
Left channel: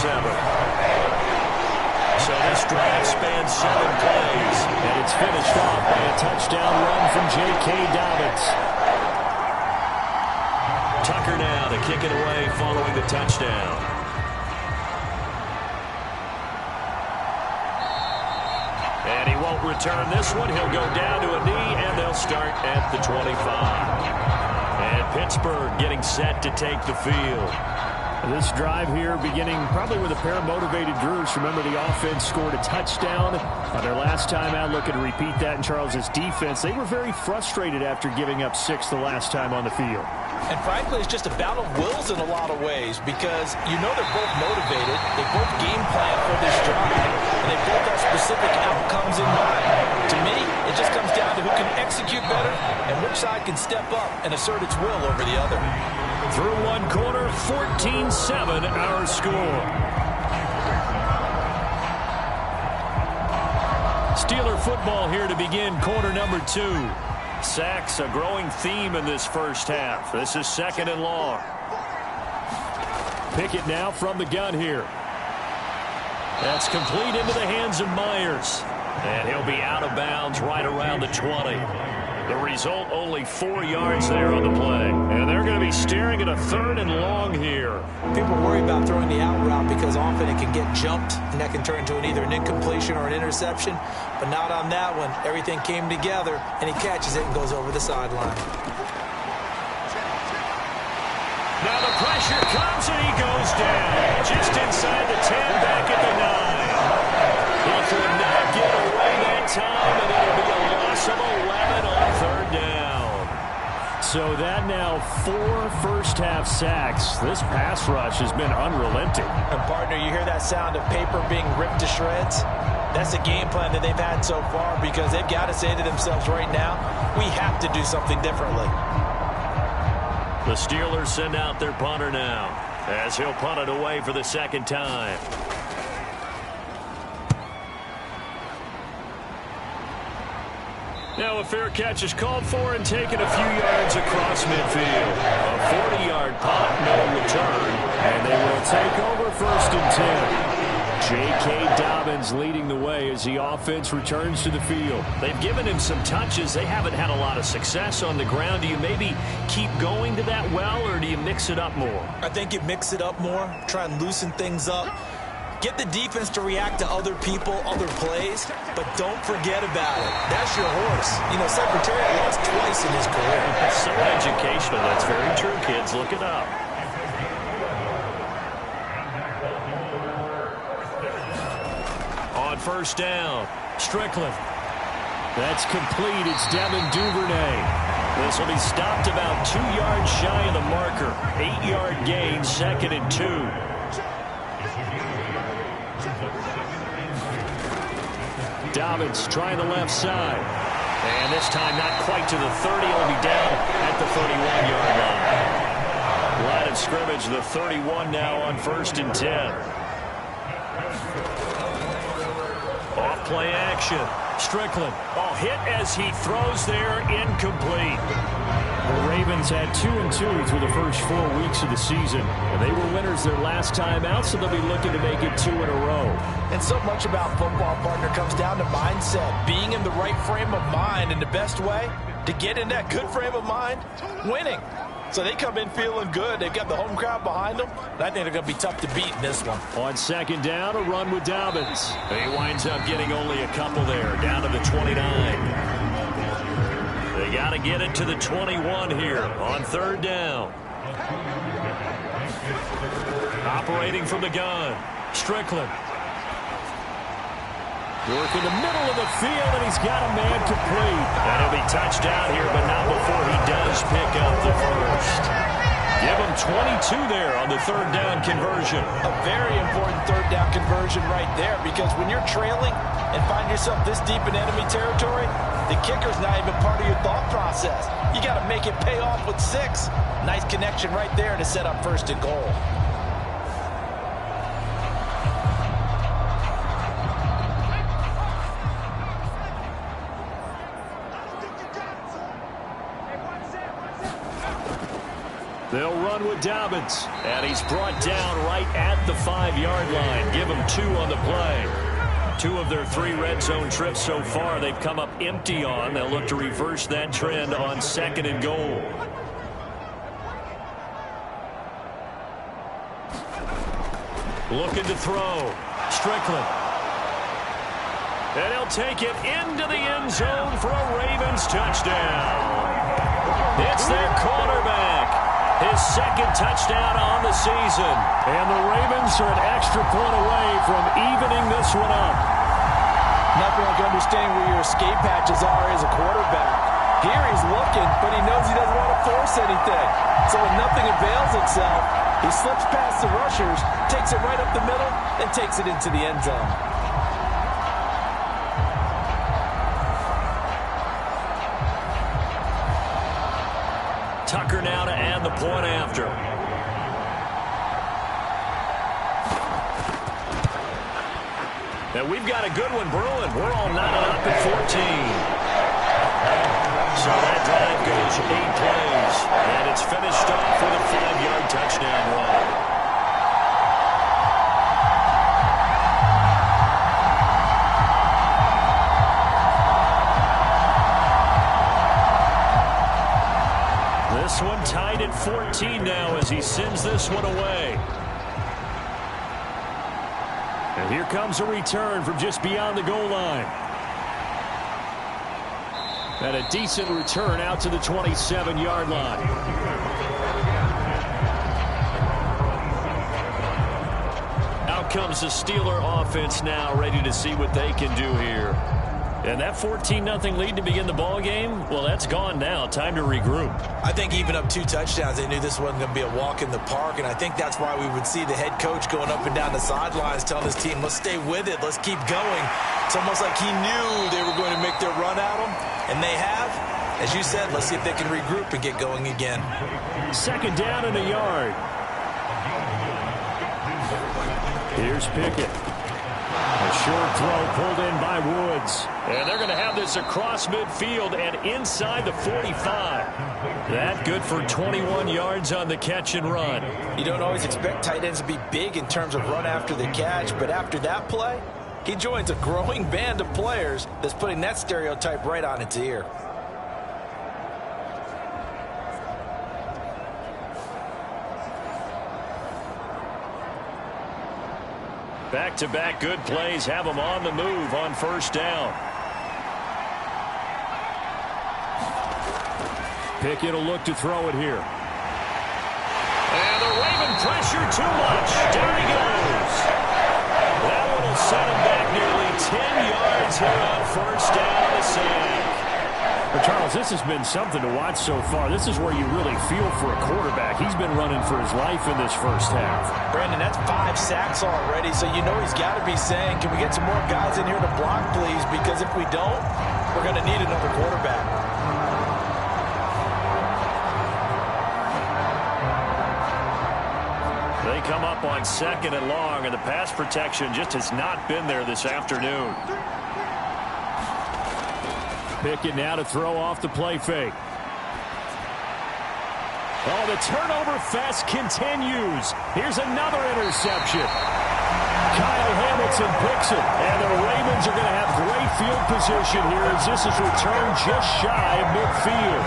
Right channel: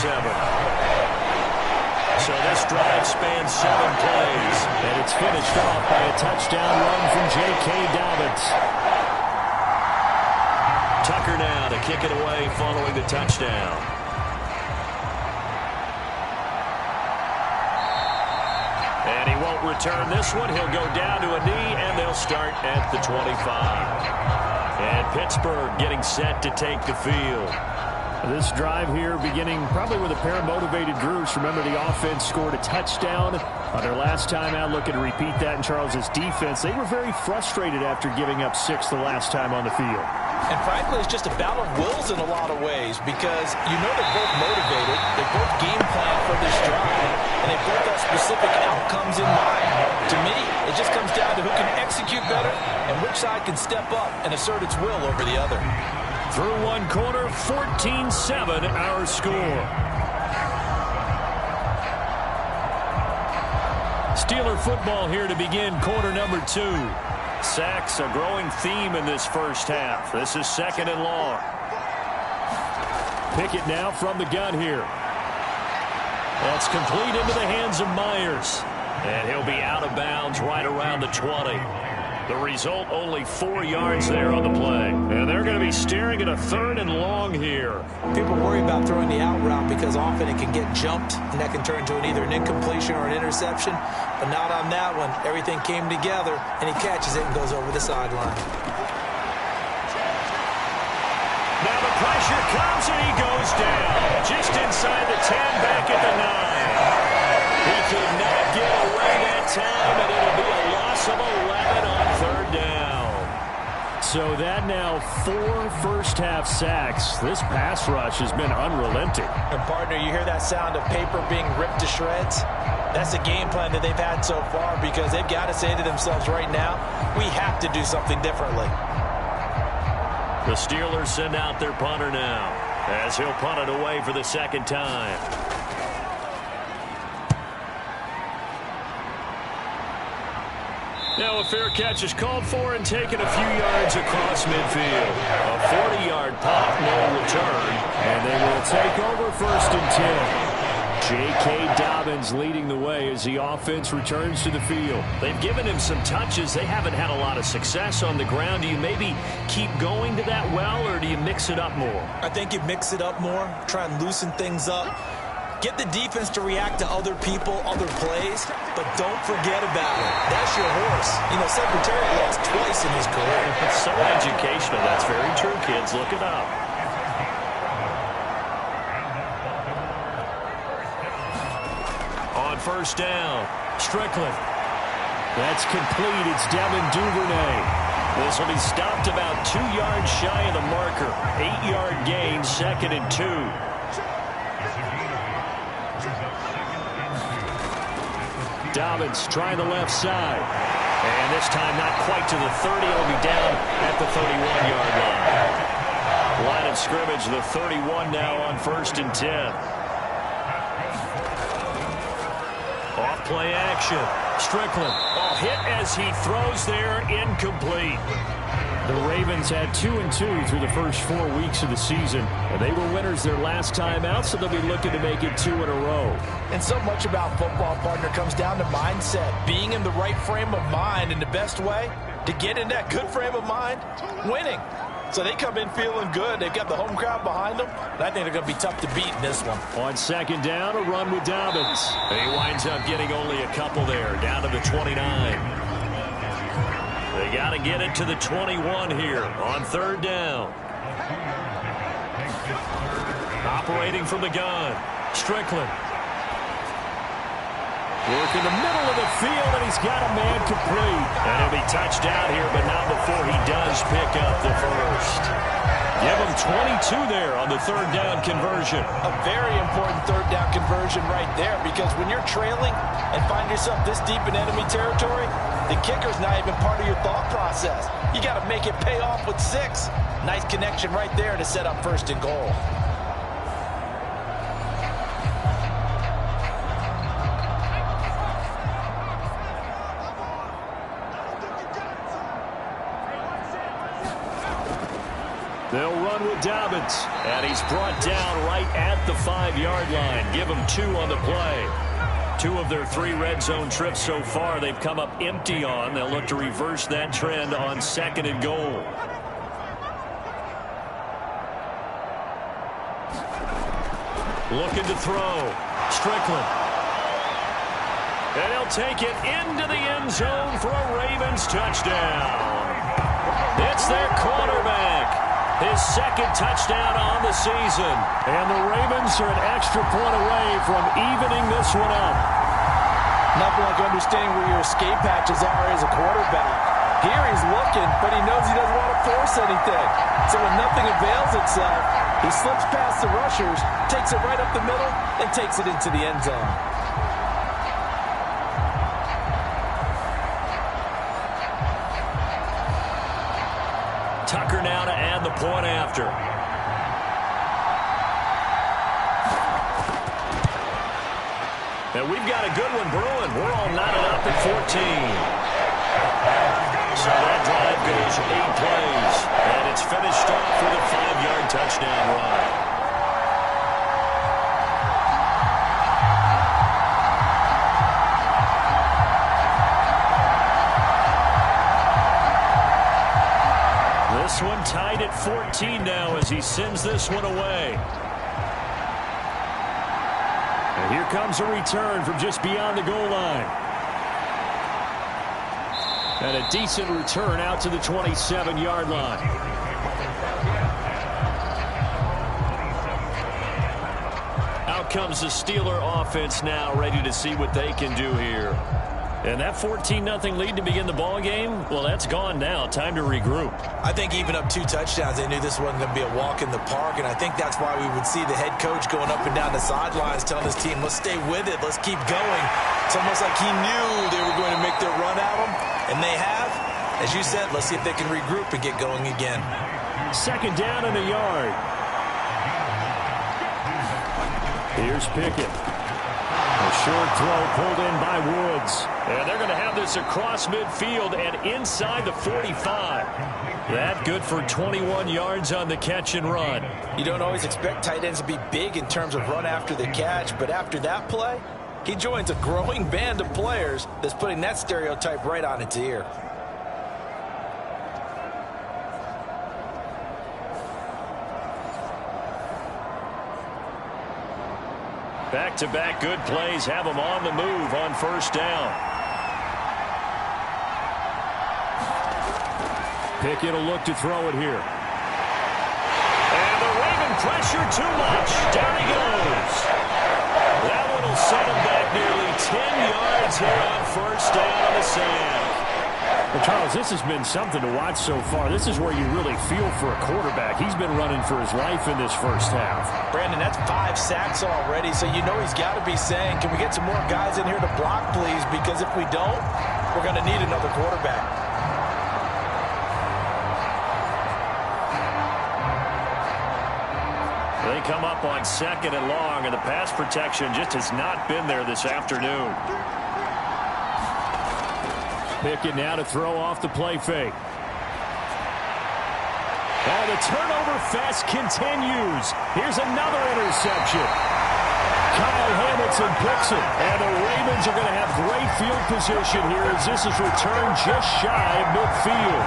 So this drive spans 7 plays. And it's finished off by a touchdown run from J.K. Dobbins. Tucker now to kick it away following the touchdown. And he won't return this one. He'll go down to a knee, and they'll start at the 25. And Pittsburgh getting set to take the field. This drive here beginning probably with a pair of motivated groups. Remember, the offense scored a touchdown on their last time out. Looking to repeat that in Charles's defense. They were very frustrated after giving up 6 the last time on the field. And frankly, it's just a battle of wills in a lot of ways because you know they're both motivated. They both game plan for this drive, and they both have specific outcomes in mind. To me, it just comes down to who can execute better and which side can step up and assert its will over the other. Through one quarter, 14-7 our score. Steeler football here to begin quarter number 2. Sacks, a growing theme in this first half. This is 2nd and long. Pickett now from the gun here. That's complete into the hands of Myers. And he'll be out of bounds right around the 20. The result, only 4 yards there on the play. And they're going to be staring at a 3rd and long here. People worry about throwing the out route because often it can get jumped, and that can turn into either an incompletion or an interception. But not on that one. Everything came together, and he catches it and goes over the sideline. Now the pressure comes, and he goes down. Just inside the 10, back at the 9. He could not get away that time, and it'll be a loss of 11 on 3rd down. So that now 4 first-half sacks. This pass rush has been unrelenting. And, partner, you hear that sound of paper being ripped to shreds? That's the game plan that they've had so far because they've got to say to themselves right now, we have to do something differently. The Steelers send out their punter now as he'll punt it away for the 2nd time. Now a fair catch is called for and taken a few yards across midfield. A 40-yard punt, no return. And they will take over 1st and 10. J.K. Dobbins leading the way as the offense returns to the field. They've given him some touches. They haven't had a lot of success on the ground. Do you maybe keep going to that well, or do you mix it up more? I think you mix it up more, try and loosen things up. Get the defense to react to other people, other plays, but don't forget about it. That's your horse. You know, Secretariat lost twice in his career. That's so educational. That's very true, kids. Look it up. On 1st down, Strickland. That's complete. It's Devin Duvernay. This will be stopped about 2 yards shy of the marker. 8-yard gain, 2nd and 2. Dobbins trying the left side. And this time not quite to the 30. It'll be down at the 31-yard line. Line of scrimmage, the 31 now on 1st and 10. Off play action. Strickland. Oh, hit as he throws there, incomplete. The Ravens had 2-2 through the first 4 weeks of the season, and they were winners their last time out, so they'll be looking to make it 2 in a row. And so much about football, partner, comes down to mindset. Being in the right frame of mind, and the best way to get in that good frame of mind, winning. So they come in feeling good. They've got the home crowd behind them, and I think they're going to be tough to beat in this one. On 2nd down, a run with Dobbins. He winds up getting only a couple there, down to the 29. They got to get it to the 21 here on 3rd down. Operating from the gun, Strickland. Work in the middle of the field, and he's got a man complete. And he'll be touched out here, but not before he does pick up the first. Give him 22 there on the 3rd down conversion. A very important 3rd down conversion right there, because when you're trailing and find yourself this deep in enemy territory, the kicker's not even part of your thought process. You got to make it pay off with 6. Nice connection right there to set up 1st and goal. They'll run with Dobbins, and he's brought down right at the 5-yard line. Give him 2 on the play. 2 of their 3 red zone trips so far they've come up empty on. They'll look to reverse that trend on 2nd and goal. Looking to throw. Strickland. And he'll take it into the end zone for a Ravens touchdown. It's their quarterback. His second touchdown on the season. And the Ravens are an extra point away from evening this one up. Nothing like understanding where your escape hatches are as a quarterback. Here he's looking, but he knows he doesn't want to force anything. So when nothing avails itself, he slips past the rushers, takes it right up the middle, and takes it into the end zone. Tucker now to add the point after. And we've got a good one brewing. We're all knotted up at 14. So that drive goes 8 plays. And it's finished off with a 5-yard touchdown run. This one tied at 14 now as he sends this one away. And here comes a return from just beyond the goal line. And a decent return out to the 27-yard line. Out comes the Steeler offense now, ready to see what they can do here. And that 14-0 lead to begin the ball game, well, that's gone now. Time to regroup. I think even up 2 touchdowns, they knew this wasn't going to be a walk in the park, and I think that's why we would see the head coach going up and down the sidelines telling his team, let's stay with it, let's keep going. It's almost like he knew they were going to make their run at him, and they have. As you said, let's see if they can regroup and get going again. Second down and a yard. Here's Pickett. A short throw pulled in by Woods. And they're going to have this across midfield and inside the 45. That good for 21 yards on the catch and run. You don't always expect tight ends to be big in terms of run after the catch, but after that play, he joins a growing band of players that's putting that stereotype right on its ear. Back-to-back good plays have them on the move on first down. Pickett will look to throw it here. And the Raven pressure too much. Down he goes. That one will set him back nearly 10 yards here on first down on the sack. Well, Charles, this has been something to watch so far. This is where you really feel for a quarterback. He's been running for his life in this first half. Brandon, that's 5 sacks already, so you know he's got to be saying, can we get some more guys in here to block, please? Because if we don't, we're going to need another quarterback. They come up on 2nd and long, and the pass protection just has not been there this afternoon. Pickett now to throw off the play fake. Oh, the turnover fest continues. Here's another interception. Kyle Hamilton picks it. And the Ravens are going to have great field position here as this is returned just shy of midfield.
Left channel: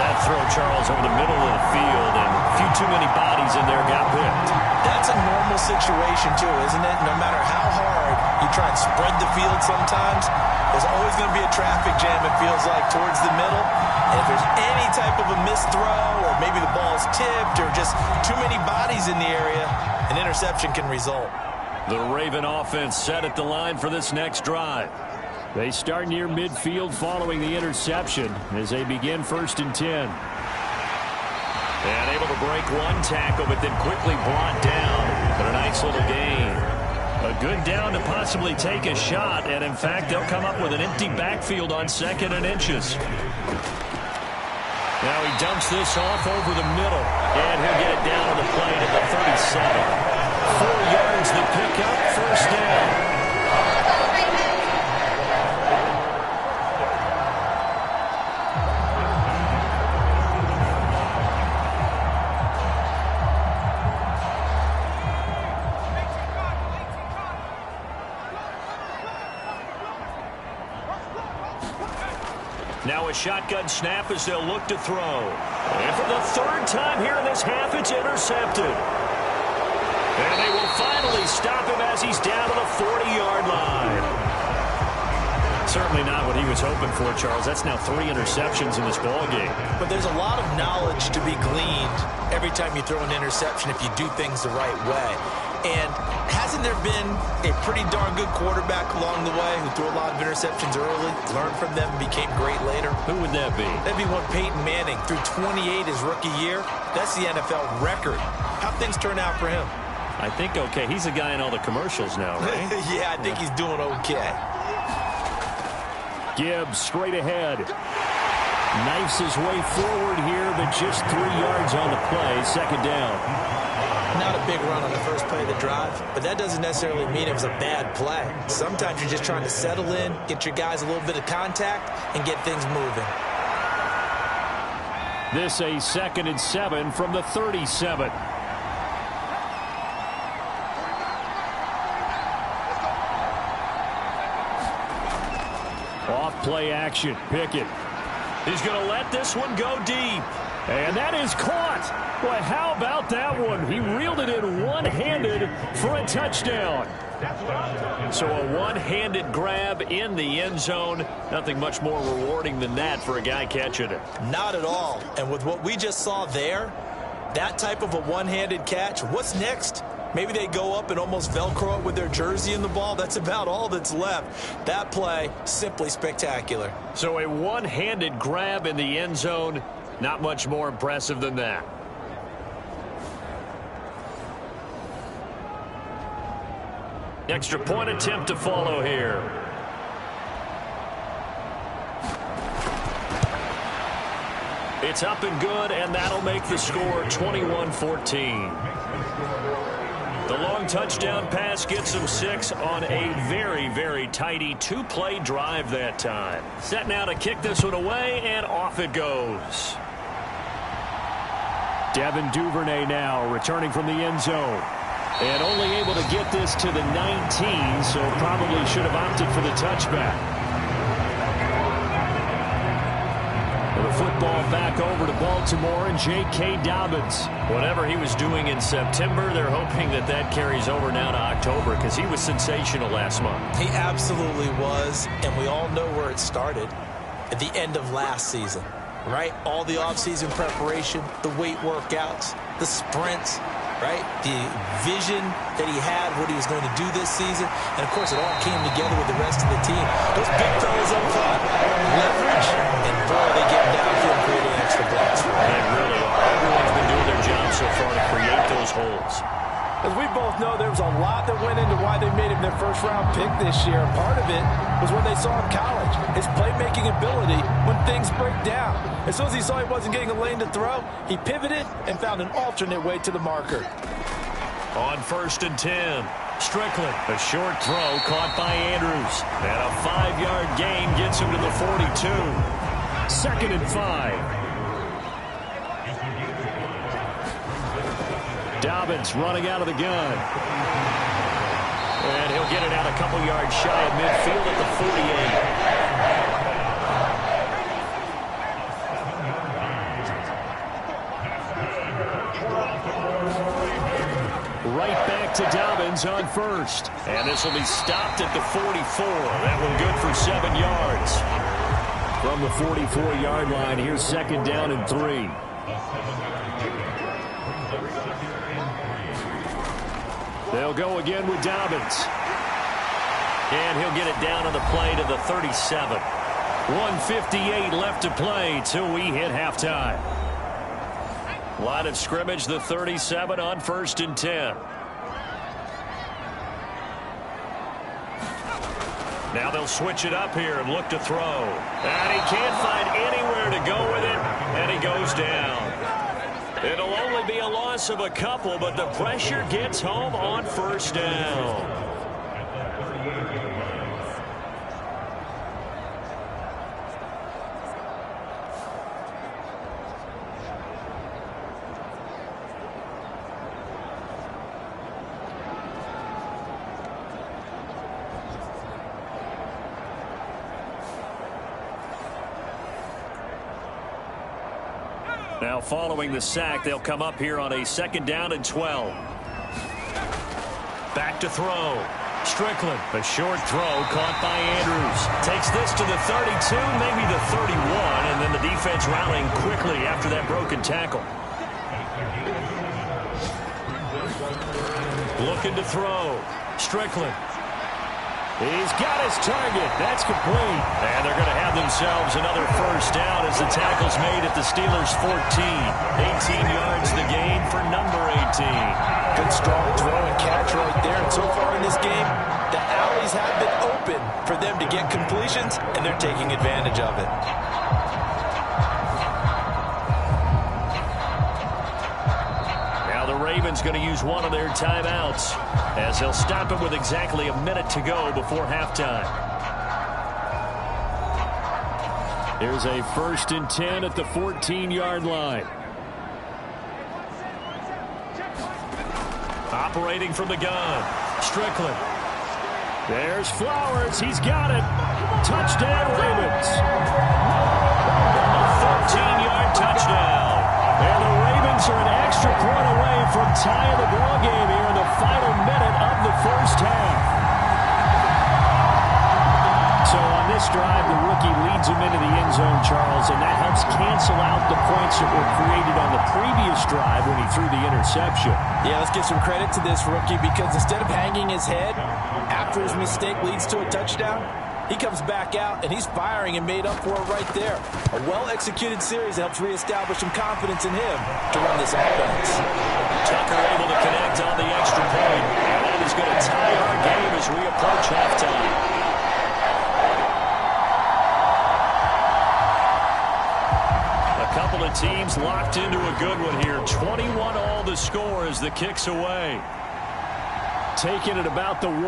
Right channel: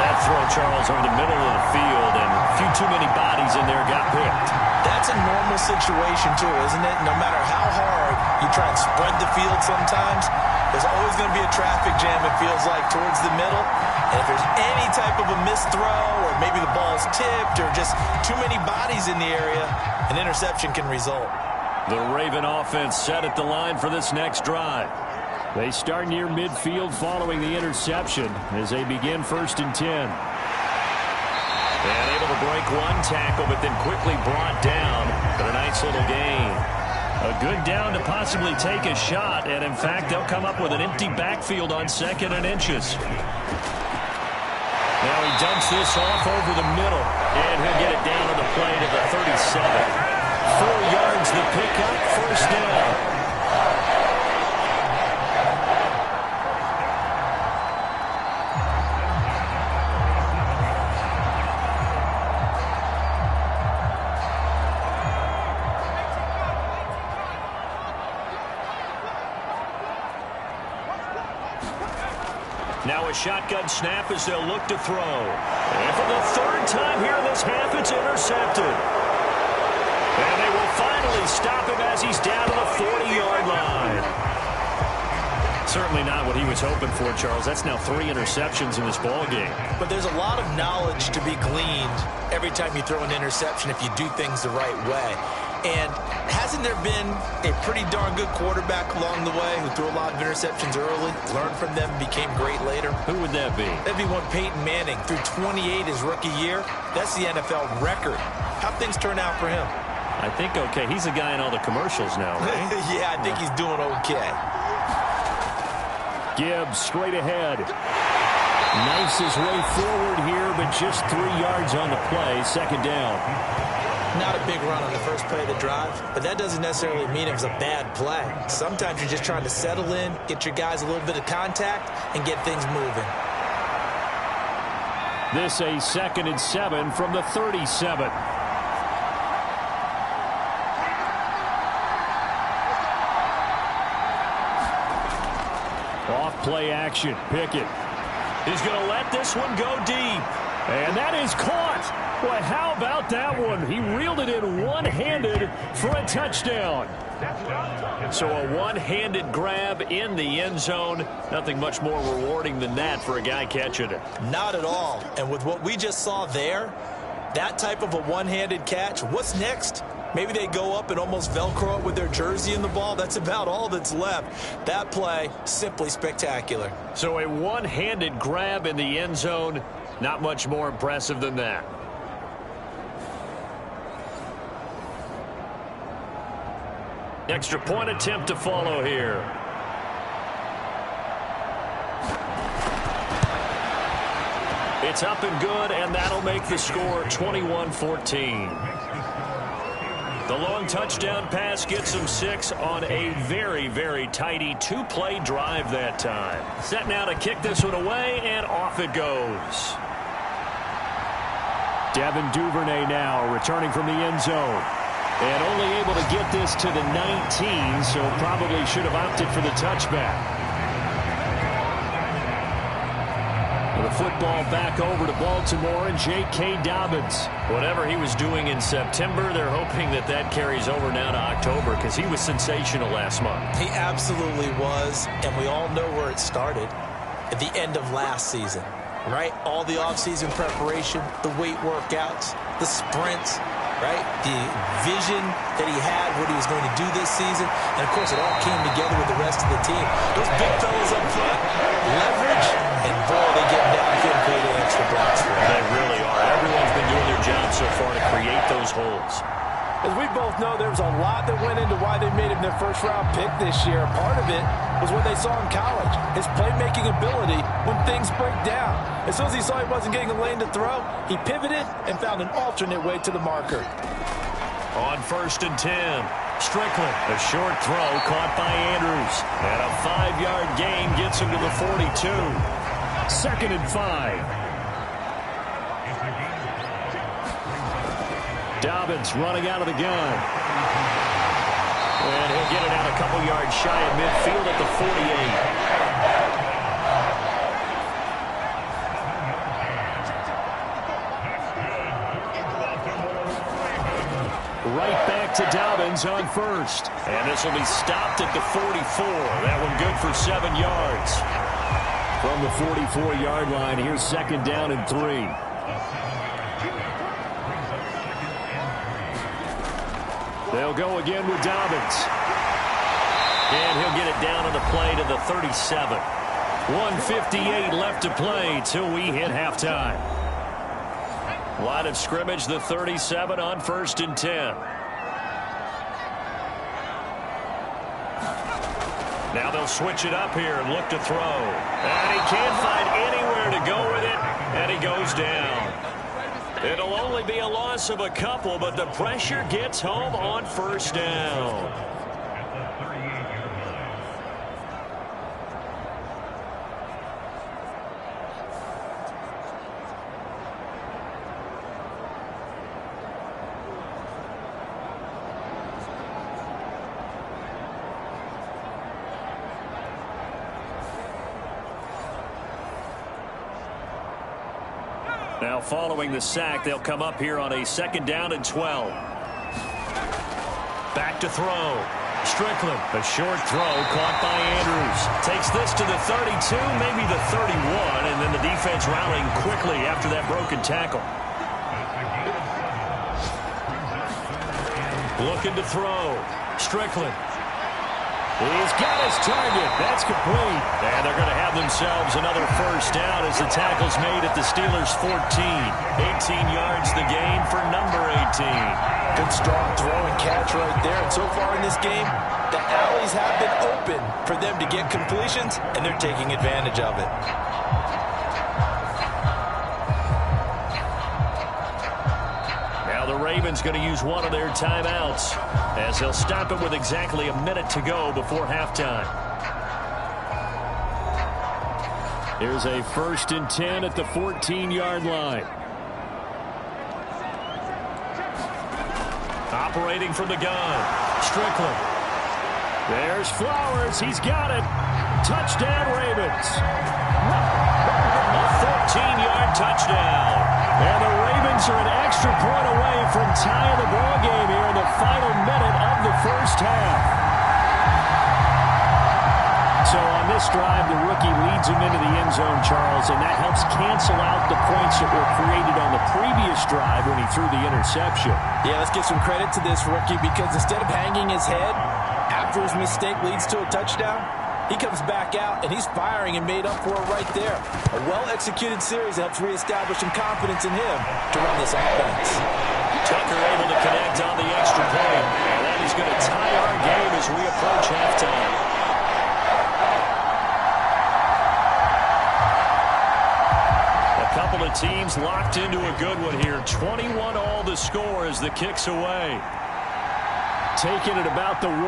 That throw, Charles, over the middle of the field, and a few too many bodies in there got picked. That's a normal situation, too, isn't it? No matter how hard you try and spread the field sometimes, there's always going to be a traffic jam, it feels like, towards the middle. And if there's any type of a missed throw or maybe the ball's tipped or just too many bodies in the area, an interception can result. The Raven offense set at the line for this next drive. They start near midfield following the interception as they begin 1st and 10. And able to break one tackle, but then quickly brought down. But a nice little gain. A good down to possibly take a shot, and in fact, they'll come up with an empty backfield on 2nd and inches. Now he dumps this off over the middle, and he'll get it down on the play to the 37. 4 yards the pickup, first down. Now a shotgun snap as they'll look to throw. And for the 3rd time here in this half, it's intercepted. And they will finally stop him as he's down to the 40-yard line. Certainly not what he was hoping for, Charles. That's now 3 interceptions in this ball game. But there's a lot of knowledge to be gleaned every time you throw an interception if you do things the right way. And hasn't there been a pretty darn good quarterback along the way who threw a lot of interceptions early, learned from them, and became great later? Who would that be? That'd be one Peyton Manning. Threw 28 his rookie year. That's the NFL record. How'd things turn out for him? I think okay. He's a guy in all the commercials now, right? Yeah, I think he's doing okay. Gibbs straight ahead. Knifes his way forward here, but just 3 yards on the play. Second down. Not a big run on the first play of the drive, but that doesn't necessarily mean it was a bad play. Sometimes you're just trying to settle in, get your guys a little bit of contact, and get things moving. This a 2nd and 7 from the 37. Off play action. Pickett. He's going to let this one go deep. And that is caught. Boy, how about that one? He reeled it in one-handed for a touchdown. So a one-handed grab in the end zone. Nothing much more rewarding than that for a guy catching it. Not at all. And with what we just saw there, that type of a one-handed catch, what's next? Maybe they go up and almost Velcro it with their jersey in the ball. That's about all that's left. That play, simply spectacular. So a one-handed grab in the end zone. Not much more impressive than that. Extra point attempt to follow here. It's up and good, and that'll make the score 21-14. The long touchdown pass gets him 6 on a very, very tidy 2-play drive that time. Set now to kick this one away, and off it goes. Devin Duvernay now returning from the end zone. And only able to get this to the 19, so probably should have opted for the touchback. The football back over to Baltimore and J.K. Dobbins. Whatever he was doing in September, they're hoping that that carries over now to October because he was sensational last month. He absolutely was, and we all know where it started at the end of last season, right? All the offseason preparation, the weight workouts, the sprints, right? The vision that he had, what he was going to do this season. And, of course, it all came together with the rest of the team. Those big fellas up front, leverage, and, boy, they get downfield and creating extra blocks for him. They really are. Everyone's been doing their job so far to create those holes. As we both know, there was a lot that went into why they made him their first-round pick this year. Part of it was what they saw in college, his playmaking ability when things break down. As soon as he saw he wasn't getting a lane to throw, he pivoted and found an alternate way to the marker. On 1st and 10, Strickland, a short throw caught by Andrews. And a 5-yard gain gets him to the 42. 2nd and 5. Dobbins running out of the gun. And he'll get it out a couple yards shy of midfield at the 48. Right back to Dobbins on 1st. And this will be stopped at the 44. That one good for 7 yards. From the 44-yard line, here's 2nd down and 3. They'll go again with Dobbins. And he'll get it down on the play to the 37. 1:58 left to play till we hit halftime. Line of scrimmage, the 37 on 1st and 10. Now they'll switch it up here and look to throw. And he can't find anywhere to go with it, and he goes down. It'll only be a loss of a couple, but the pressure gets home on 1st down. Now following the sack, they'll come up here on a 2nd down and 12. Back to throw. Strickland, a short throw caught by Andrews. Takes this to the 32, maybe the 31, and then the defense rallying quickly after that broken tackle. Looking to throw. Strickland. He's got his target. That's complete. And they're going to have themselves another first down as the tackle's made at the Steelers' 14. 18 yards the gain for number 18. Good strong throw and catch right there. And so far in this game, the alleys have been open for them to get completions, and they're taking advantage of it. Now the Ravens going to use one of their timeouts as they'll stop it with exactly a minute to go before halftime. Here's a 1st and 10 at the 14-yard line. Operating from the gun. Strickland. There's Flowers. He's got it. Touchdown, Ravens. A 14-yard touchdown. And the Ravens are an extra point away from tying the ball game here in the final minute of the first half. So on this drive, the rookie leads him into the end zone, Charles, and that helps cancel out the points that were created on the previous drive when he threw the interception. Yeah, let's give some credit to this rookie because instead of hanging his head after his mistake leads to a touchdown, he comes back out and he's firing and made up for it right there. A well-executed series helps reestablish some confidence in him to run this offense. Tucker able to connect on the extra point, and that is going to tie our game as we approach halftime. Couple of teams locked into a good one here. 21 all the score as the kick's away. Taking it about the 1.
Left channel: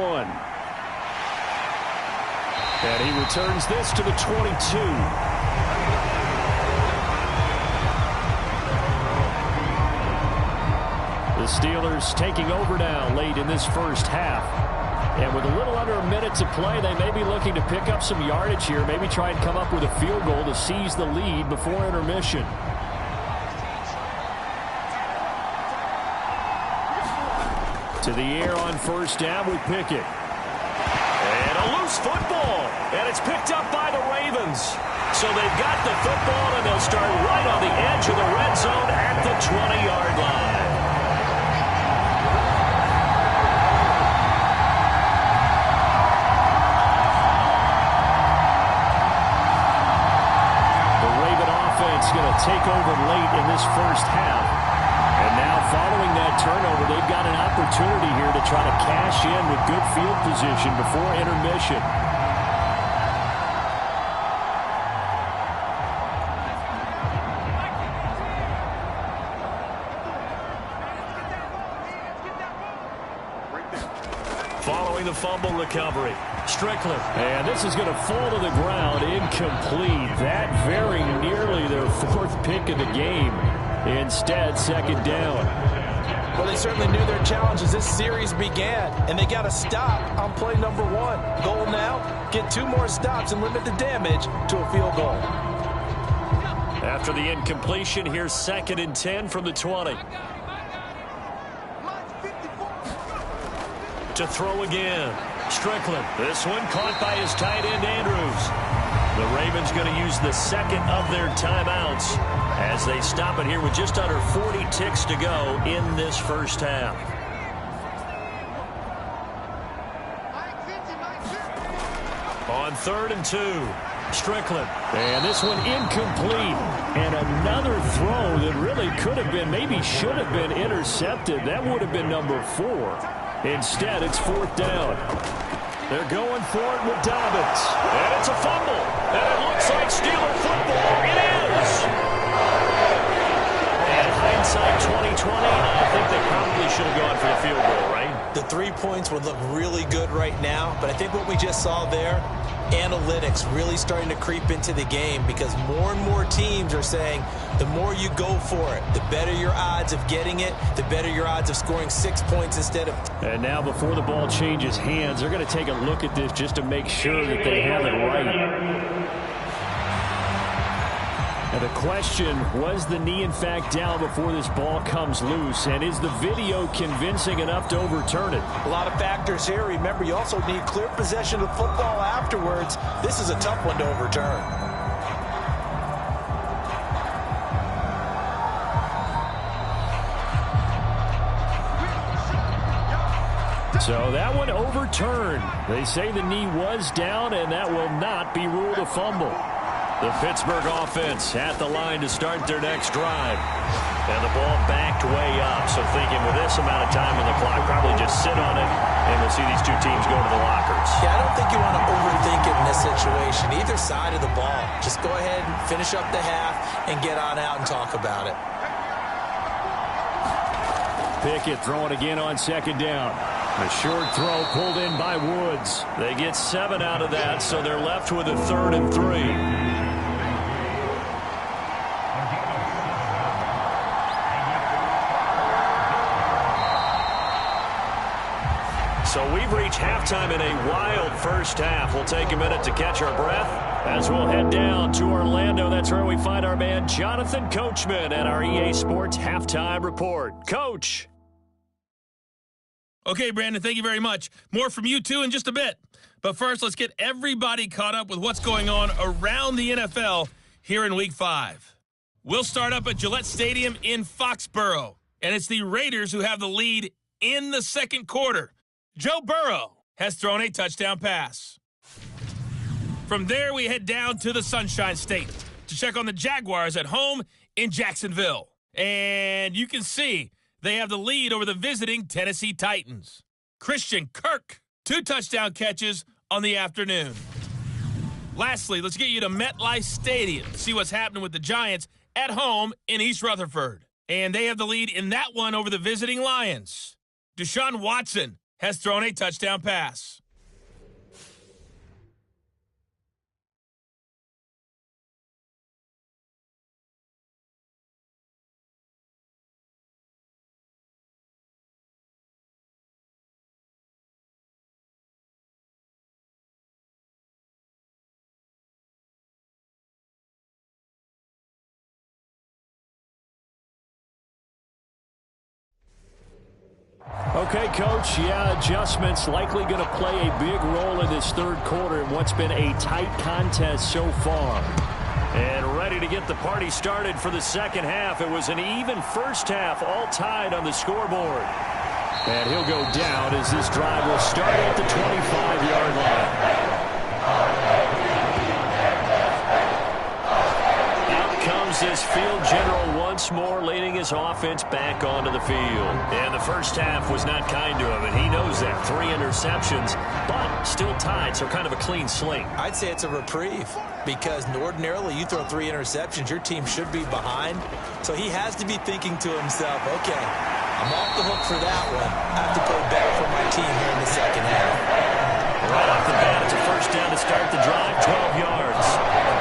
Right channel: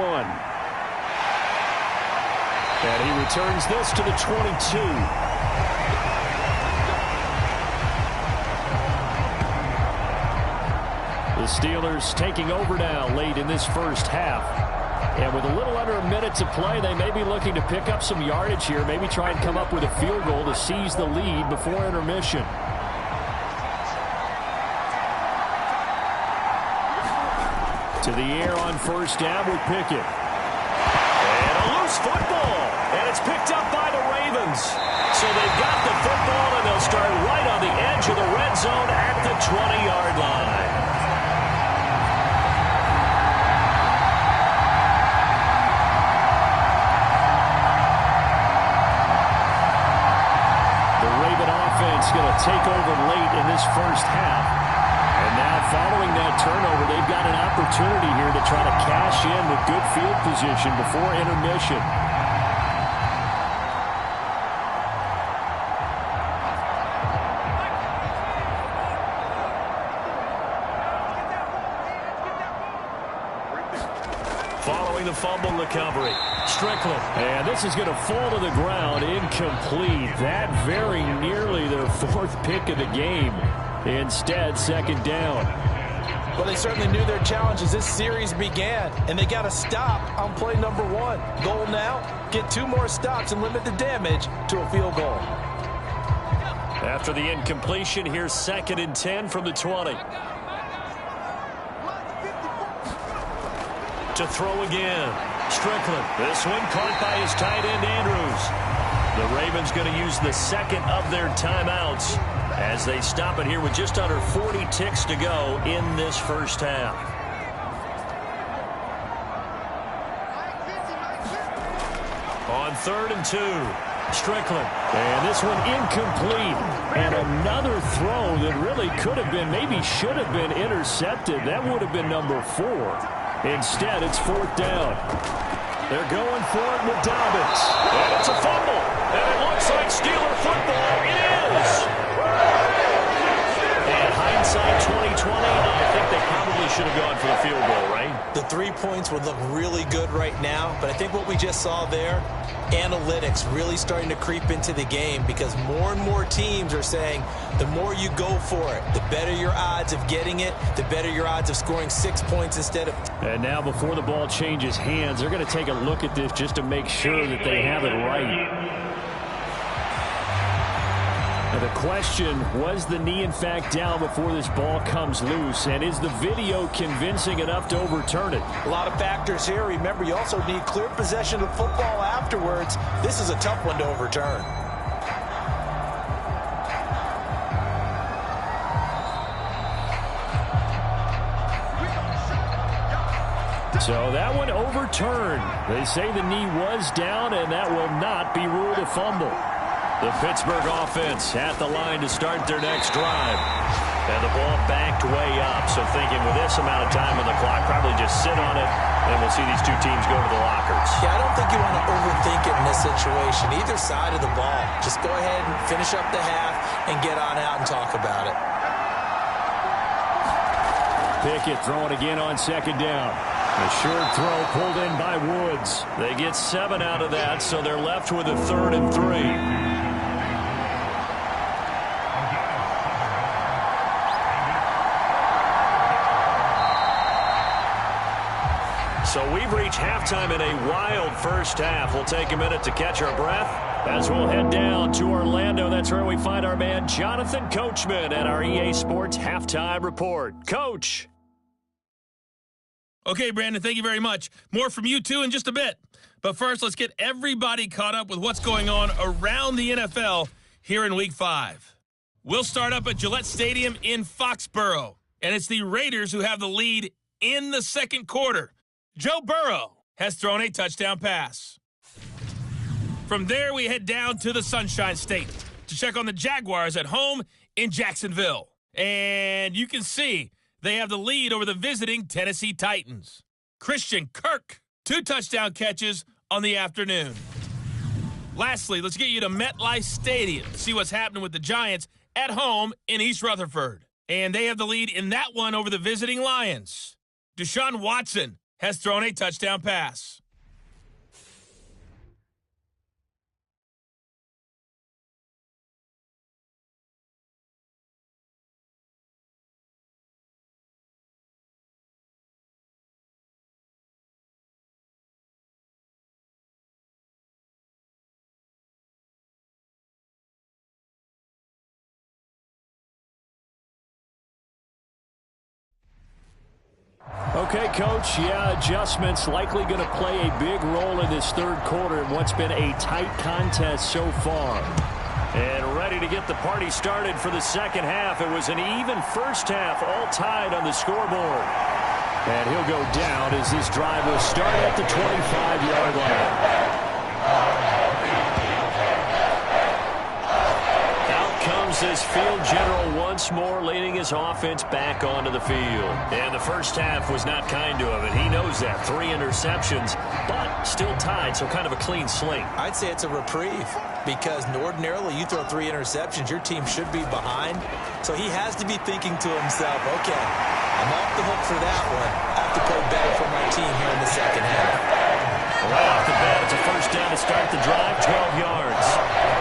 And he returns this to the 22. The Steelers taking over now late in this first half. And with a little under a minute to play, they may be looking to pick up some yardage here, maybe try and come up with a field goal to seize the lead before intermission. To the air on first down with Pickett. And a loose football. And it's picked up by the Ravens. So they've got the football, and they'll start right on the edge of the red zone at the 20-yard line. Offense going to take over late in this first half. And now following that turnover, they've got an opportunity here to try to cash in with good field position before intermission. Following the fumble recovery. Strickland. And this is going to fall to the ground incomplete. That very nearly their 4th pick of the game. Instead, second down. Well, they certainly knew their challenge as this series began, and they got to stop on play number 1. Goal now, get 2 more stops and limit the damage to a field goal. After the incompletion, here's 2nd and 10 from the 20. To throw again. Strickland. This one caught by his tight end, Andrews. The Ravens going to use the 2nd of their timeouts as they stop it here with just under 40 ticks to go in this first half. On 3rd and 2. Strickland. And this one incomplete. And another throw that really could have been, maybe should have been intercepted. That would have been number 4. Instead, it's 4th down. They're going for it with Dobbins. And it's a fumble. And it looks like Steeler football. It is. And hindsight 2020, I think they probably should have gone for the field goal, right? The 3 points would look really good right now, but I think what we just saw there, analytics really starting to creep into the game because more and more teams are saying the more you go for it, the better your odds of getting it, the better your odds of scoring 6 points instead of... And now before the ball changes hands, they're going to take a look at this just to make sure that they have it right. And the question, was the knee in fact down before this ball comes loose? And is the video convincing enough to overturn it? A lot of factors here. Remember, you also need clear possession of the football afterwards. This is a tough one to overturn. So that one overturned. They say the knee was down, and that will not be ruled a fumble. The Pittsburgh offense at the line to start their next drive. And the ball backed way up. So thinking with this amount of time on the clock, probably just sit on it, and we'll see these two teams go to the lockers. Yeah, I don't think you want to overthink it in this situation. Either side of the ball. Just go ahead and finish up the half and get on out and talk about it. Pickett throwing again on second down. A short throw pulled in by Woods. They get 7 out of that, so they're left with a 3rd and 3. So we've reached halftime in a wild first half. We'll take a minute to catch our breath as we'll head down to Orlando. That's where we find our man Jonathan Coachman at our EA Sports Halftime Report. Coach. Okay, Brandon, thank you very much. More from you, too, in just a bit. But first, let's get everybody caught up with what's going on around the NFL here in Week 5. We'll start up at Gillette Stadium in Foxborough, and it's the Raiders who have the lead in the second quarter. Joe Burrow has thrown a touchdown pass. From there, we head down to the Sunshine State to check on the Jaguars at home in Jacksonville. And you can see they have the lead over the visiting Tennessee Titans. Christian Kirk, 2 touchdown catches on the afternoon. Lastly, let's get you to MetLife Stadium to see what's happening with the Giants at home in East Rutherford. And they have the lead in that one over the visiting Lions. Deshaun Watson has thrown a touchdown pass. Okay, Coach, adjustments likely going to play a big role in this third quarter in what's been a tight contest so far. And ready to get the party started for the second half. It was an even first half, all tied on the scoreboard. And he'll go down as this drive will start at the 25-yard line. Comes this field general once more, leading his offense back onto the field. And the first half was not kind to him, and he knows that. 3 interceptions, but still tied, so kind of a clean slate. I'd say it's a reprieve because ordinarily you throw 3 interceptions, your team should be behind. So he has to be thinking to himself, okay, I'm off the hook for that one. I have to play better for my team here in the second half. Right off the bat, it's a first down to start the drive, 12 yards.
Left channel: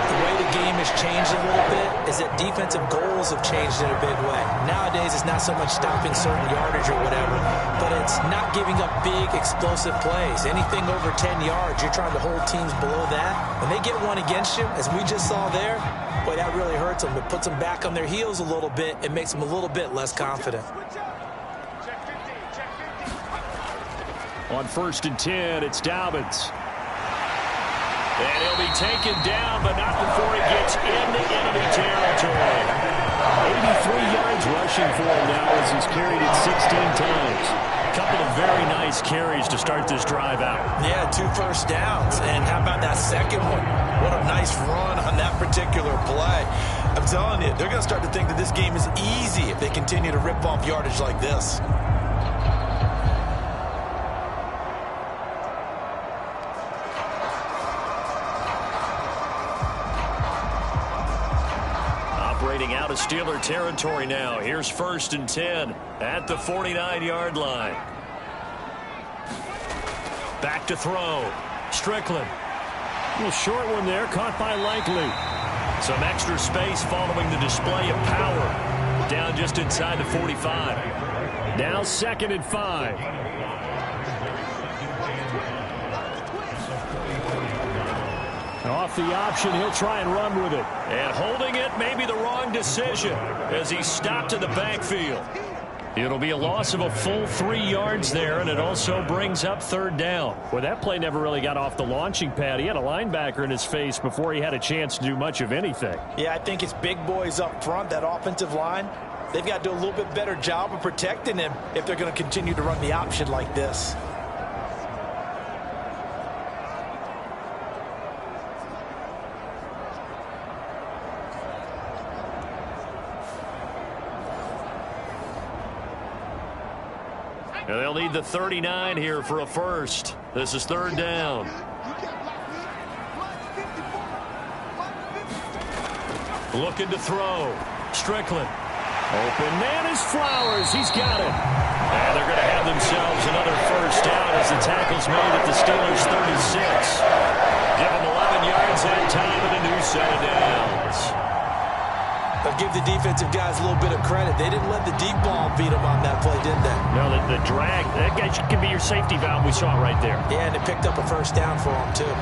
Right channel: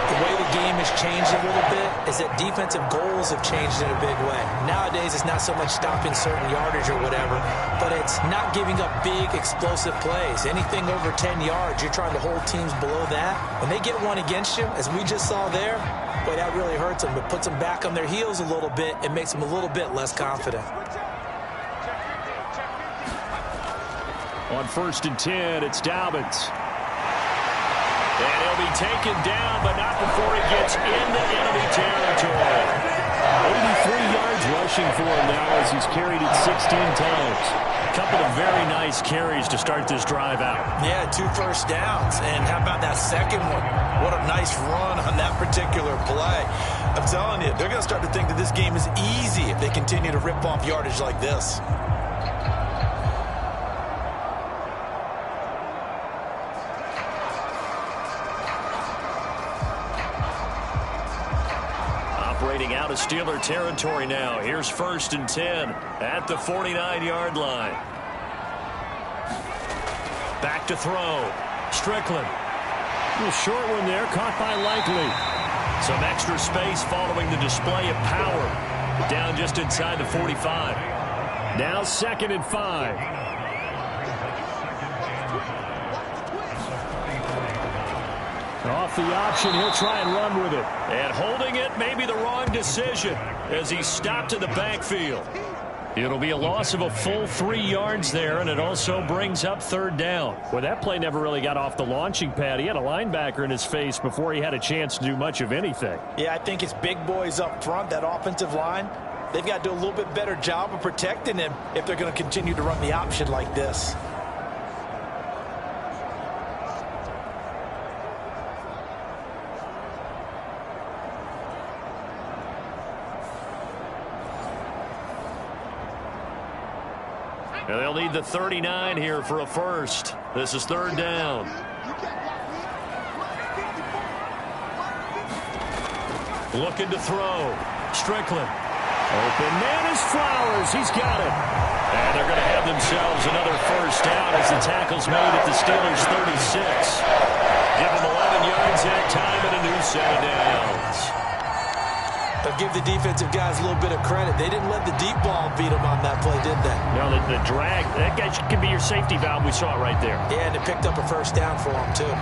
The way the game has changed a little bit is that defensive goals have changed in a big way. Nowadays, it's not so much stopping certain yardage or whatever, but it's not giving up big, explosive plays. Anything over 10 yards, you're trying to hold teams below that. When they get one against you, as we just saw there, boy, that really hurts them. It puts them back on their heels a little bit. It makes them a little bit less confident. On 1st and 10, it's Dobbins. And he'll be taken down, but not before he gets into enemy territory. 83 yards rushing for him now as he's carried it 16 times. A couple of very nice carries to start this drive out. Yeah, 2 first downs. And how about that second one? What a nice run on that particular play. I'm telling you, they're going to start to think that this game is easy if they continue to rip off yardage like this. Operating out of Steeler territory now. Here's 1st and 10 at the 49-yard line. Back to throw. Strickland. A little short one there, caught by Likely. Some extra space following the display of power. Down just inside the 45. Now 2nd and 5. Off the option, he'll try and run with it. And holding it may be the wrong decision as he stopped in the backfield. It'll be a loss of a full 3 yards there, and it also brings up third down. Well, that play never really got off the launching pad. He had a linebacker in his face before he had a chance to do much of anything. Yeah, I think it's big boys up front, that offensive line. They've got to do a little bit better job of protecting him if they're going to continue to run the option like this. And they'll need the 39 here for a first. This is third down. Looking to throw. Strickland. Open man is Flowers. He's got it. And they're going to have themselves another first down as the tackle's made at the Steelers' 36. Give them 11 yards that time and a new set of downs. But give the defensive guys a little bit of credit. They didn't let the deep ball beat them on that play, did they? No, the drag, that guy could be your safety valve. We saw it right there. Yeah, and it picked up a first down for them, too.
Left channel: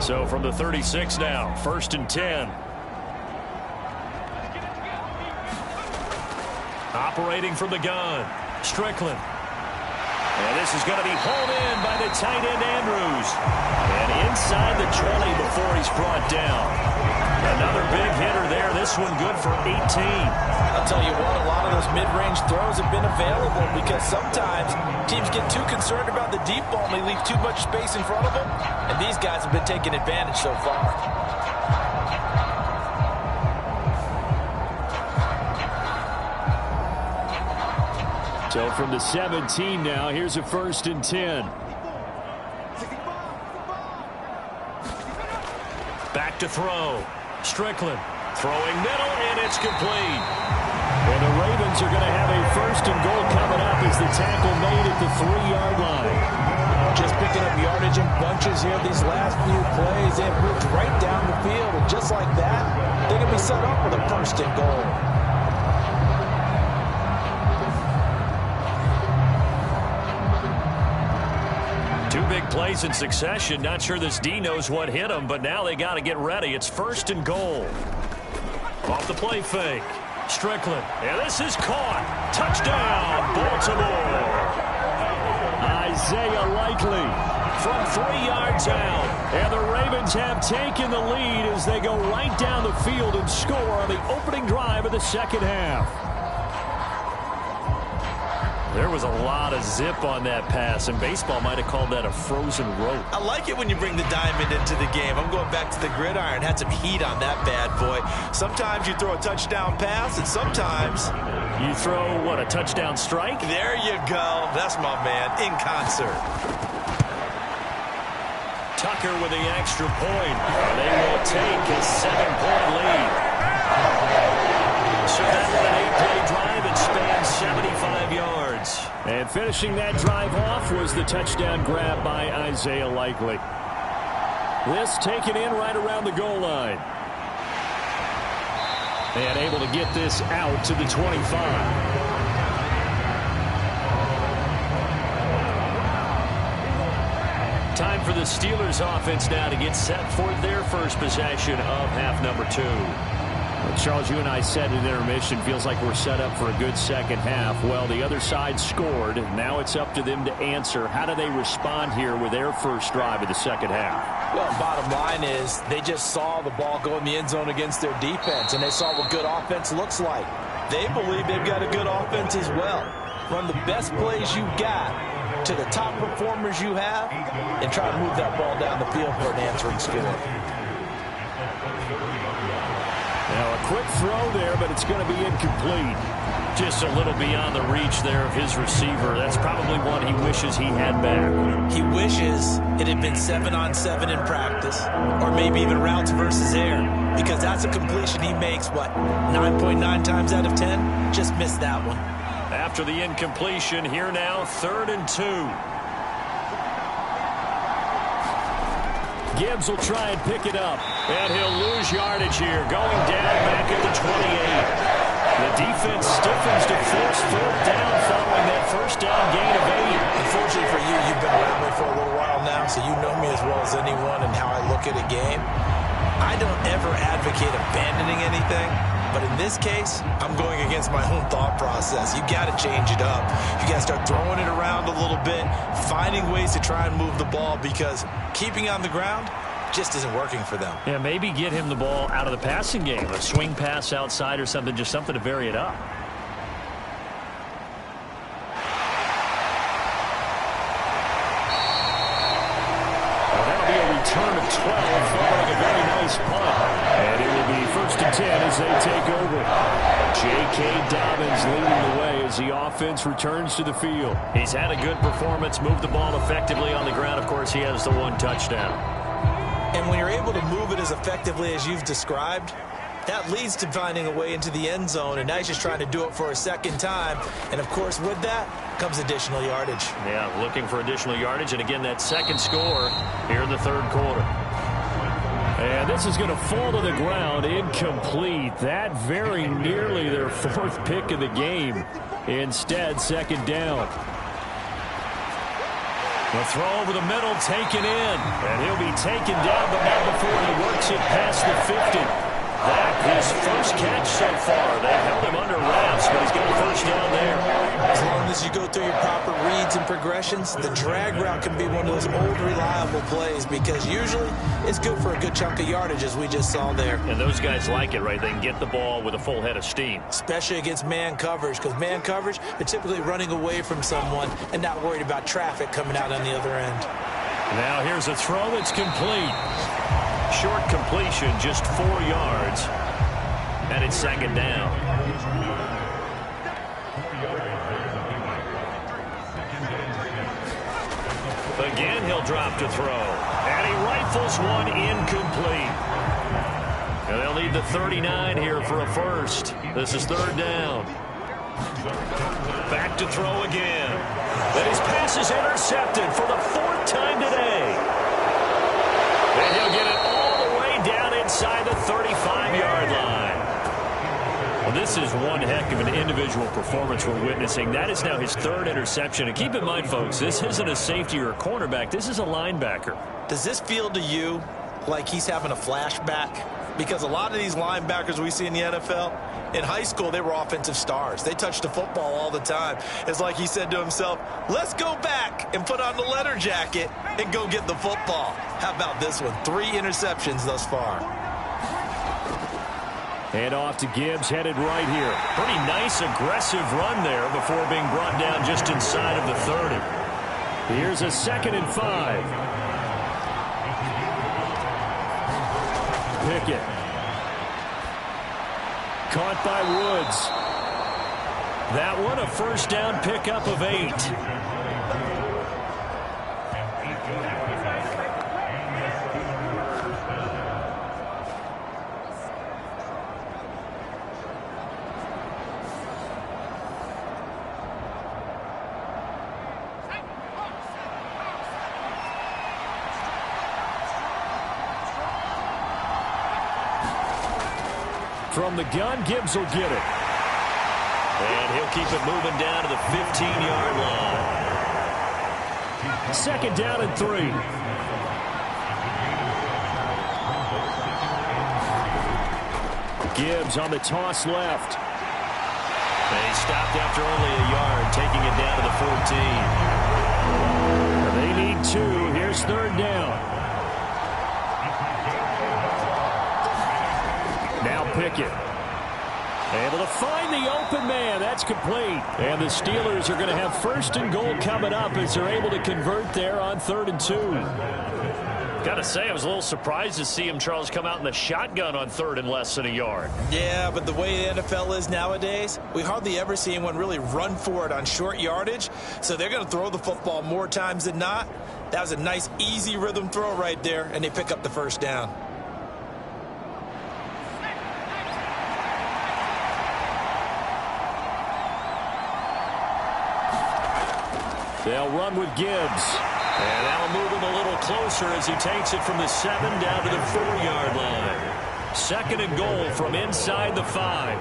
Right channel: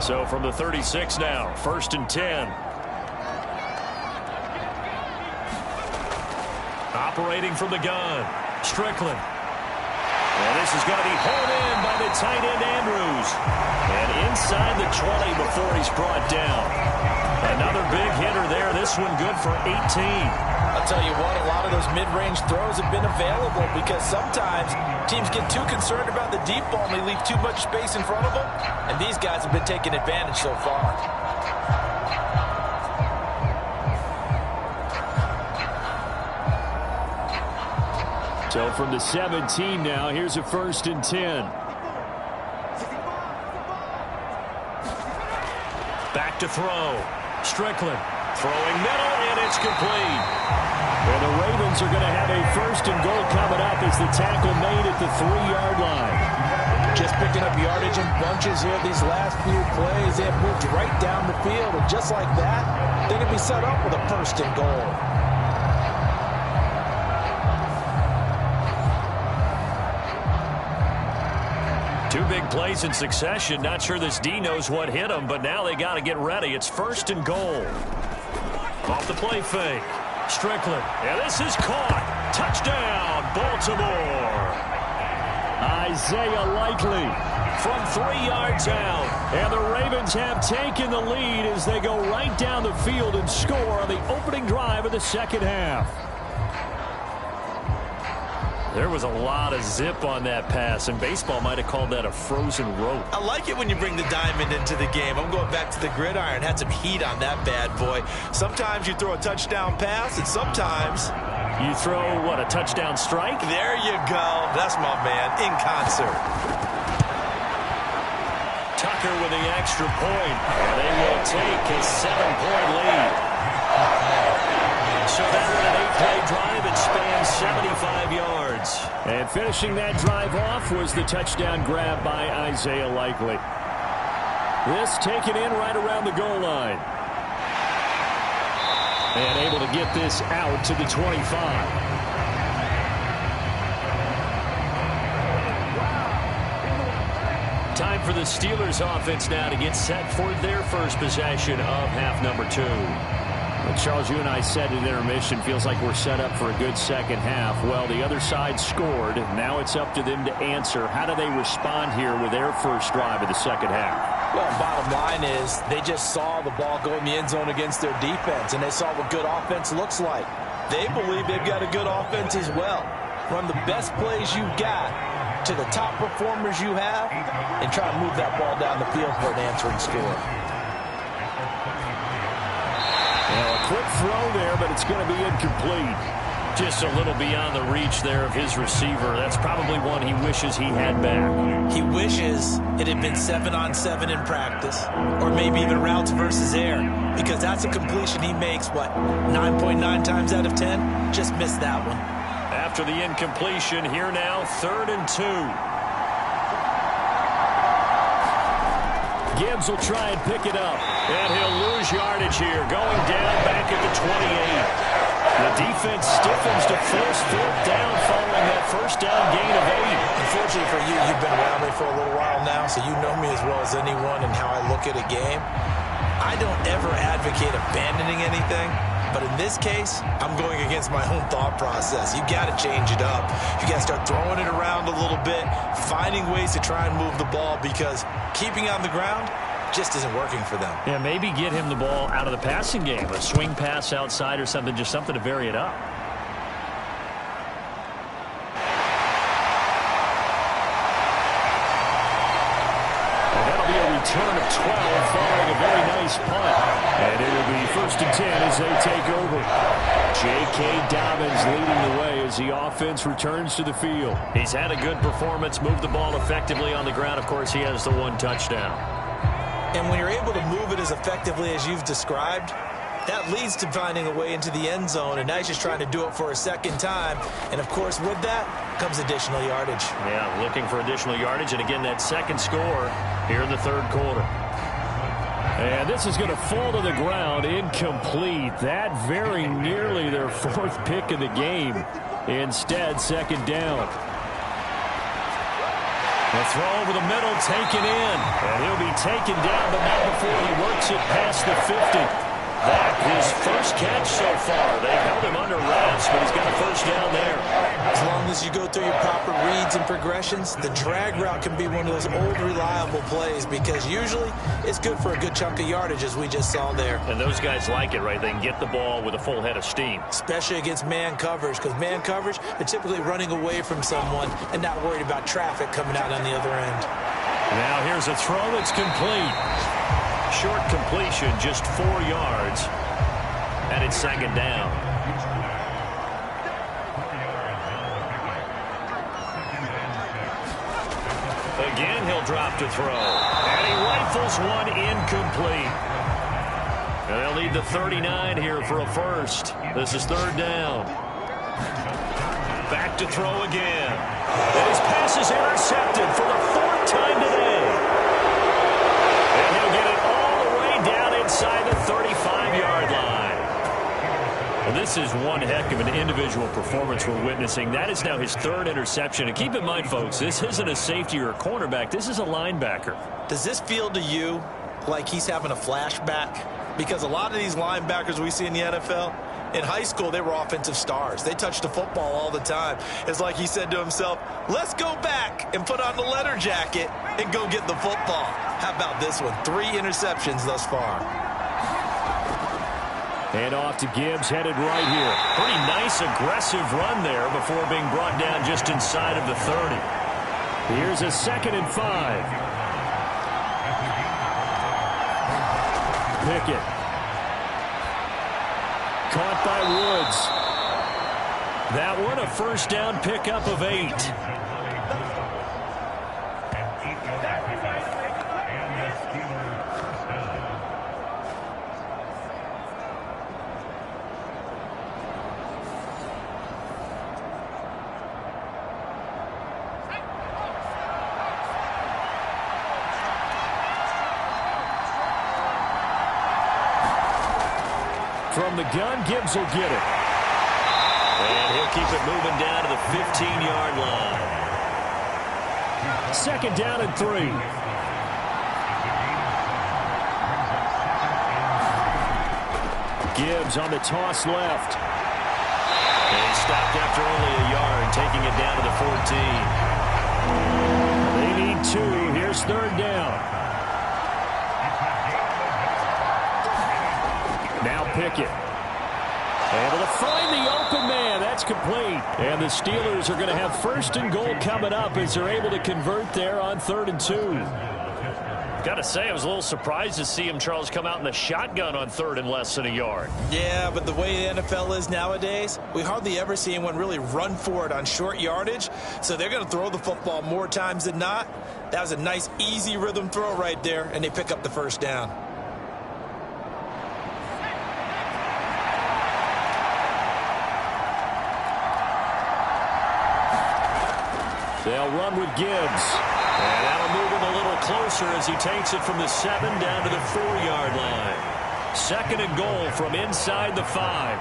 So from the 36 now, 1st and 10. Operating from the gun, Strickland. And this is going to be hauled in by the tight end, Andrews. And inside the 20 before he's brought down. Another big hitter there. This one good for 18. I'll tell you what, a lot of those mid-range throws have been available because sometimes teams get too concerned about the deep ball and they leave too much space in front of them. And these guys have been taking advantage so far. So from the 17 now, here's a 1st and 10. Back to throw. Strickland throwing middle, and it's complete. And the Ravens are going to have a 1st and goal coming up as the tackle made at the 3-yard line. Just picking up yardage in bunches here these last few plays. They have moved right down the field, and just like that, they're going to be set up with a 1st and goal. Two big plays in succession. Not sure this D knows what hit him, but now they got to get ready. It's 1st and goal. Off the play fake. Strickland. And this is caught. Touchdown, Baltimore. Isaiah Likely from 3 yards out. And the Ravens have taken the lead as they go right down the field and score on the opening drive of the second half. There was a lot of zip on that pass, and baseball might have called that a frozen rope. I like it when you bring the diamond into the game. I'm going back to the gridiron. Had some heat on that bad boy. Sometimes you throw a touchdown pass, and sometimes you throw, what, a touchdown strike? There you go. That's my man, in concert. Tucker with the extra point, and they will take a 7-point lead. So that was an 8-play drive. It spans 75 yards. And finishing that drive off was the touchdown grab by Isaiah Likely. This taken in right around the goal line. And able to get this out to the 25. Time for the Steelers offense now to get set for their first possession of half number 2. Well, Charles, you and I said at intermission, feels like we're set up for a good second half. Well, the other side scored. Now it's up to them to answer. How do they respond here with their first drive of the second half? Well, bottom line is they just saw the ball go in the end zone against their defense, and they saw what good offense looks like. They believe they've got a good offense as well. Run the best plays you've got to the top performers you have and try to move that ball down the field for an answering score. Now a quick throw there, but it's going to be incomplete. Just a little beyond the reach there of his receiver. That's probably one he wishes he had back. He wishes it had been 7-on-7 in practice, or maybe even routes versus air, because that's a completion he makes, what, 9.9 times out of 10? Just missed that one. After the incompletion, here now, 3rd and 2. Gibbs will try and pick it up, and he'll lose yardage here, going down back at the 28. The defense stiffens to force fourth down following that first down gain of 8. Unfortunately for you, you've been around me for a little while now, so you know me as well as anyone and how I look at a game. I don't ever advocate abandoning anything, but in this case, I'm going against my own thought process. You got to change it up. You got to start throwing it around a little bit, finding ways to try and move the ball, because keeping on the ground just isn't working for them. Yeah, maybe get him the ball out of the passing game, a swing pass outside or something, just something to vary it up. And that'll be a return of 12 following a very nice punt. And it will be 1st and 10 as they take over. J.K. Dobbins leading the way as the offense returns to the field. He's had a good performance, moved the ball effectively on the ground. Of course, he has the 1 touchdown. And when you're able to move it as effectively as you've described, that leads to finding a way into the end zone, and now he's just trying to do it for a second time. And, of course, with that comes additional yardage. Yeah, looking for additional yardage, and again, that second score here in the third quarter. And this is going to fall to the ground, incomplete. That very nearly their 4th pick of the game. Instead, second down. The throw over the middle, taken in. And he'll be taken down, but not before he works it past the 50. That his first catch so far. They've held him under wraps, but he's got a first down there. As long as you go through your proper reads and progressions, the drag route can be one of those old reliable plays, because usually it's good for a good chunk of yardage, as we just saw there. And those guys like it, right? They can get the ball with a full head of steam. Especially against man coverage, because man coverage, they're typically running away from someone and not worried about traffic coming out on the other end. Now here's a throw that's complete. Short completion, just 4 yards. And it's second down. Again, he'll drop to throw. And he rifles one incomplete. And they'll need the 39 here for a first. This is third down. Back to throw again. And his pass is intercepted for the 4th time today. And he'll get it all the way down inside the 35-yard line. Well, this is one heck of an individual performance we're witnessing. That is now his 3rd interception. And keep in mind, folks, this isn't a safety or a cornerback. This is a linebacker. Does this feel to you like he's having a flashback? Because a lot of these linebackers we see in the NFL, in high school, they were offensive stars. They touched the football all the time. It's like he said to himself, let's go back and put on the leather jacket and go get the football. How about this one? 3 interceptions thus far. And off to Gibbs, headed right here. Pretty nice, aggressive run there before being brought down just inside of the 30. Here's a 2nd and 5. Pickett. Caught by Woods. That one a first down pickup of 8. From the gun, Gibbs will get it. And he'll keep it moving down to the 15-yard line. 2nd down and 3. Gibbs on the toss left. And he stopped after only a yard, taking it down to the 14. They need 2. Here's 3rd down. Now Pickett. Able to find the open man. That's complete. And the Steelers are going to have 1st and goal coming up as they're able to convert there on 3rd and 2. Got to say, I was a little surprised to see him, Charles, come out in the shotgun on 3rd and less than a yard. Yeah, but the way the NFL is nowadays, we hardly ever see anyone really run for it on short yardage. So they're going to throw the football more times than not. That was a nice, easy rhythm throw right there, and they pick up the first down. They'll run with Gibbs. And that'll move him a little closer as he takes it from the 7 down to the 4-yard line. 2nd and goal from inside the 5.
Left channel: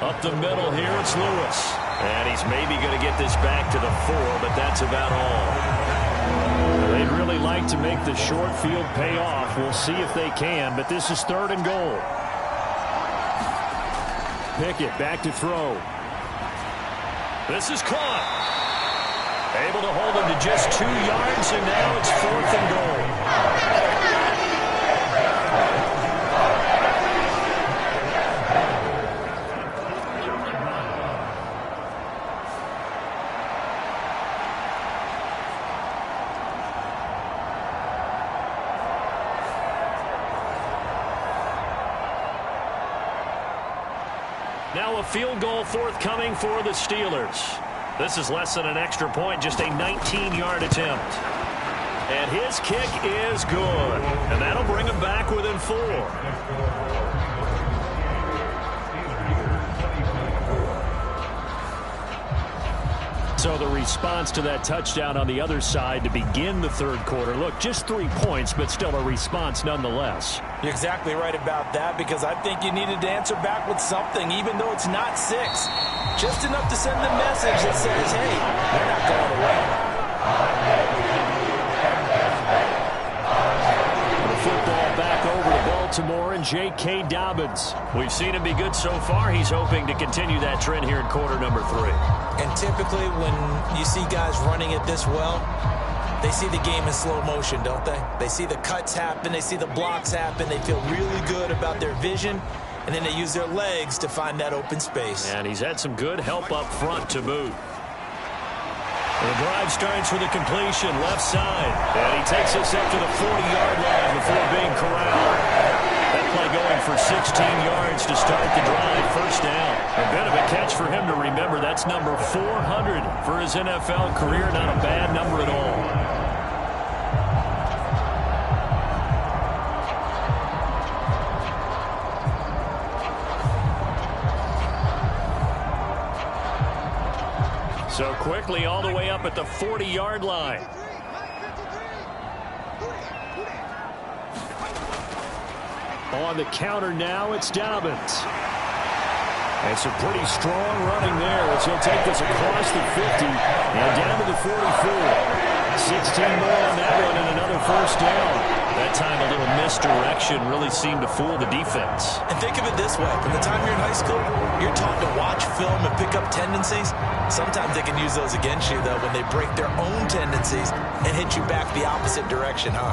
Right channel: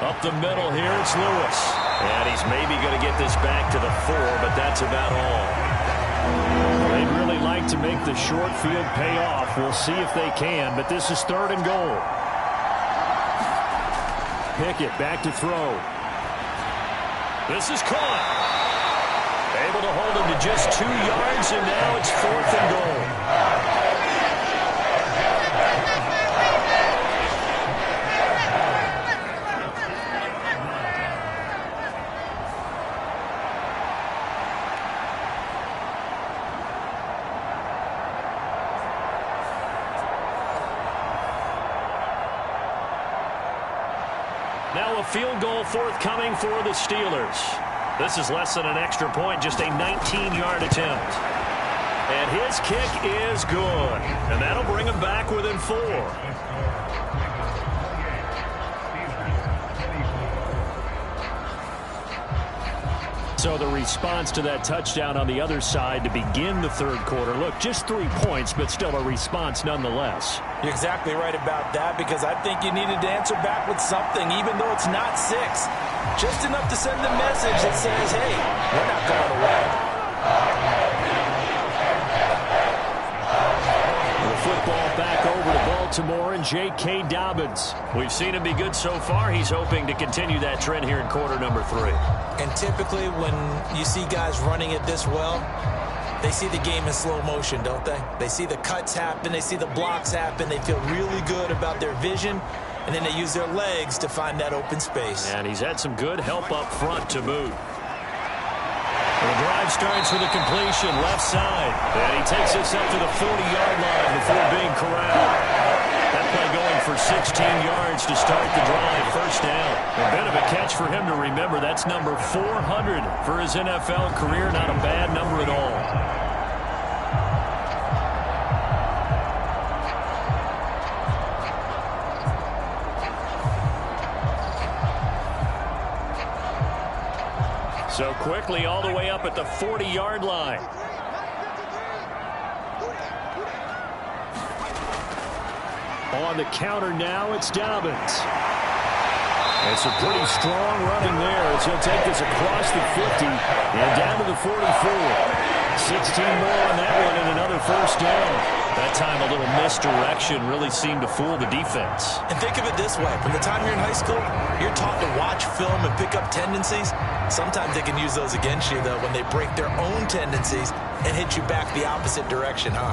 Up the middle here, it's Lewis. And he's maybe going to get this back to the 4, but that's about all. They'd really like to make the short field pay off. We'll see if they can, but this is 3rd and goal. Pickett back to throw. This is caught. Able to hold him to just 2 yards, and now it's 4th and goal. Now a field goal forthcoming for the Steelers. This is less than an extra point, just a 19-yard attempt. And his kick is good. And that'll bring him back within 4. So the response to that touchdown on the other side to begin the 3rd quarter. Look, just 3 points, but still a response nonetheless. You're exactly right about that, because I think you needed to answer back with something, even though it's not 6. Just enough to send the message that says, hey, we're not going away. The football back over to Baltimore and J.K. Dobbins. We've seen him be good so far. He's hoping to continue that trend here in quarter number 3. And typically when you see guys running it this well, they see the game in slow motion, don't they? They see the cuts happen. They see the blocks happen. They feel really good about their vision. And then they use their legs to find that open space. And he's had some good help up front to boot. The drive starts with a completion left side. And he takes us up to the 40-yard line before being corralled. That play going for 16 yards to start the drive. First down. A bit of a catch for him to remember. That's number 400 for his NFL career. Not a bad number at all. So quickly all the way up at the 40-yard line. On the counter now, it's Dobbins. And some pretty strong running there as he'll take this across the 50 and down to the 44. 16 more on that one and another first down. That time a little misdirection really seemed to fool the defense. And think of it this way. From the time you're in high school, you're taught to watch film and pick up tendencies. Sometimes they can use those against you, though, when they break their own tendencies and hit you back the opposite direction, huh?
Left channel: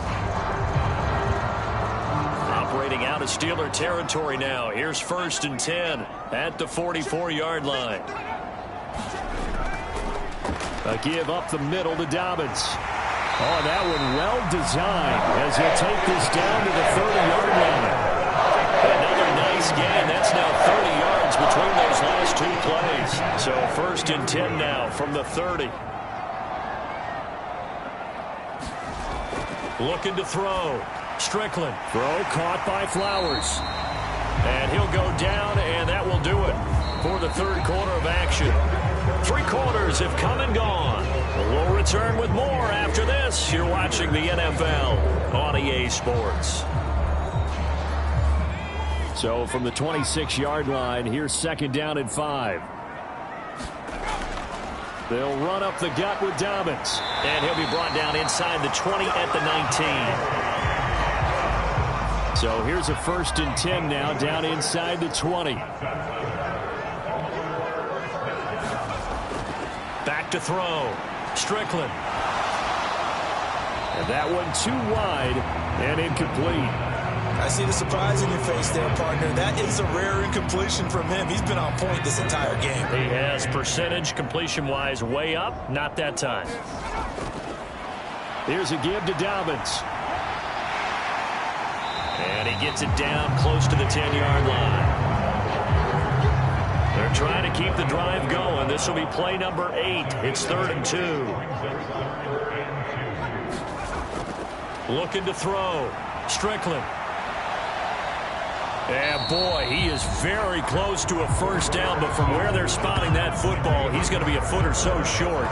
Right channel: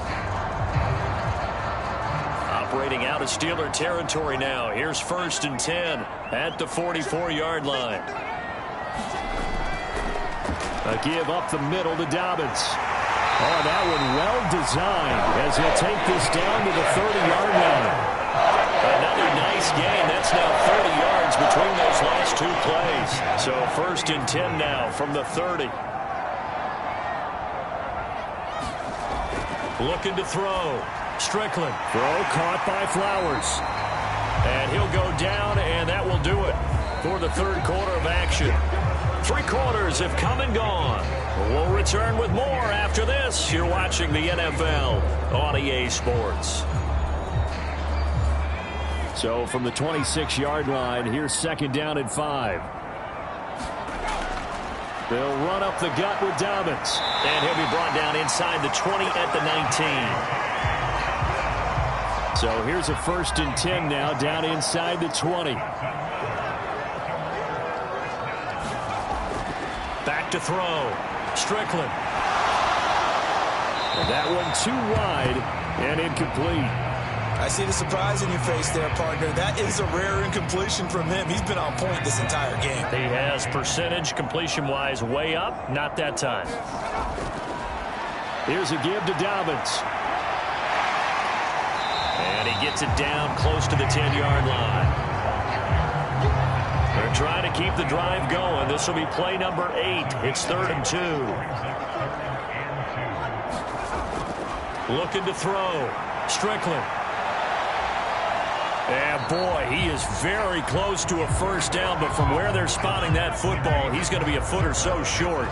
Operating out of Steeler territory now. Here's 1st and 10 at the 44-yard line. A give up the middle to Dobbins. Oh, that one well designed as he'll take this down to the 30-yard line. Another nice gain. That's now 30 yards between those last 2 plays. So 1st and 10 now from the 30. Looking to throw. Strickland. Throw caught by Flowers. And he'll go down, and that will do it for the 3rd quarter of action. 3 quarters have come and gone. We'll return with more after this. You're watching the NFL on EA Sports. So from the 26-yard line, here's 2nd down and 5. They'll run up the gut with Dobbins. And he'll be brought down inside the 20 at the 19. So here's a 1st and 10 now down inside the 20. Back to throw. Strickland. And that one too wide and incomplete. I see the surprise in your face there, partner. That is a rare incompletion from him. He's been on point this entire game. He has percentage completion-wise way up. Not that time. Here's a give to Dobbins. And he gets it down close to the 10-yard line. They're trying to keep the drive going. This will be play number 8. It's 3rd and 2. Looking to throw. Strickland. And boy, he is very close to a first down, but from where they're spotting that football, he's going to be a foot or so short.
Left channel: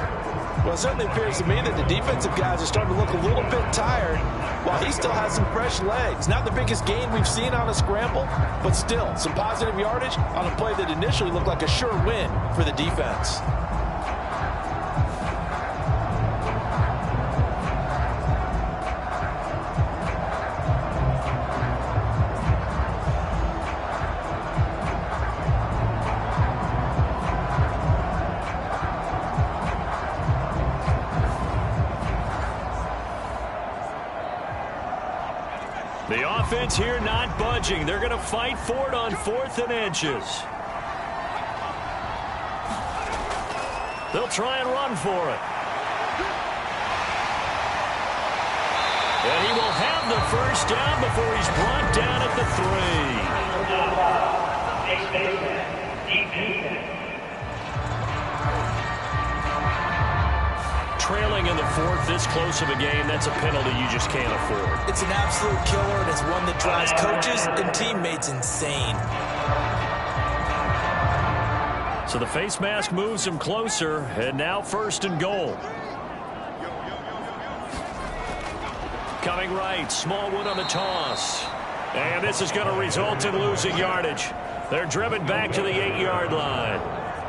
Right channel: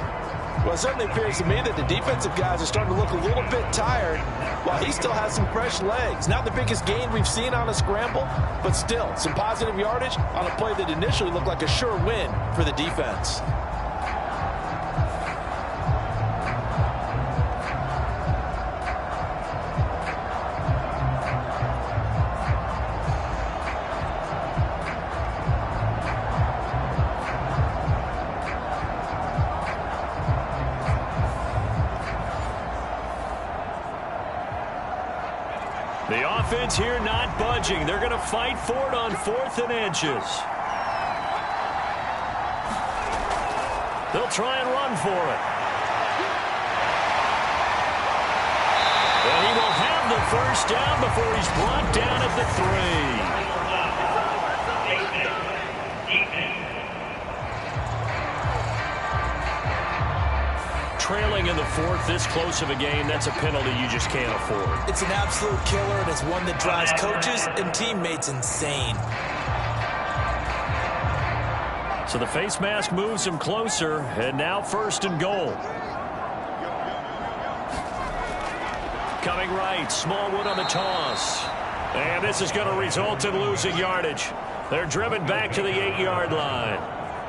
Well, it certainly appears to me that the defensive guys are starting to look a little bit tired while he still has some fresh legs. Not the biggest gain we've seen on a scramble, but still some positive yardage on a play that initially looked like a sure win for the defense. The offense here not budging. They're going to fight for it on 4th and inches. They'll try and run for it. And he will have the first down before he's brought down at the 3. Trailing in the 4th, this close of a game, that's a penalty you just can't afford. It's an absolute killer, and it's one that drives coaches and teammates insane. So the face mask moves him closer, and now 1st and goal. Coming right, Smallwood on the toss. And this is going to result in losing yardage. They're driven back to the 8-yard line.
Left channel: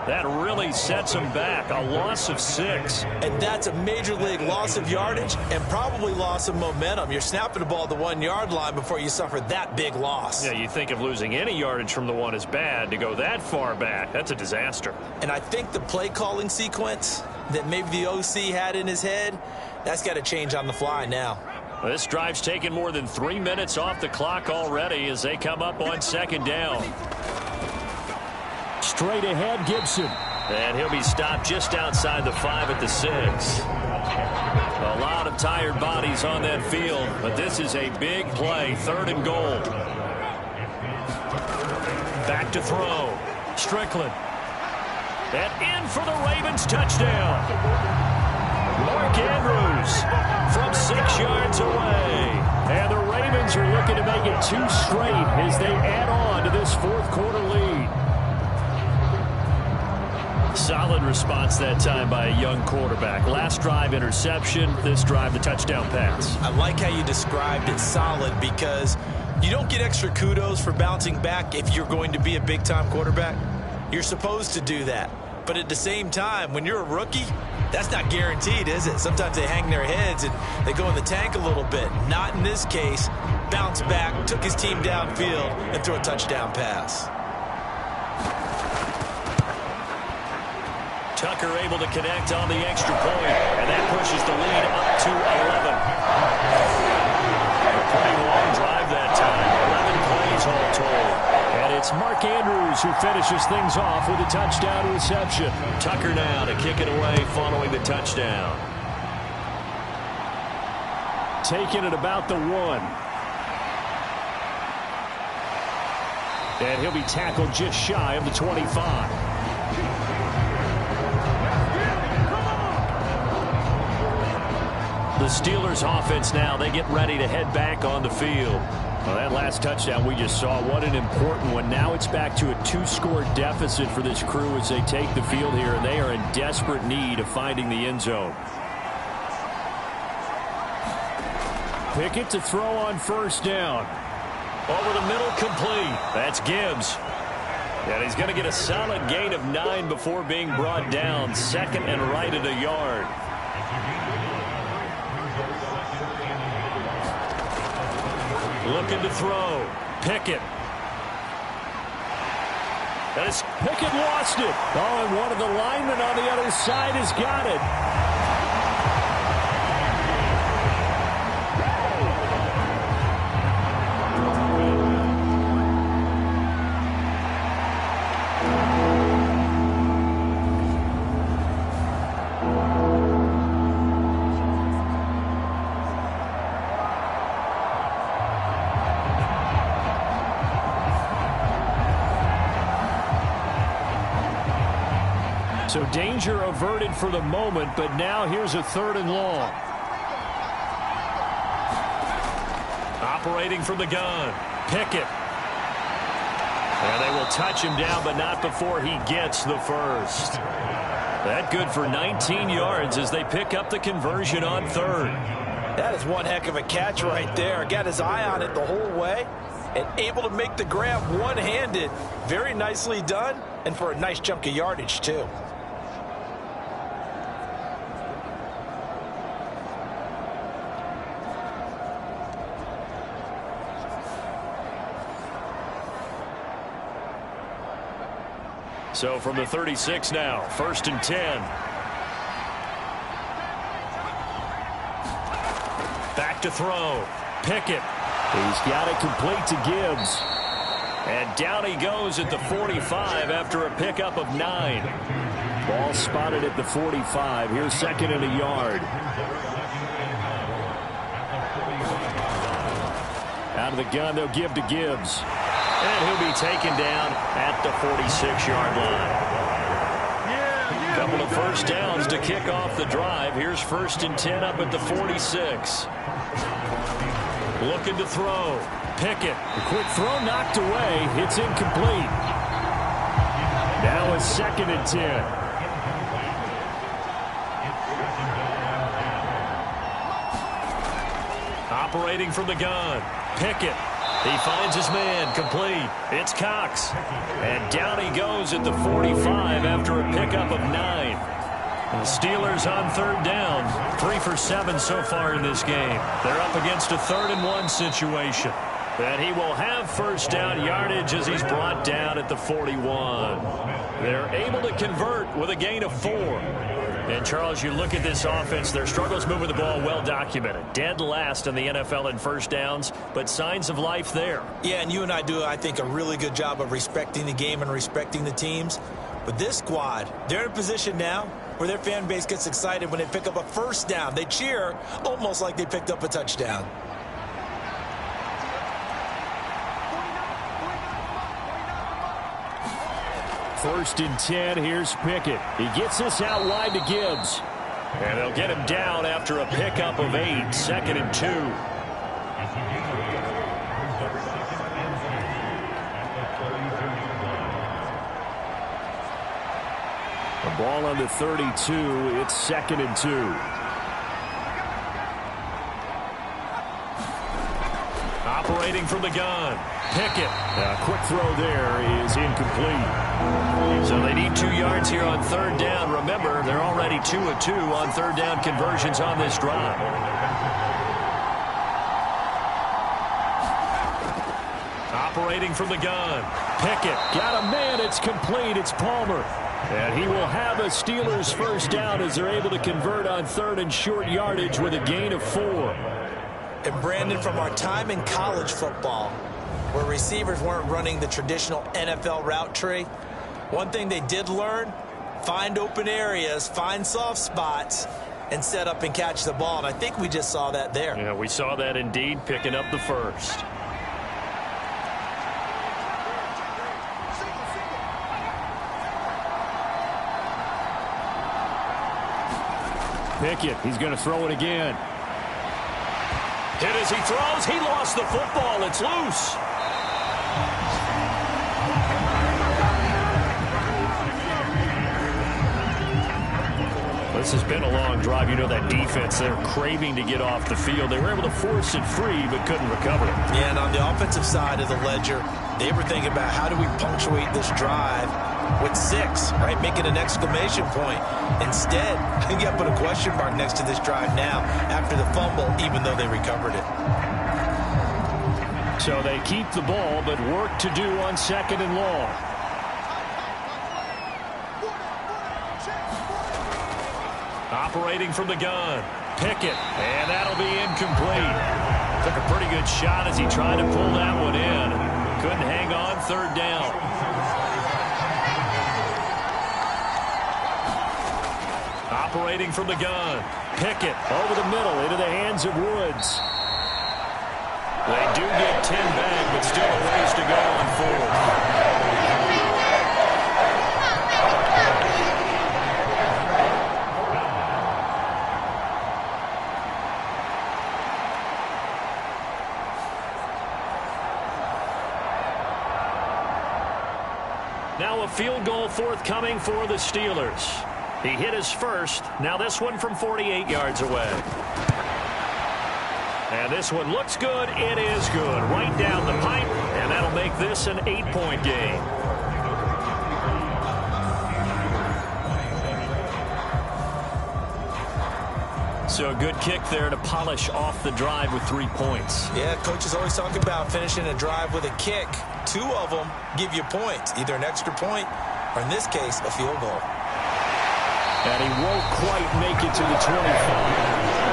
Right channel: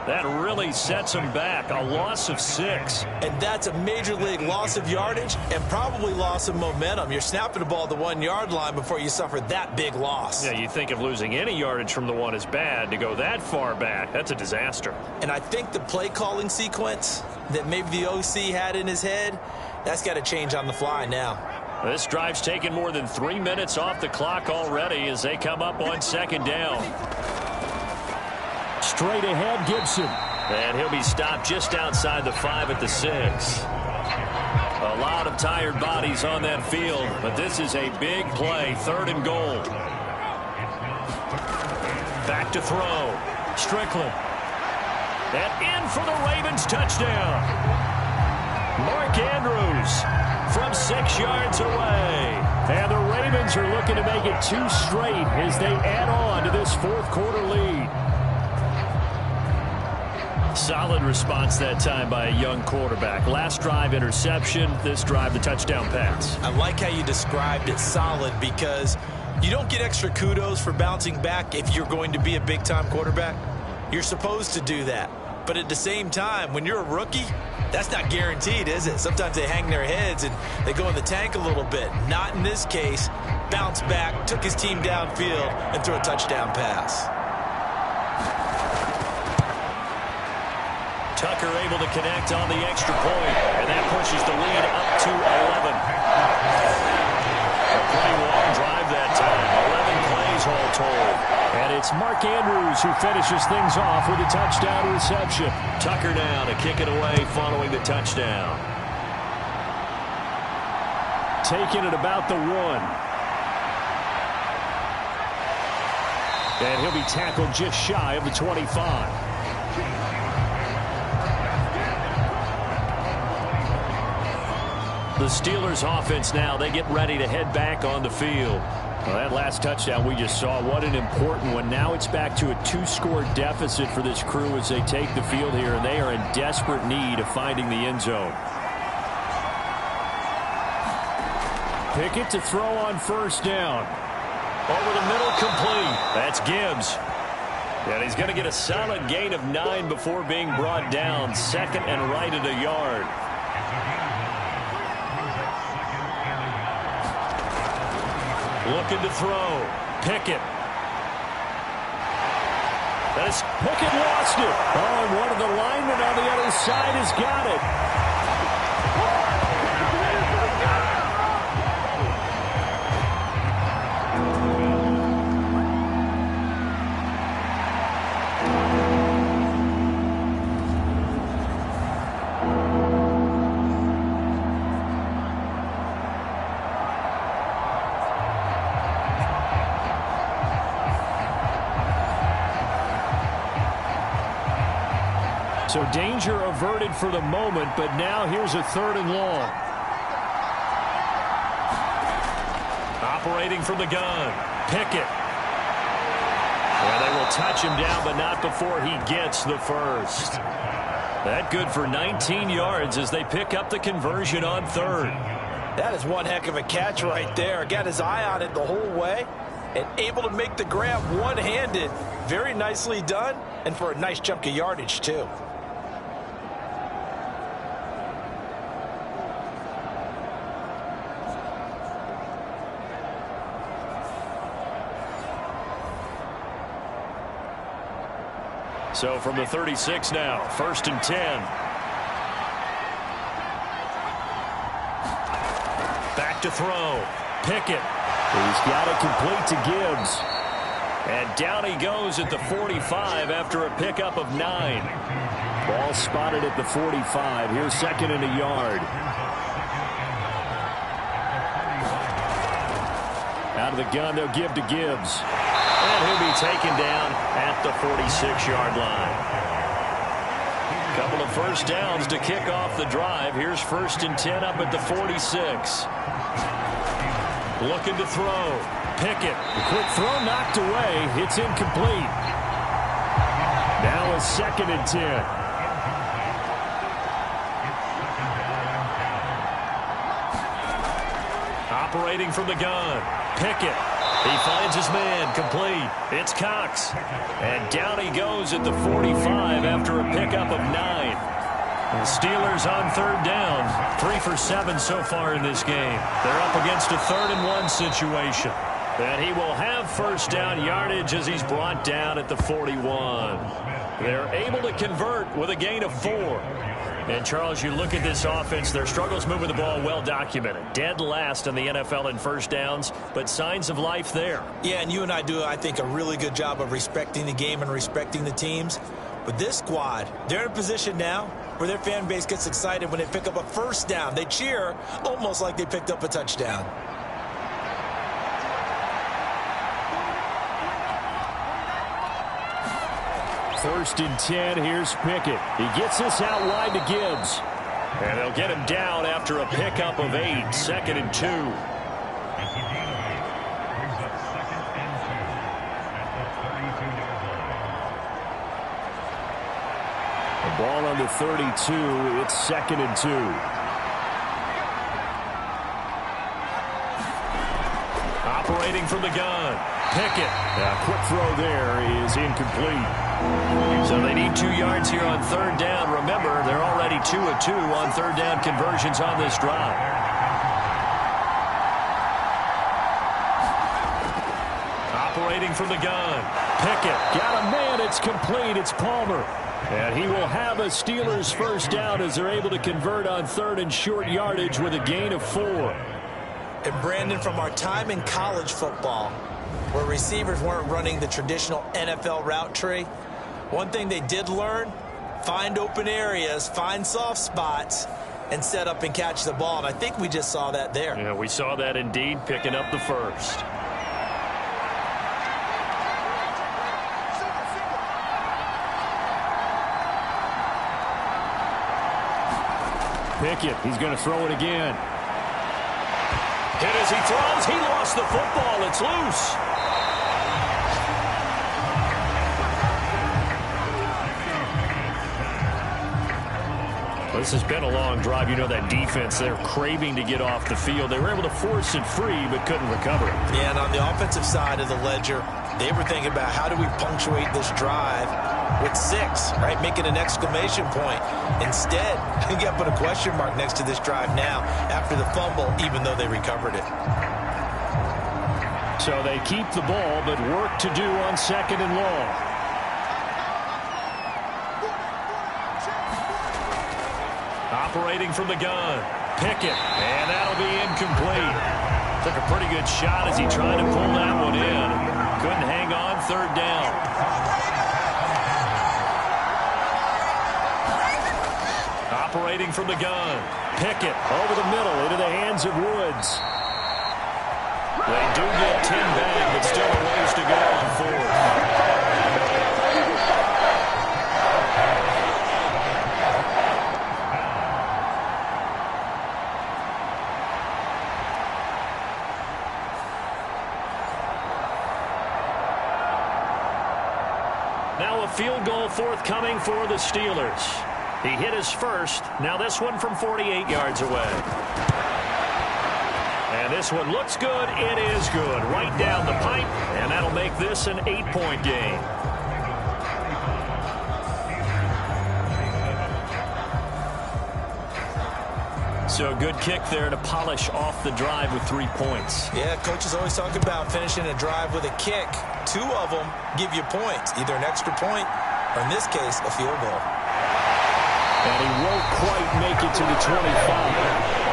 That really sets them back. A loss of 6. And that's a major league loss of yardage and probably loss of momentum. You're snapping the ball at the 1-yard line before you suffer that big loss. Yeah, you think of losing any yardage from the 1 is bad. To go that far back, that's a disaster. And I think the play calling sequence that maybe the OC had in his head, that's got to change on the fly now. This drive's taken more than 3 minutes off the clock already as they come up on 2nd down. Straight ahead, Gibson. And he'll be stopped just outside the 5 at the 6. A lot of tired bodies on that field, but this is a big play. 3rd and goal. Back to throw. Strickland. And in for the Ravens touchdown. Mark Andrews from 6 yards away. And the Ravens are looking to make it 2 straight as they add on to this 4th quarter lead. Solid response that time by a young quarterback. Last drive, interception. This drive, the touchdown pass. I like how you described it, solid, because you don't get extra kudos for bouncing back if you're going to be a big-time quarterback. You're supposed to do that. But at the same time, when you're a rookie, that's not guaranteed, is it? Sometimes they hang their heads and they go in the tank a little bit. Not in this case. Bounced back, took his team downfield, and threw a touchdown pass. Tucker able to connect on the extra point, and that pushes the lead up to 11. A pretty long drive that time. 11 plays all told. And it's Mark Andrews who finishes things off with a touchdown reception. Tucker now to kick it away following the touchdown. Taking it about the 1. And he'll be tackled just shy of the 25. The Steelers offense now, they get ready to head back on the field. Well, that last touchdown we just saw, what an important one. Now it's back to a 2-score deficit for this crew as they take the field here, and they are in desperate need of finding the end zone. Pickett to throw on 1st down. Over the middle, complete. That's Gibbs. And he's going to get a solid gain of 9 before being brought down. 2nd and right at a yard. Looking to throw. Pickett. As Pickett lost it. Oh, and one of the linemen on the other side has got it. So danger averted for the moment, but now here's a 3rd and long. Operating from the gun. Pickett. And they will touch him down, but not before he gets the first. That good for 19 yards as they pick up the conversion on third. That is one heck of a catch right there. Got his eye on it the whole way and able to make the grab one-handed. Very nicely done, and for a nice chunk of yardage, too. So from the 36 now, 1st and 10. Back to throw. Pickett. He's got it complete to Gibbs. And down he goes at the 45 after a pickup of 9. Ball spotted at the 45. Here's 2nd and a yard. Out of the gun, they'll give to Gibbs. And he'll be taken down at the 46-yard line. Couple of first downs to kick off the drive. Here's 1st and 10 up at the 46. Looking to throw. Pickett. The quick throw knocked away. It's incomplete. Now a 2nd and 10. Operating from the gun. Pickett. He finds his man, complete. It's Cox. And down he goes at the 45 after a pickup of 9. The Steelers on 3rd down. 3 for 7 so far in this game. They're up against a 3rd and 1 situation. And he will have 1st down yardage as he's brought down at the 41. They're able to convert with a gain of 4. And, Charles, you look at this offense, their struggles moving the ball well documented. Dead last in the NFL in first downs, but signs of life there. Yeah, and you and I do, I think, a really good job of respecting the game and respecting the teams. But this squad, they're in a position now where their fan base gets excited when they pick up a 1st down. They cheer almost like they picked up a touchdown. First and 10, here's Pickett. He gets this out wide to Gibbs. And they'll get him down after a pickup of 8, 2nd and 2. The ball on the 32, it's 2nd and 2. Operating from the gun. Pickett. A quick throw there is incomplete. So they need 2 yards here on 3rd down. Remember, they're already 2 of 2 on 3rd down conversions on this drive. Operating from the gun. Pickett. Got a man. It's complete. It's Palmer. And he will have a Steelers 1st down as they're able to convert on 3rd and short yardage with a gain of 4. And, Brandon, from our time in college football, where receivers weren't running the traditional NFL route tree, one thing they did learn, find open areas, find soft spots, and set up and catch the ball. And I think we just saw that there. Yeah, we saw that indeed, picking up the 1st. Pickett, he's going to throw it again. Hit as he throws. He lost the football. It's loose. This has been a long drive. You know that defense, they're craving to get off the field. They were able to force it free but couldn't recover it. Yeah, and on the offensive side of the ledger, they were thinking about how do we punctuate this drive with 6, right? Make it an exclamation point. Instead, you got to put a question mark next to this drive now after the fumble, even though they recovered it. So they keep the ball, but work to do on 2nd and long. Operating from the gun. Pickett. And that'll be incomplete. Took a pretty good shot as he tried to pull that one in. Couldn't hang on 3rd down. Operating from the gun. Pickett. Over the middle into the hands of Woods. They do get 10 back, but still a ways to go on 4th. Now a field goal forthcoming for the Steelers. He hit his first. Now this one from 48 yards away. And this one looks good. It is good. Right down the pipe, and that'll make this an 8-point game. So a good kick there to polish off the drive with 3 points. Yeah, coaches always talk about finishing a drive with a kick. 2 of them give you points, either an extra point or, in this case, a field goal. And he won't quite make it to the 25.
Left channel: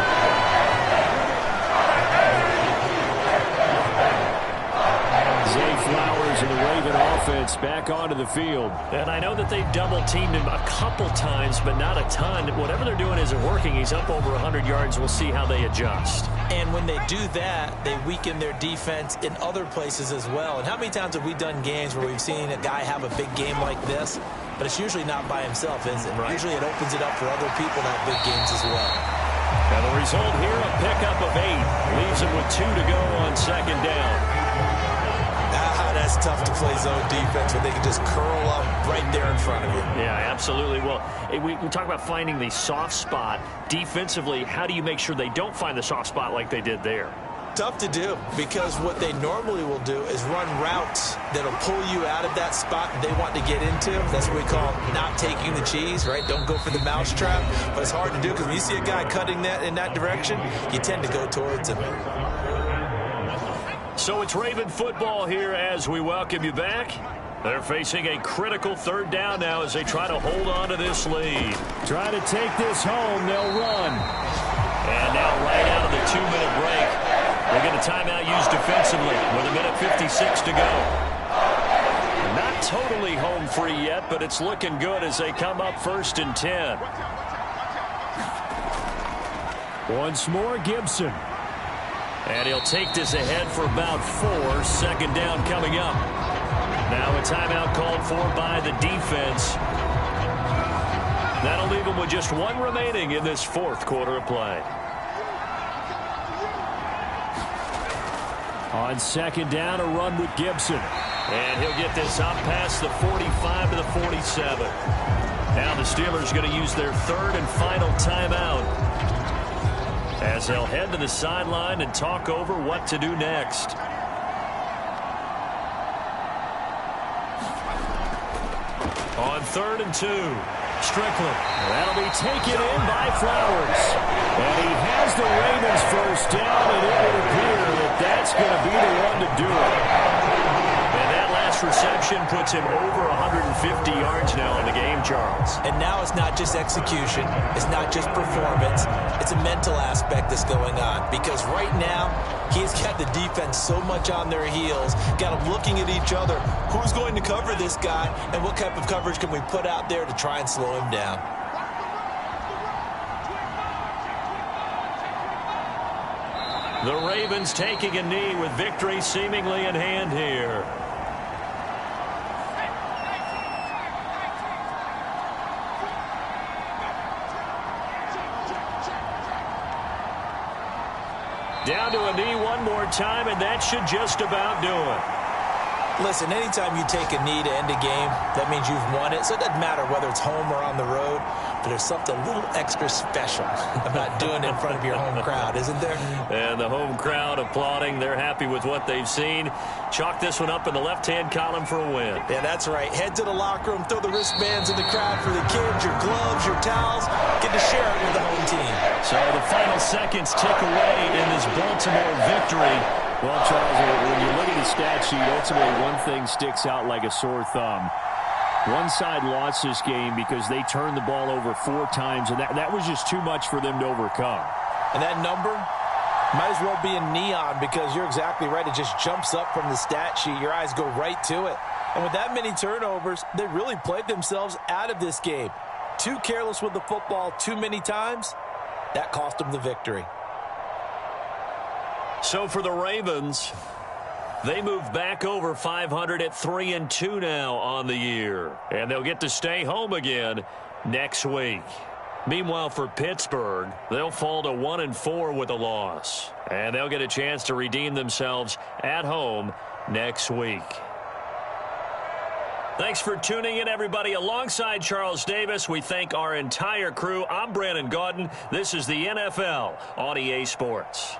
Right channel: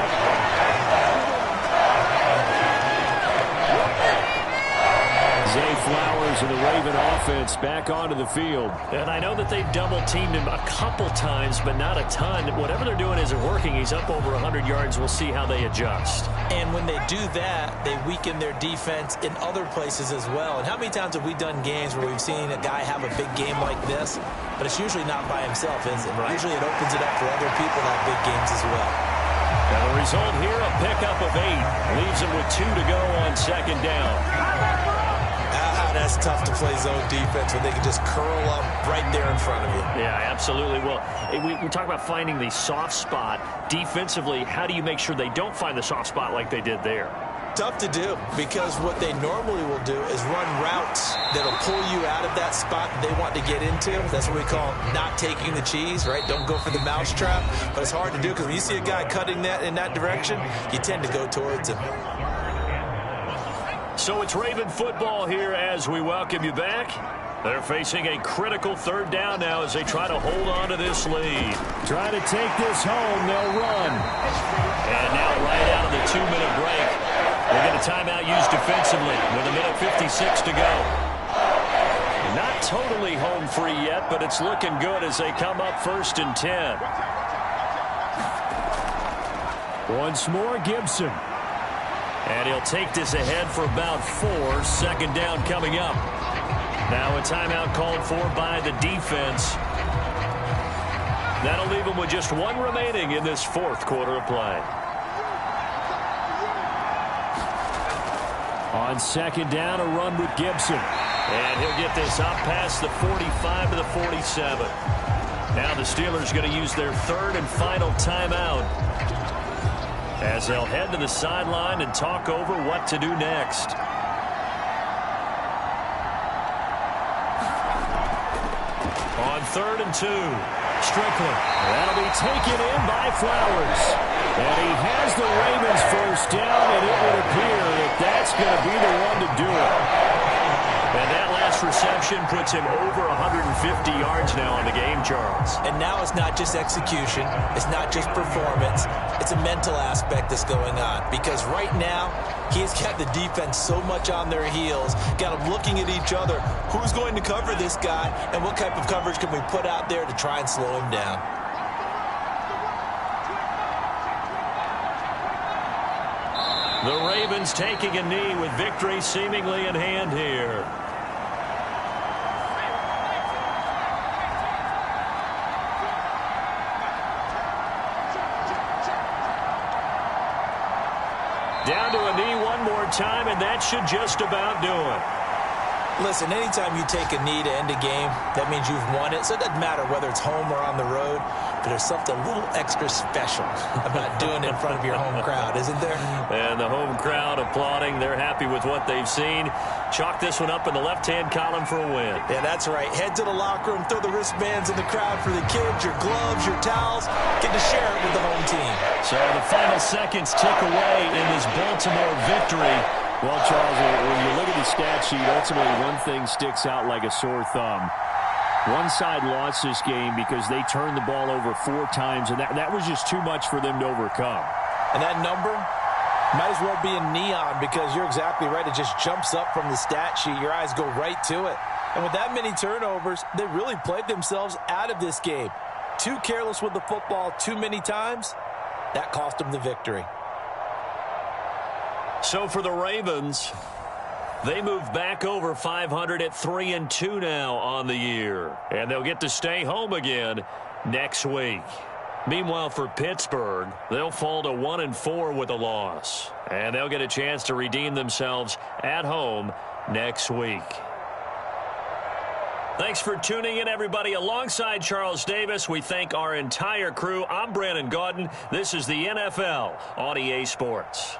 Zay Flowers and the Raven offense back onto the field. And I know that they've double-teamed him a couple times, but not a ton. Whatever they're doing isn't working. He's up over 100 yards. We'll see how they adjust. And when they do that, they weaken their defense in other places as well. And how many times have we done games where we've seen a guy have a big game like this, but it's usually not by himself, is it? Right. Usually it opens it up for other people to have big games as well. And the result here, a pickup of 8. Leaves them with 2 to go on second down. That's tough to play zone defense when they can just curl up right there in front of you. Yeah, absolutely. Well, we talk about finding the soft spot. Defensively, how do you make sure they don't find the soft spot like they did there? Tough to do, because what they normally will do is run routes that'll pull you out of that spot that they want to get into. That's what we call not taking the cheese, right? Don't go for the mousetrap. But it's hard to do because when you see a guy cutting that in that direction, you tend to go towards him. So it's Raven football here as we welcome you back. They're facing a critical third down now as they try to hold on to this lead. Try to take this home. They'll run. And now right out of the 2-minute break, we'll get a timeout used defensively with 1:56 to go. Not totally home free yet, but it's looking good as they come up 1st and 10. Once more, Gibson. And he'll take this ahead for about 4. Second down coming up. Now a timeout called for by the defense. That'll leave him with just 1 remaining in this 4th quarter of play. On second down, a run with Gibson. And he'll get this up past the 45 to the 47. Now the Steelers going to use their 3rd and final timeout, as they'll head to the sideline and talk over what to do next. On 3rd and 2, Strickland. That'll be taken in by Flowers. And he has the Ravens first down, and it would appear that that's going to be the one to do it. And that last reception puts him over 150 yards now on the game, Charles. And now it's not just execution. It's not just performance. It's a mental aspect that's going on. Because right now, he's got the defense so much on their heels, got them looking at each other. Who's going to cover this guy, and what type of coverage can we put out there to try and slow him down? The Ravens taking a knee with victory seemingly in hand here. Down to a knee one more time, and that should just about do it. Listen, anytime you take a knee to end a game, that means you've won it. So it doesn't matter whether it's home or on the road, but there's something a little extra special about doing it in front of your home crowd, isn't there? And the home crowd applauding. They're happy with what they've seen. Chalk this one up in the left-hand column for a win. Yeah, that's right. Head to the locker room, throw the wristbands in the crowd for the kids, your gloves, your towels. Get to share it with the home team. So the final seconds tick away in this Baltimore victory. Well, Charles, when you look at the stat sheet, ultimately one thing sticks out like a sore thumb. One side lost this game because they turned the ball over 4 times, and that was just too much for them to overcome. And that number might as well be in neon, because you're exactly right. It just jumps up from the stat sheet. Your eyes go right to it. And with that many turnovers, they really played themselves out of this game. Too careless with the football too many times. That cost them the victory. So for the Ravens, they move back over 500 at 3-2 now on the year. And they'll get to stay home again next week. Meanwhile, for Pittsburgh, they'll fall to 1-4 with a loss. And they'll get a chance to redeem themselves at home next week. Thanks for tuning in, everybody. Alongside Charles Davis, we thank our entire crew. I'm Brandon Gaudin. This is the NFL on EA Sports.